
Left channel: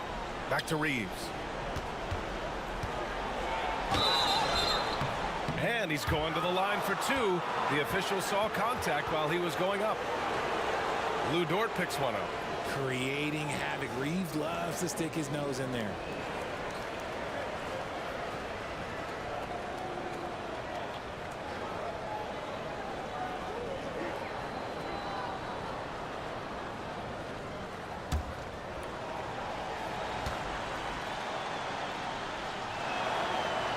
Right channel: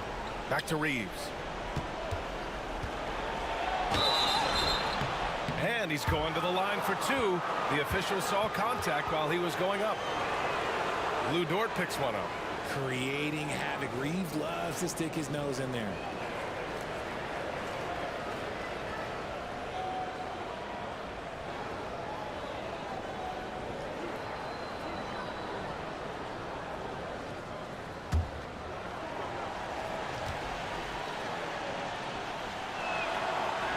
Back to Reeves. And he's going to the line for 2. The official saw contact while he was going up. Lou Dort picks one up. Creating havoc. Reeves loves to stick his nose in there.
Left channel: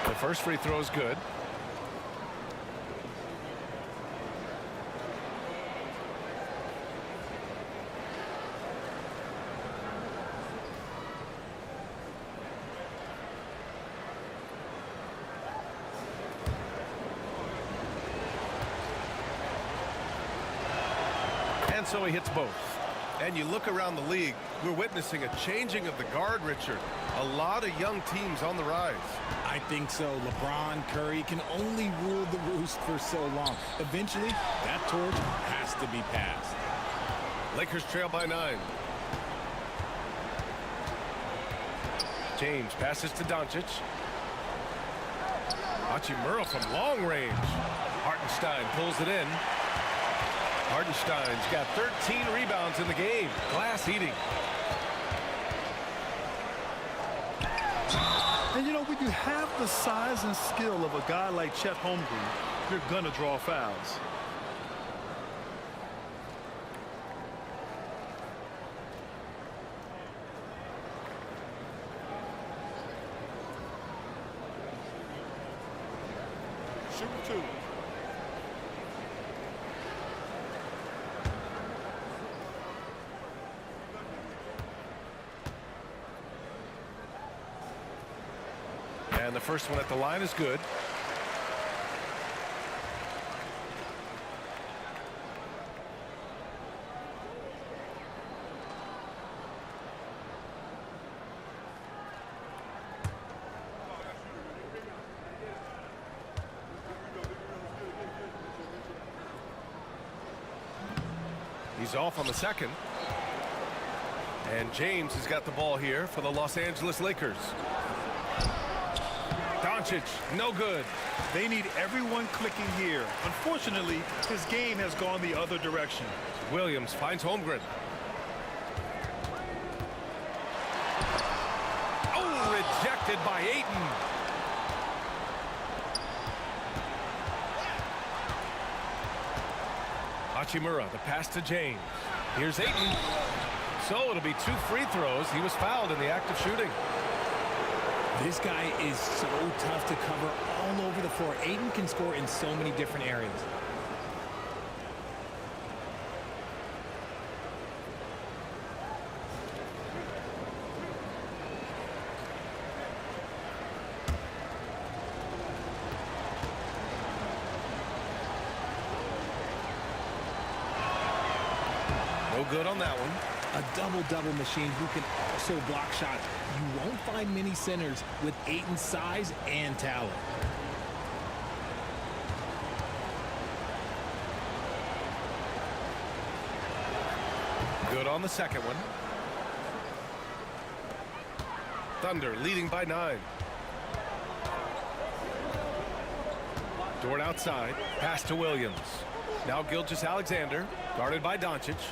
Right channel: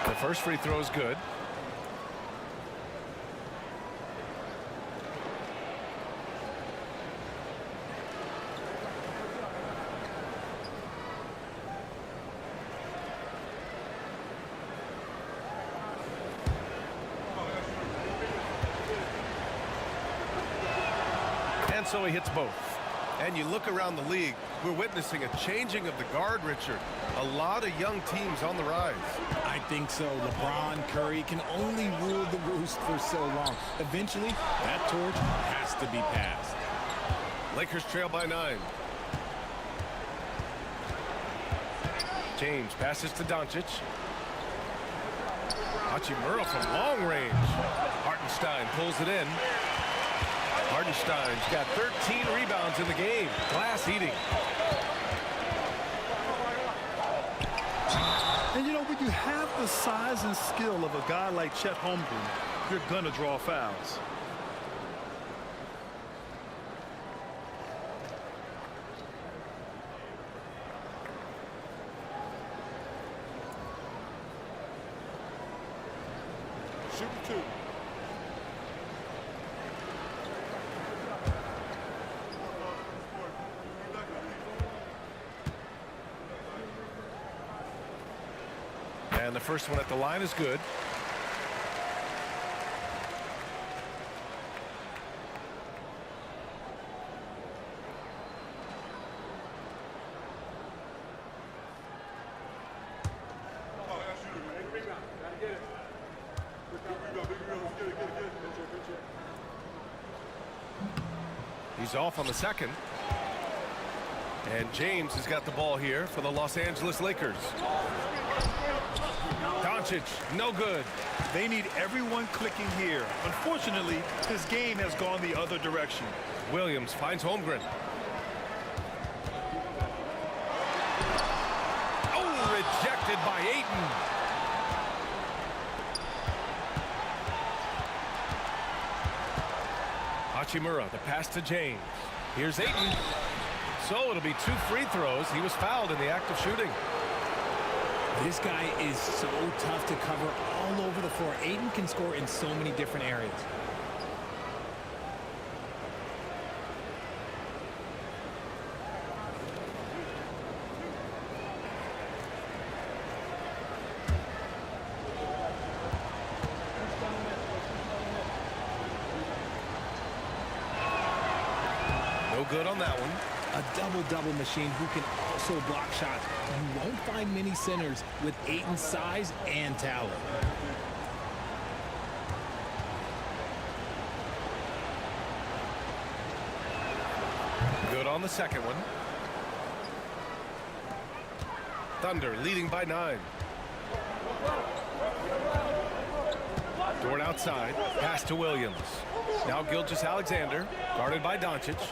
The first free throw is good. And so he hits both. And you look around the league, we're witnessing a changing of the guard, Richard. A lot of young teams on the rise. I think so. LeBron, Curry can only rule the roost for so long. Eventually, that torch has to be passed. Lakers trail by 9. James passes to Doncic. Hachimura from long range. Hartenstein pulls it in. Hartenstein's got 13 rebounds in the game. Glass eating. And you know, when you have the size and skill of a guy like Chet Holmgren, you're going to draw fouls. Shooting 2. And the first one at the line is good. He's off on the second. And James has got the ball here for the Los Angeles Lakers. Doncic, no good. They need everyone clicking here. Unfortunately, his game has gone the other direction. Williams finds Holmgren. Oh, rejected by Ayton. Hachimura, the pass to James. Here's Ayton. So it'll be 2 free throws. He was fouled in the act of shooting. This guy is so tough to cover all over the floor. Ayton can score in so many different areas. No good on that one. A double-double machine who can also block shots. You won't find many centers with Ayton's size and talent. Good on the second one. Thunder leading by 9. Dort outside. Pass to Williams. Now Gilgeous-Alexander, guarded by Doncic.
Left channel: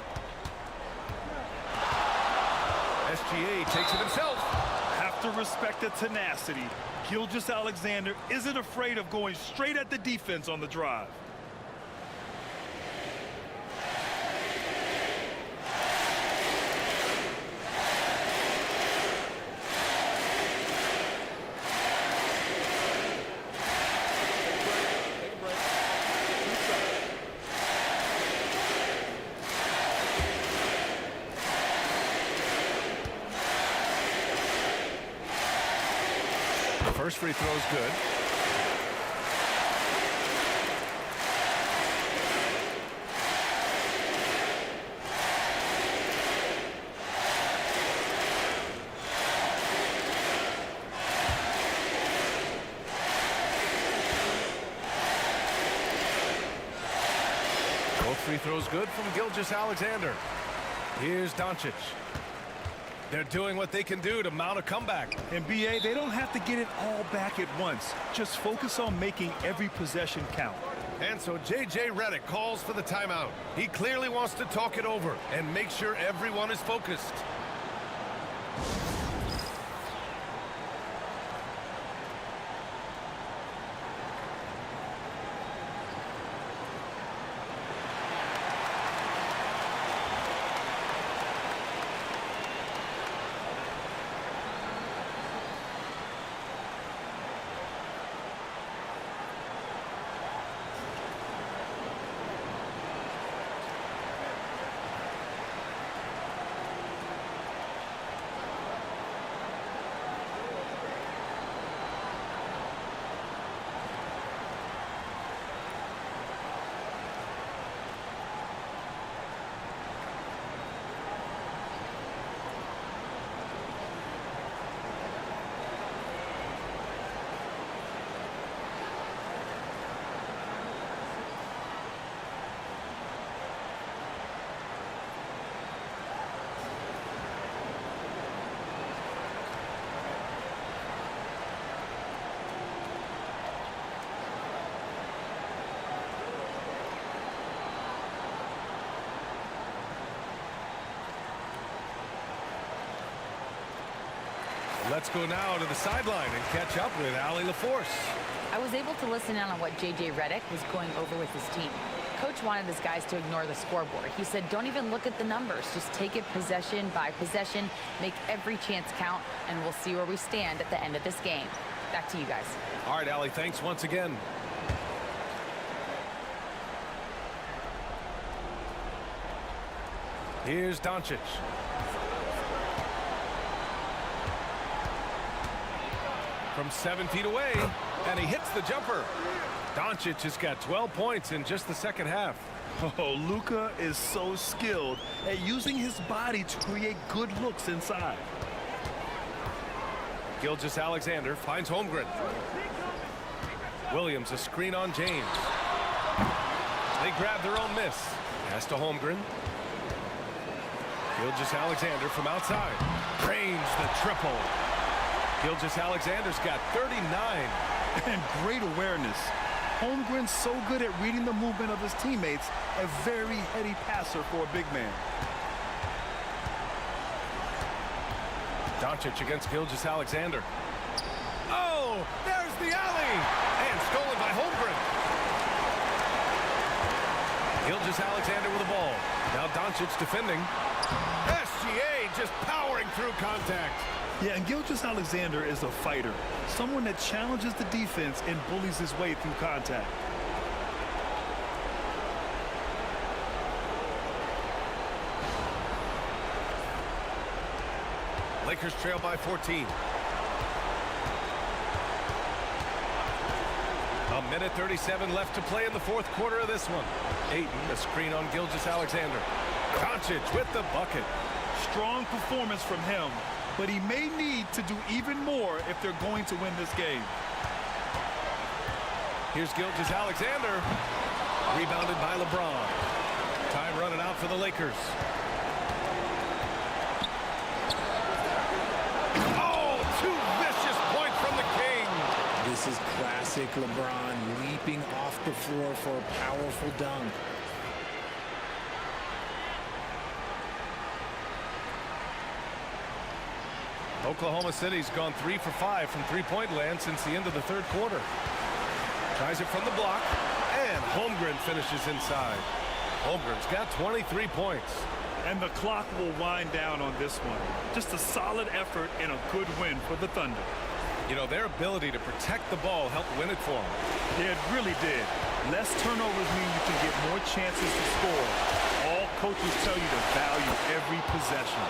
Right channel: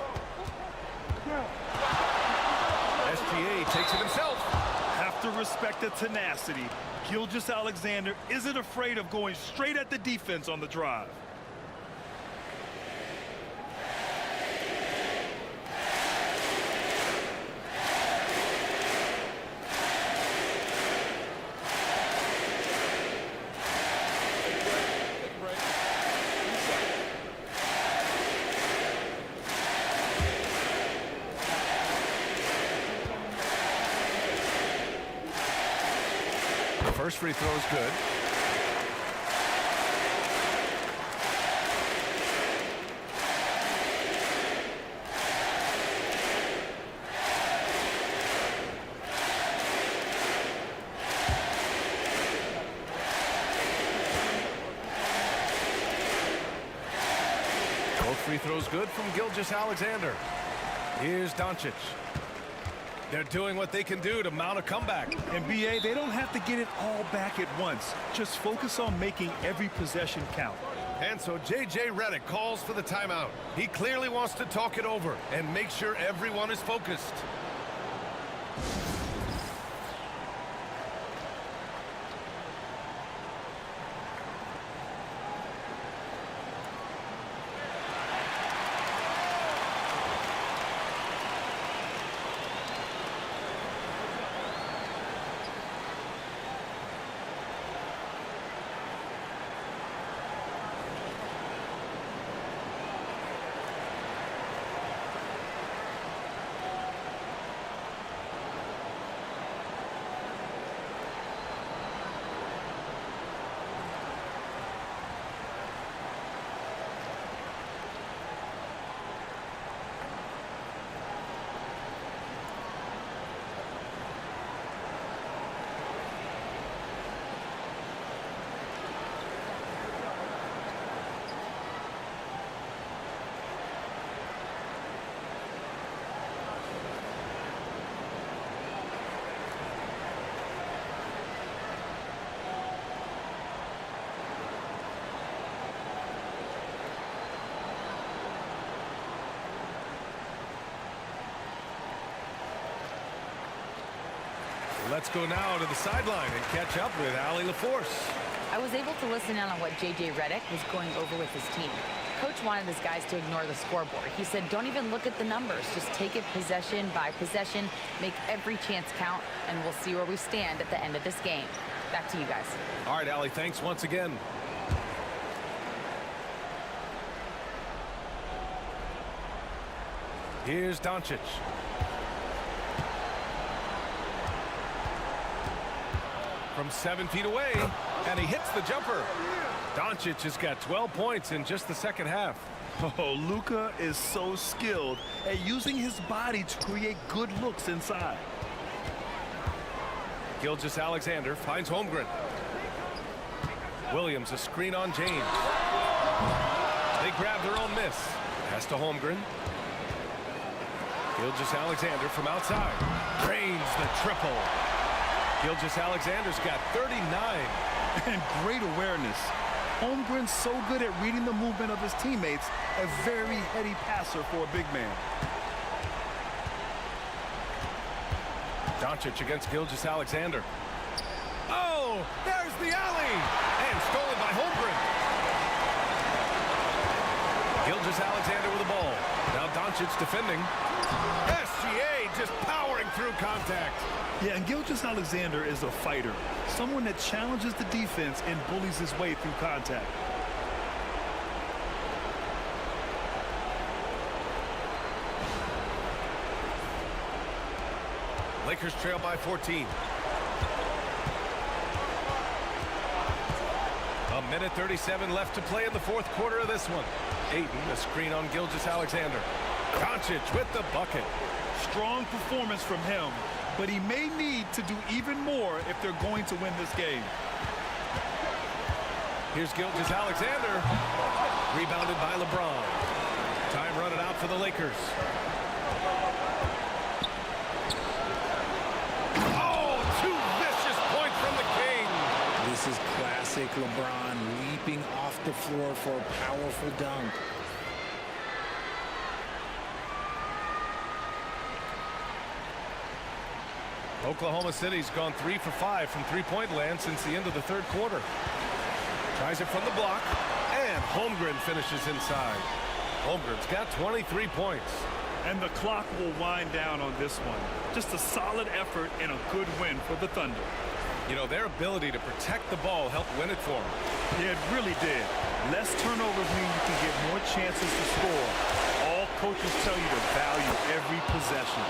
SGA takes it himself. Have to respect the tenacity. Gilgeous-Alexander isn't afraid of going straight at the defense on the drive. Take a break. 2 shots. The first free throw is good. Both free throws good from Gilgeous-Alexander. Here's Doncic. They're doing what they can do to mount a comeback. And BA, they don't have to get it all back at once. Just focus on making every possession count. And so J.J. Redick calls for the timeout. He clearly wants to talk it over and make sure everyone is focused. Let's go now to the sideline and catch up with Allie LaForce. I was able to listen in on what J.J. Redick was going over with his team. Coach wanted his guys to ignore the scoreboard. He said, don't even look at the numbers. Just take it possession by possession, make every chance count, and we'll see where we stand at the end of this game. Back to you guys. All right, Allie, thanks once again. Here's Doncic. From 7 feet away, and he hits the jumper. Doncic has got 12 points in just the second half. Oh, Luka is so skilled at using his body to create good looks inside. Gilgeous-Alexander finds Holmgren. Williams a screen on James. They grab their own miss. Pass to Holmgren. Gilgeous-Alexander from outside. Drains the triple. Gilgeous-Alexander's got 39. And great awareness. Holmgren's so good at reading the movement of his teammates, a very heady passer for a big man. Doncic against Gilgeous-Alexander. Oh, there's the alley! And stolen by Holmgren. Gilgeous-Alexander with the ball. Now Doncic defending. SGA just powering through contact. Yeah, and Gilgeous-Alexander is a fighter, someone that challenges the defense and bullies his way through contact. Lakers trail by 14. A minute 37 left to play in the fourth quarter of this one. Ayton, a screen on Gilgeous-Alexander. Doncic with the bucket. Strong performance from him, but he may need to do even more if they're going to win this game. Here's Gilgeous-Alexander. Rebounded by LeBron. Time running out for the Lakers. Oh, two vicious points from the King. This is classic LeBron leaping off the floor for a powerful dunk. Oklahoma City's gone 3 for 5 from three-point land since the end of the third quarter. Tries it from the block, and Holmgren finishes inside. Holmgren's got 23 points. And the clock will wind down on this one. Just a solid effort and a good win for the Thunder. You know, their ability to protect the ball helped win it for them. Yeah, it really did. Less turnovers mean you can get more chances to score. All coaches tell you to value every possession.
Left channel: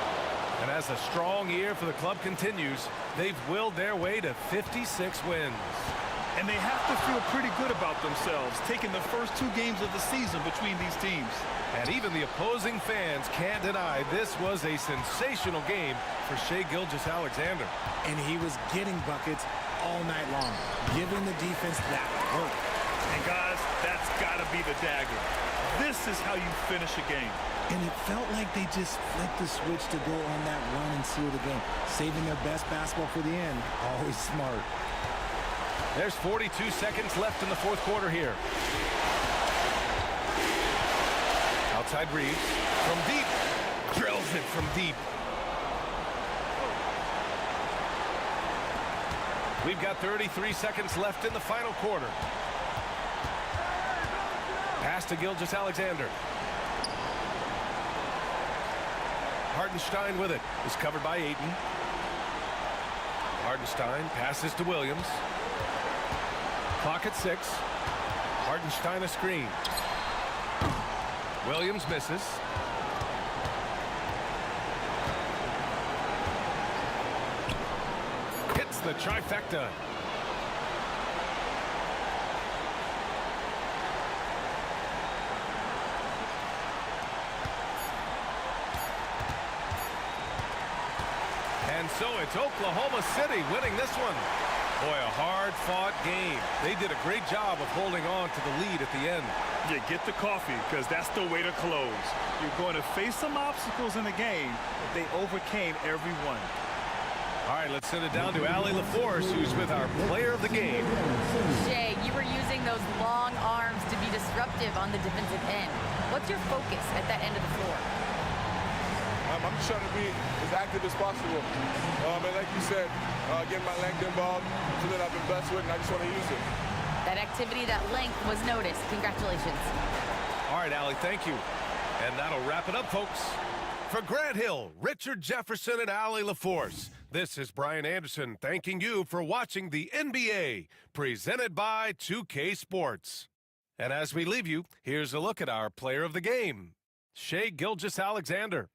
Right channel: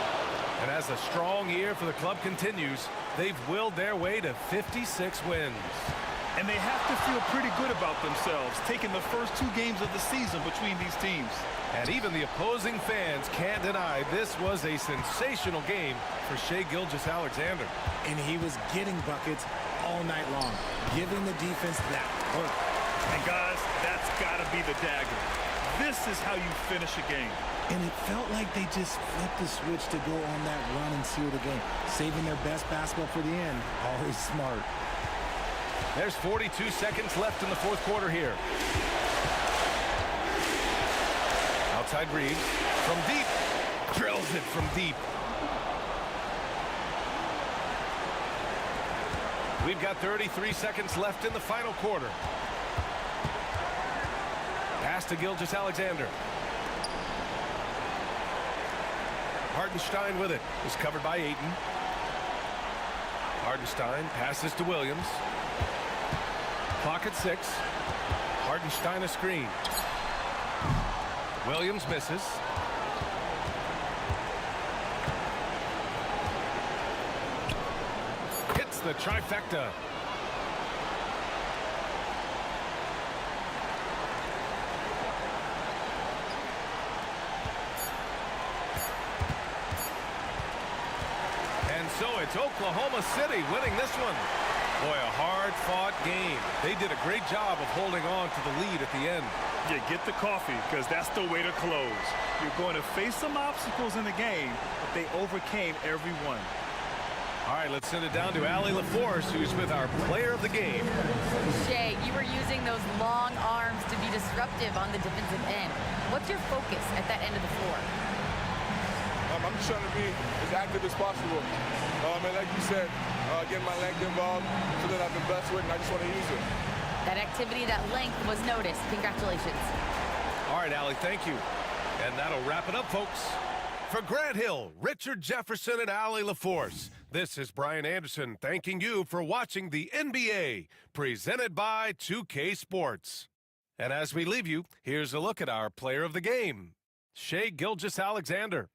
And as a strong year for the club continues, they've willed their way to 56 wins. And they have to feel pretty good about themselves, taking the first 2 games of the season between these teams. And even the opposing fans can't deny this was a sensational game for Shai Gilgeous-Alexander. And he was getting buckets all night long, giving the defense that work. And guys, that's got to be the dagger. This is how you finish a game. And it felt like they just flipped the switch to go on that run and seal the game, saving their best basketball for the end. Always smart. There's 42 seconds left in the fourth quarter here. Outside Reeves from deep. Drills it from deep. We've got 33 seconds left in the final quarter. Pass to Gilgeous-Alexander. Hartenstein with it. Is covered by Ayton. Hartenstein passes to Williams. Clock at 6. Hartenstein a screen. Williams misses. Hits the trifecta. And so it's Oklahoma City winning this one. Boy, a hard-fought game. They did a great job of holding on to the lead at the end. Yeah, get the coffee, because that's the way to close. You're going to face some obstacles in the game, but they overcame every one. All right, let's send it down to Allie LaForce, who's with our player of the game. Shai, you were using those long arms to be disruptive on the defensive end. What's your focus at that end of the floor? I'm just trying to be as active as possible. And like you said, getting my length involved, so that I've been blessed with, and I just want to use it. That activity, that length was noticed. Congratulations. All right, Allie, thank you. And that'll wrap it up, folks. For Grant Hill, Richard Jefferson, and Allie LaForce, this is Brian Anderson thanking you for watching the NBA, presented by 2K Sports. And as we leave you, here's a look at our player of the game, Shai Gilgeous-Alexander.